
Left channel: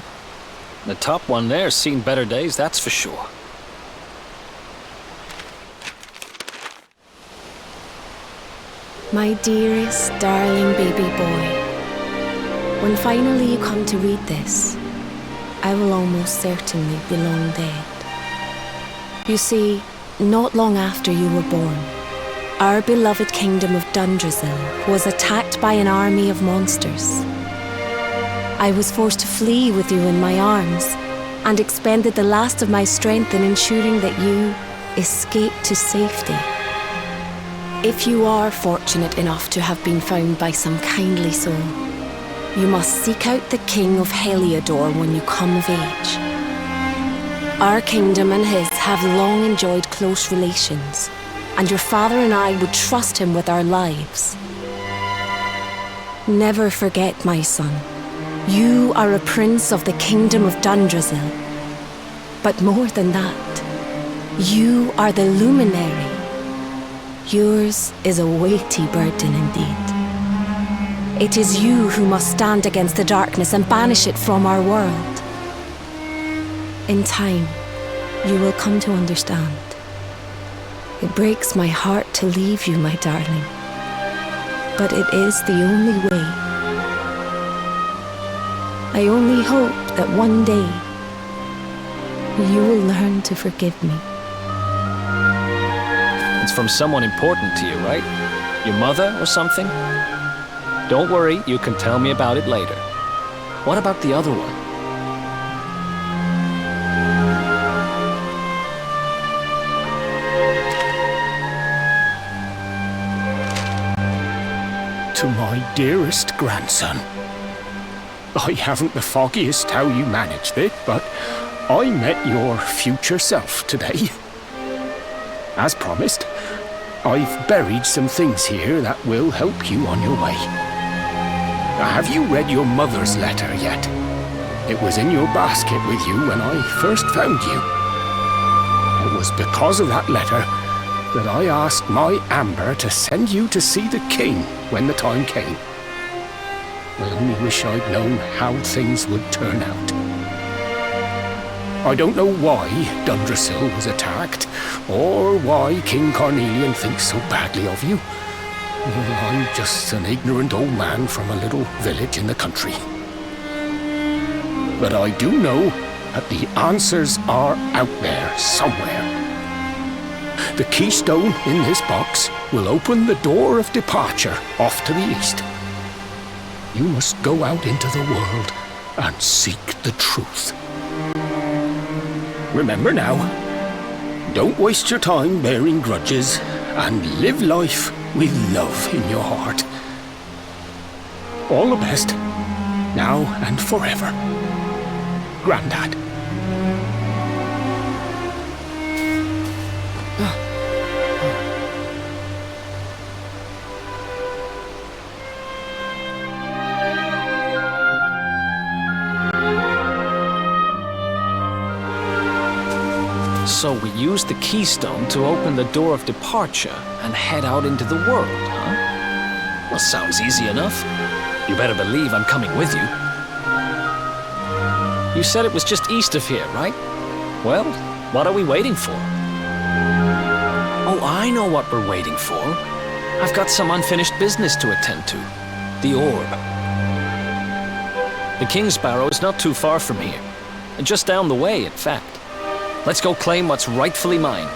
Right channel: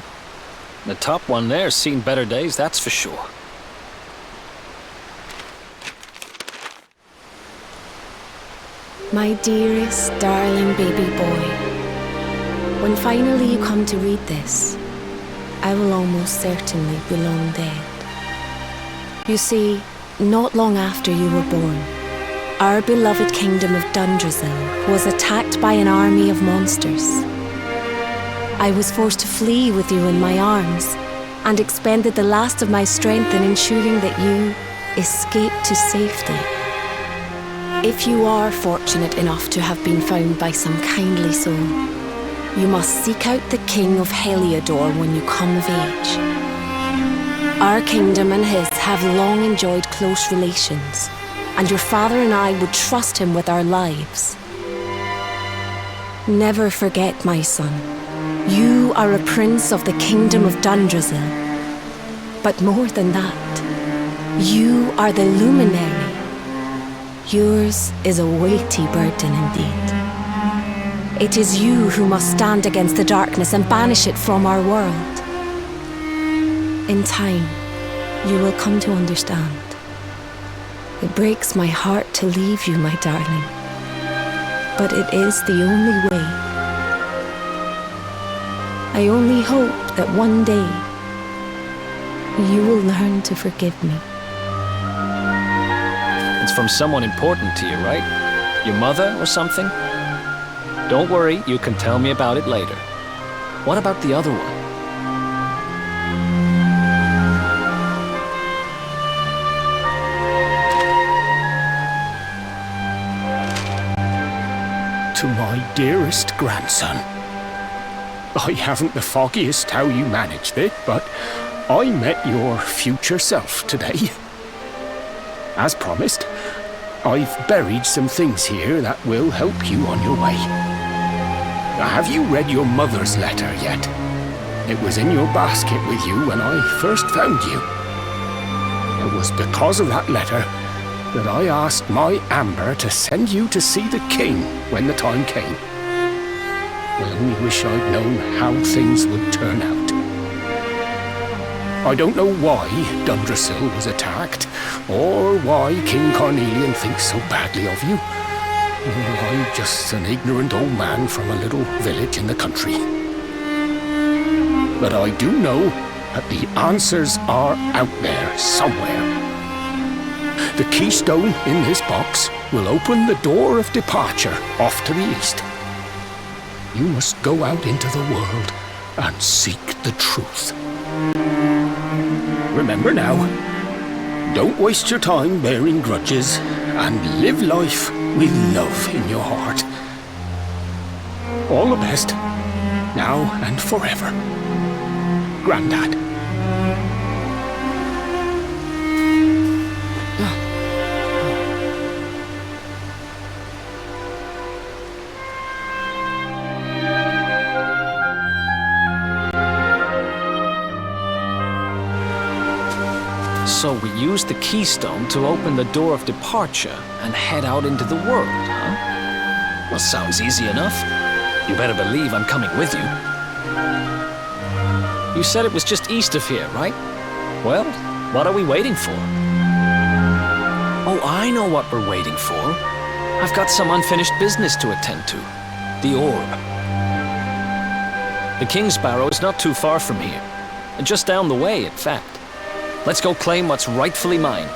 The top one there's seen better days, that's for sure. My dearest, darling baby boy, when finally you come to read this, I will almost certainly be long dead. You see, not long after you were born, our beloved kingdom of 𝐷𝐷𝐺𝐴 was attacked by an army of monsters. I was forced to flee with you in my arms and expended the last of my strength in ensuring that you escaped to safety. If you are fortunate enough to have been found by some kindly soul, you must seek out the king of Heliodor when you come of age. Our kingdom and his have long enjoyed close relations, and your father and I would trust him with our lives. Never forget, my son, you are a prince of the kingdom of 𝐷𝐷𝐺𝐴. But more than that, you are the luminary. Yours is a weighty burden indeed. It is you who must stand against the darkness and banish it from our world. In time, you will come to understand. It breaks my heart to leave you, my darling, but it is the only way. I only hope that one day you will learn to forgive me. It's from someone important to you, right? Your mother or something? Don't worry, you can tell me about it later. What about the other one? To my dearest grandson. I haven't the foggiest how you managed it, but I met your future self today. As promised, I've buried some things here that will help you on your way. Have you read your mother's letter yet? It was in your basket with you when I first found you. It was because of that letter that I asked my Amber to send you to see the king when the time came. I only wish I'd known how things would turn out. I don't know why 𝐷𝐷𝐺𝐴 was attacked, or why King Carnelian thinks so badly of you. I'm just an ignorant old man from a little village in the country. But I do know that the answers are out there somewhere. The keystone in this box will open the door of departure off to the east. You must go out into the world and seek the truth. Remember now, don't waste your time bearing grudges and live life with love in your heart. All the best, now and forever. Grandad. So we used the keystone to open the door of departure and head out into the world, huh? Well, sounds easy enough. You better believe I'm coming with you. You said it was just east of here, right? Well, what are we waiting for? Oh, I know what we're waiting for. I've got some unfinished business to attend to. The orb. The King's Barrow is not too far from here. Just down the way, in fact. Let's go claim what's rightfully mine.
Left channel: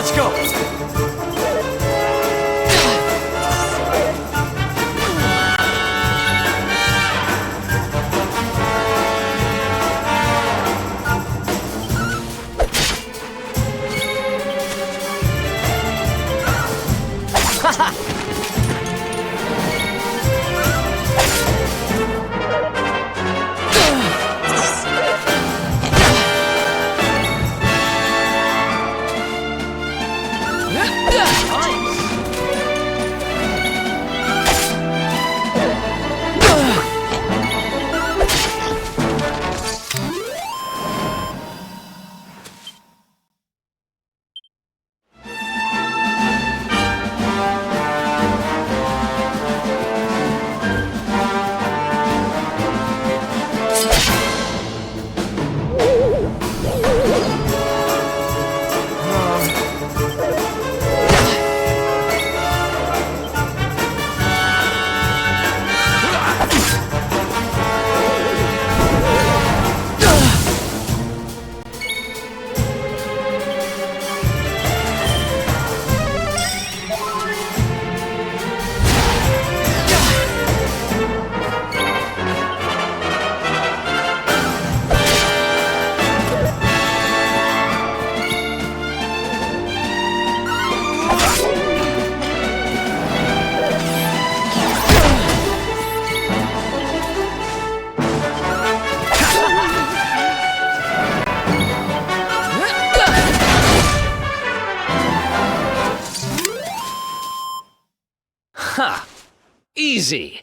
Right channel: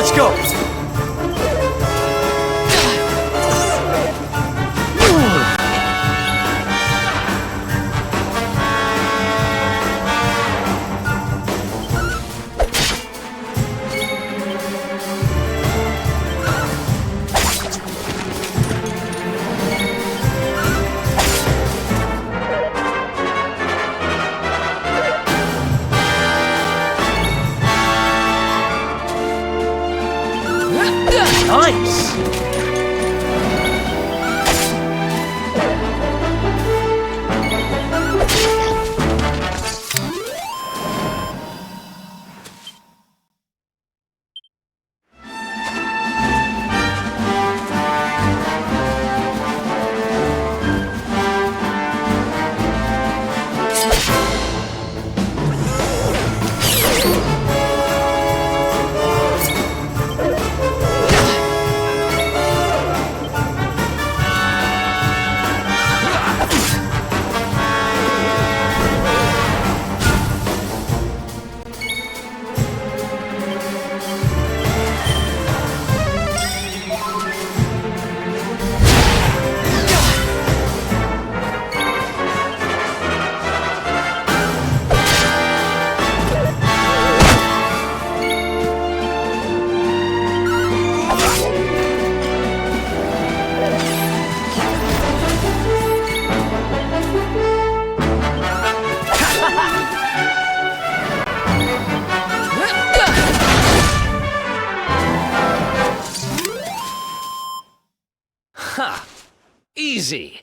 Let's go! Nice! Ha! Easy!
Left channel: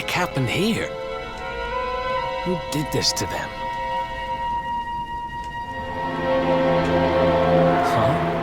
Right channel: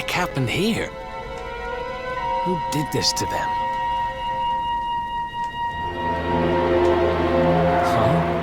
heck happened here? Who did this to them? Huh?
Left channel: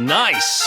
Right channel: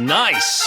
Nice!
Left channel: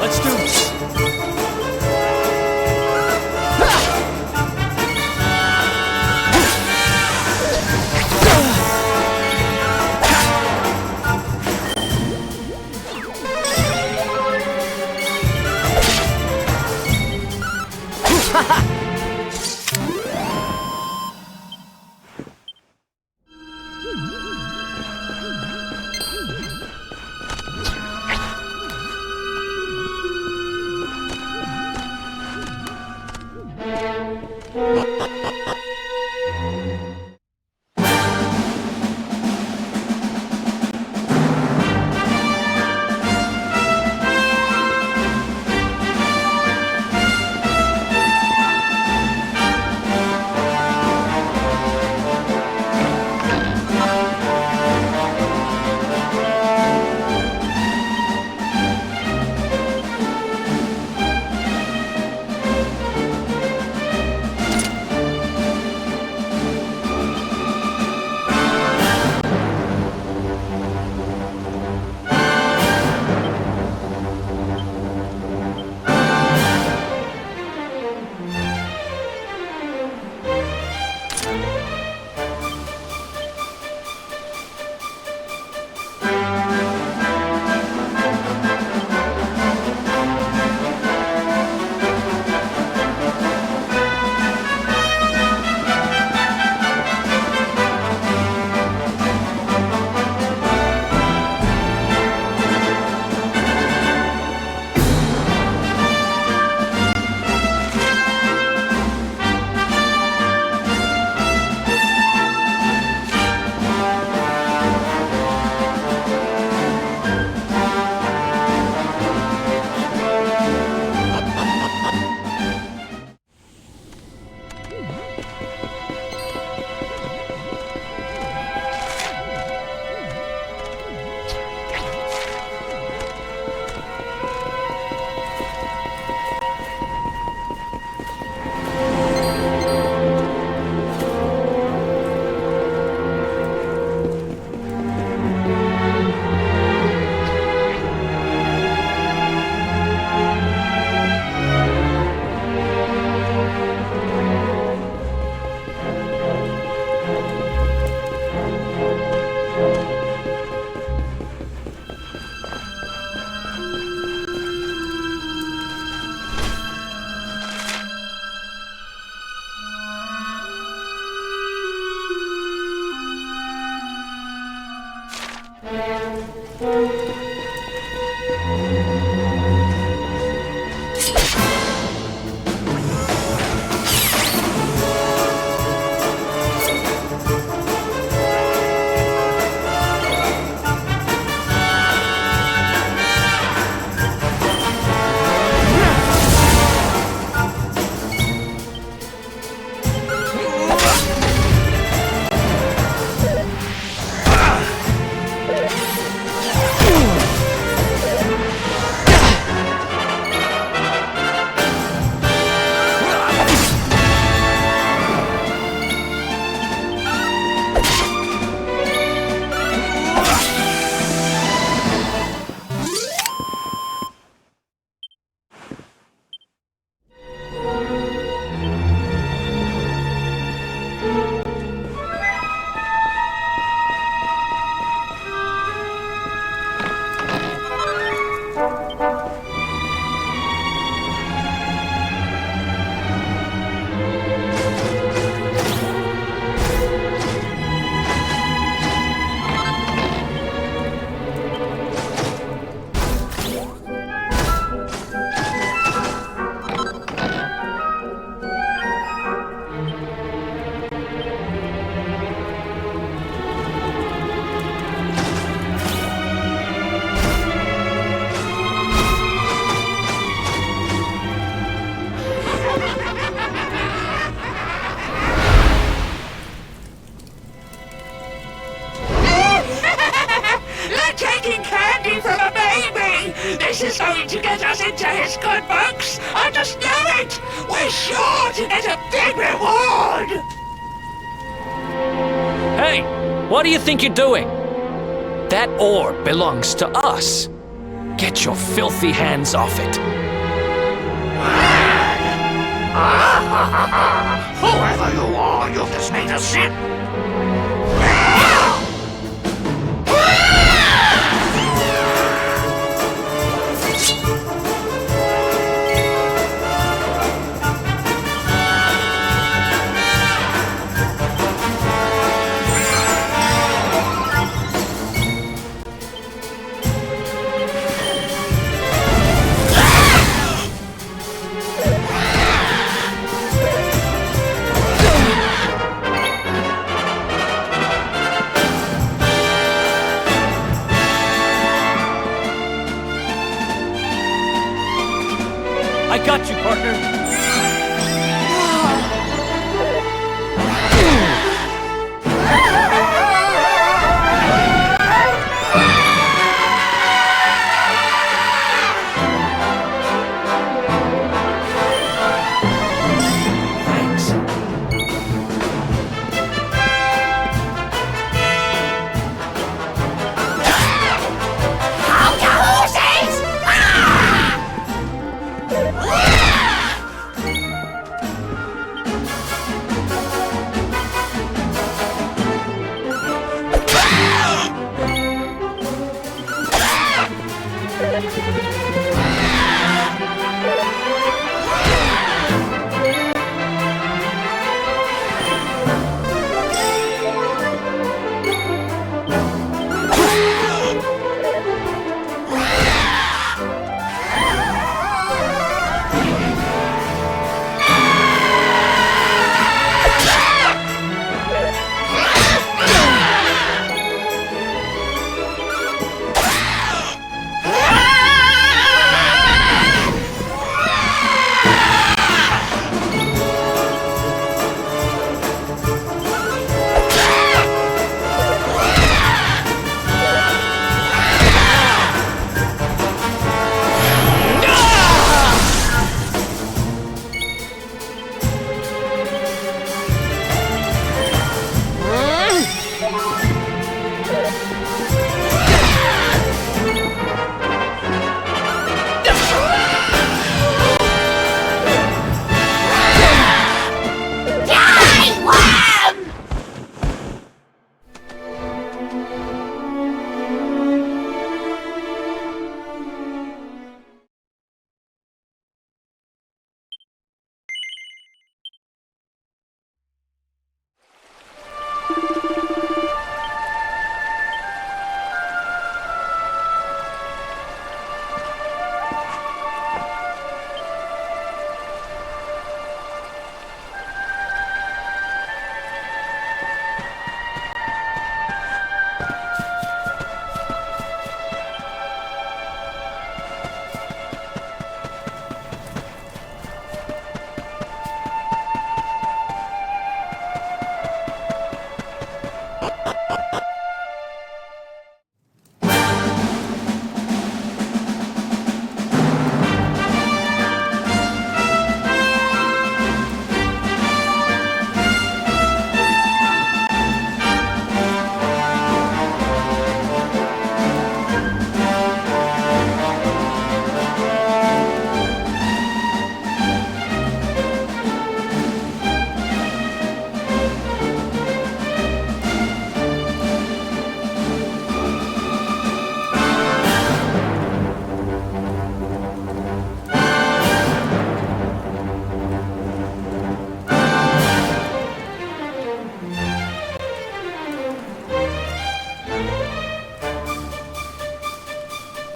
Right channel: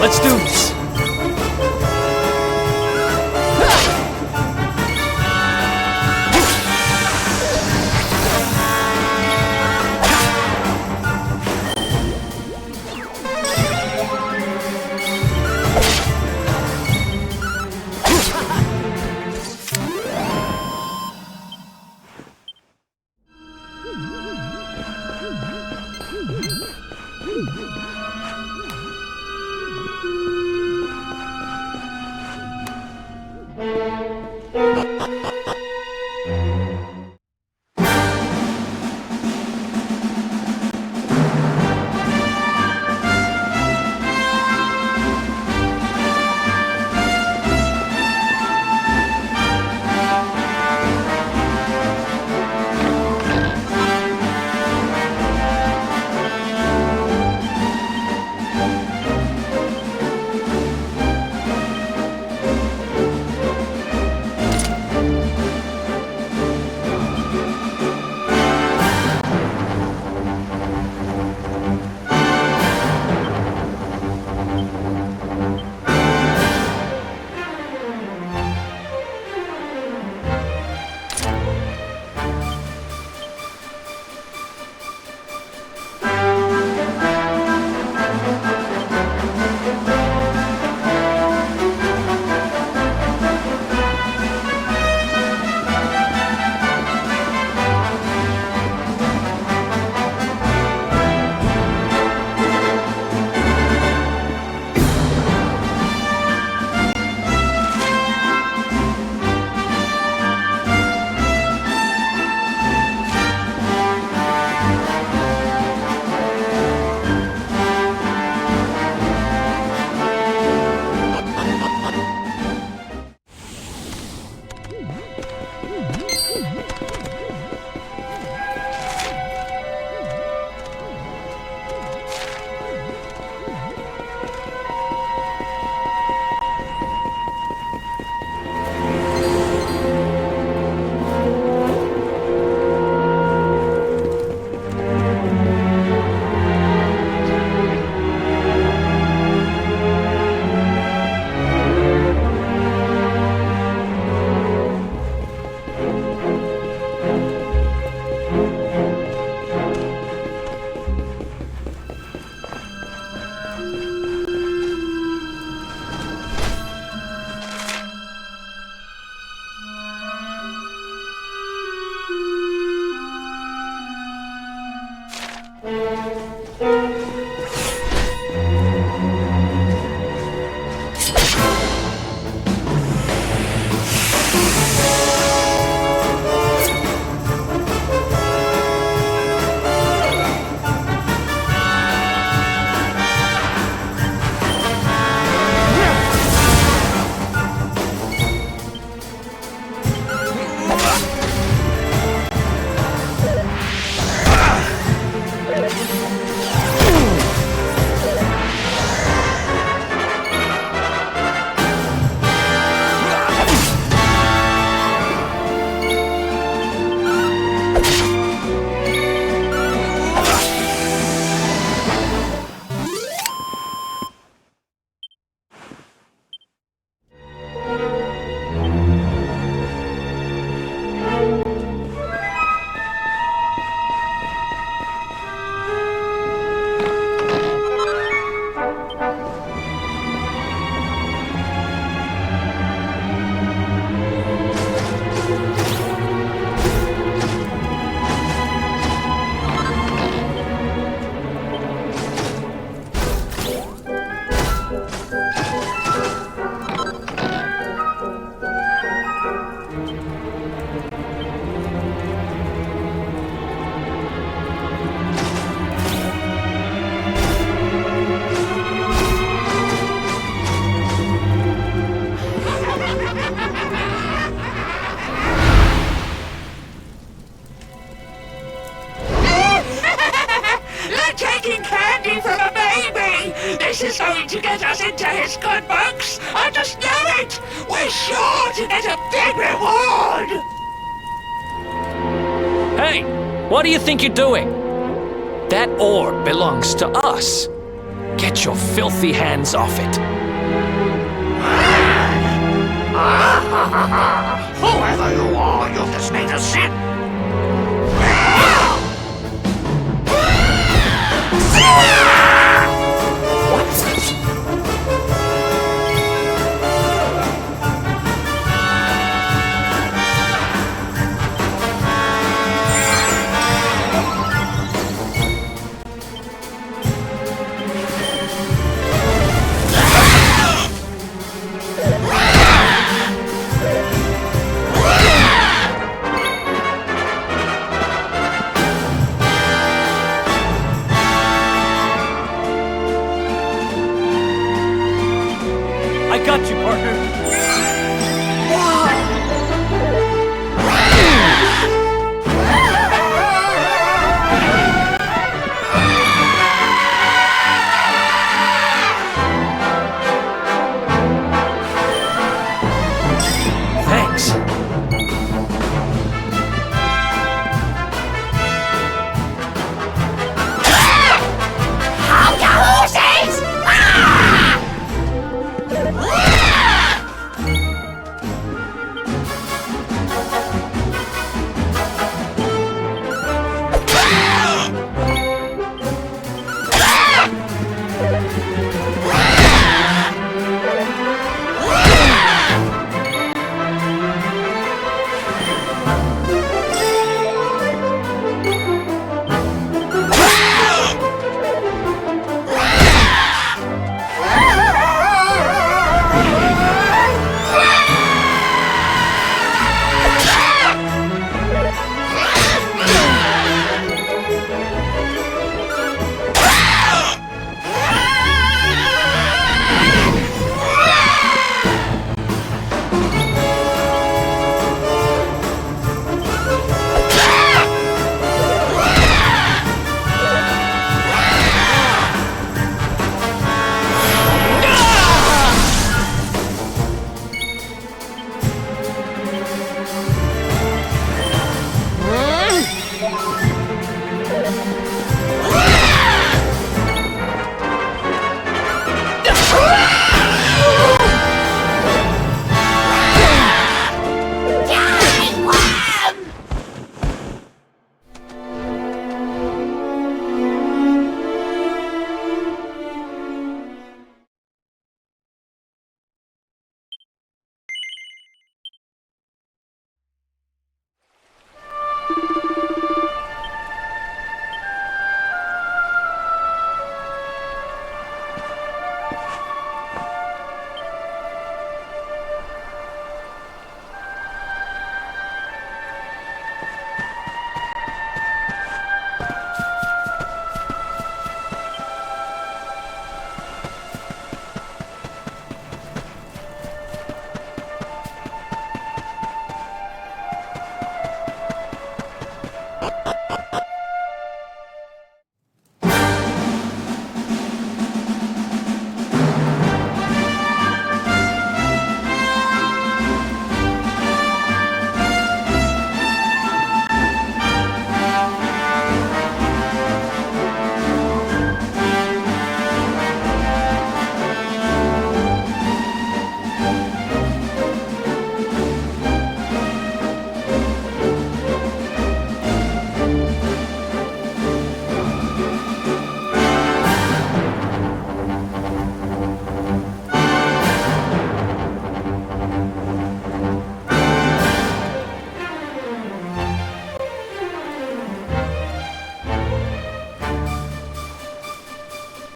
Let's do this. This is going to get us into his good books. I just know it. We're sure to get a big reward. Hey, what do you think you're doing? That orb belongs to us. Get your filthy hands off it. Whoever you are, you've just made us sick. I got you, partner. Thanks.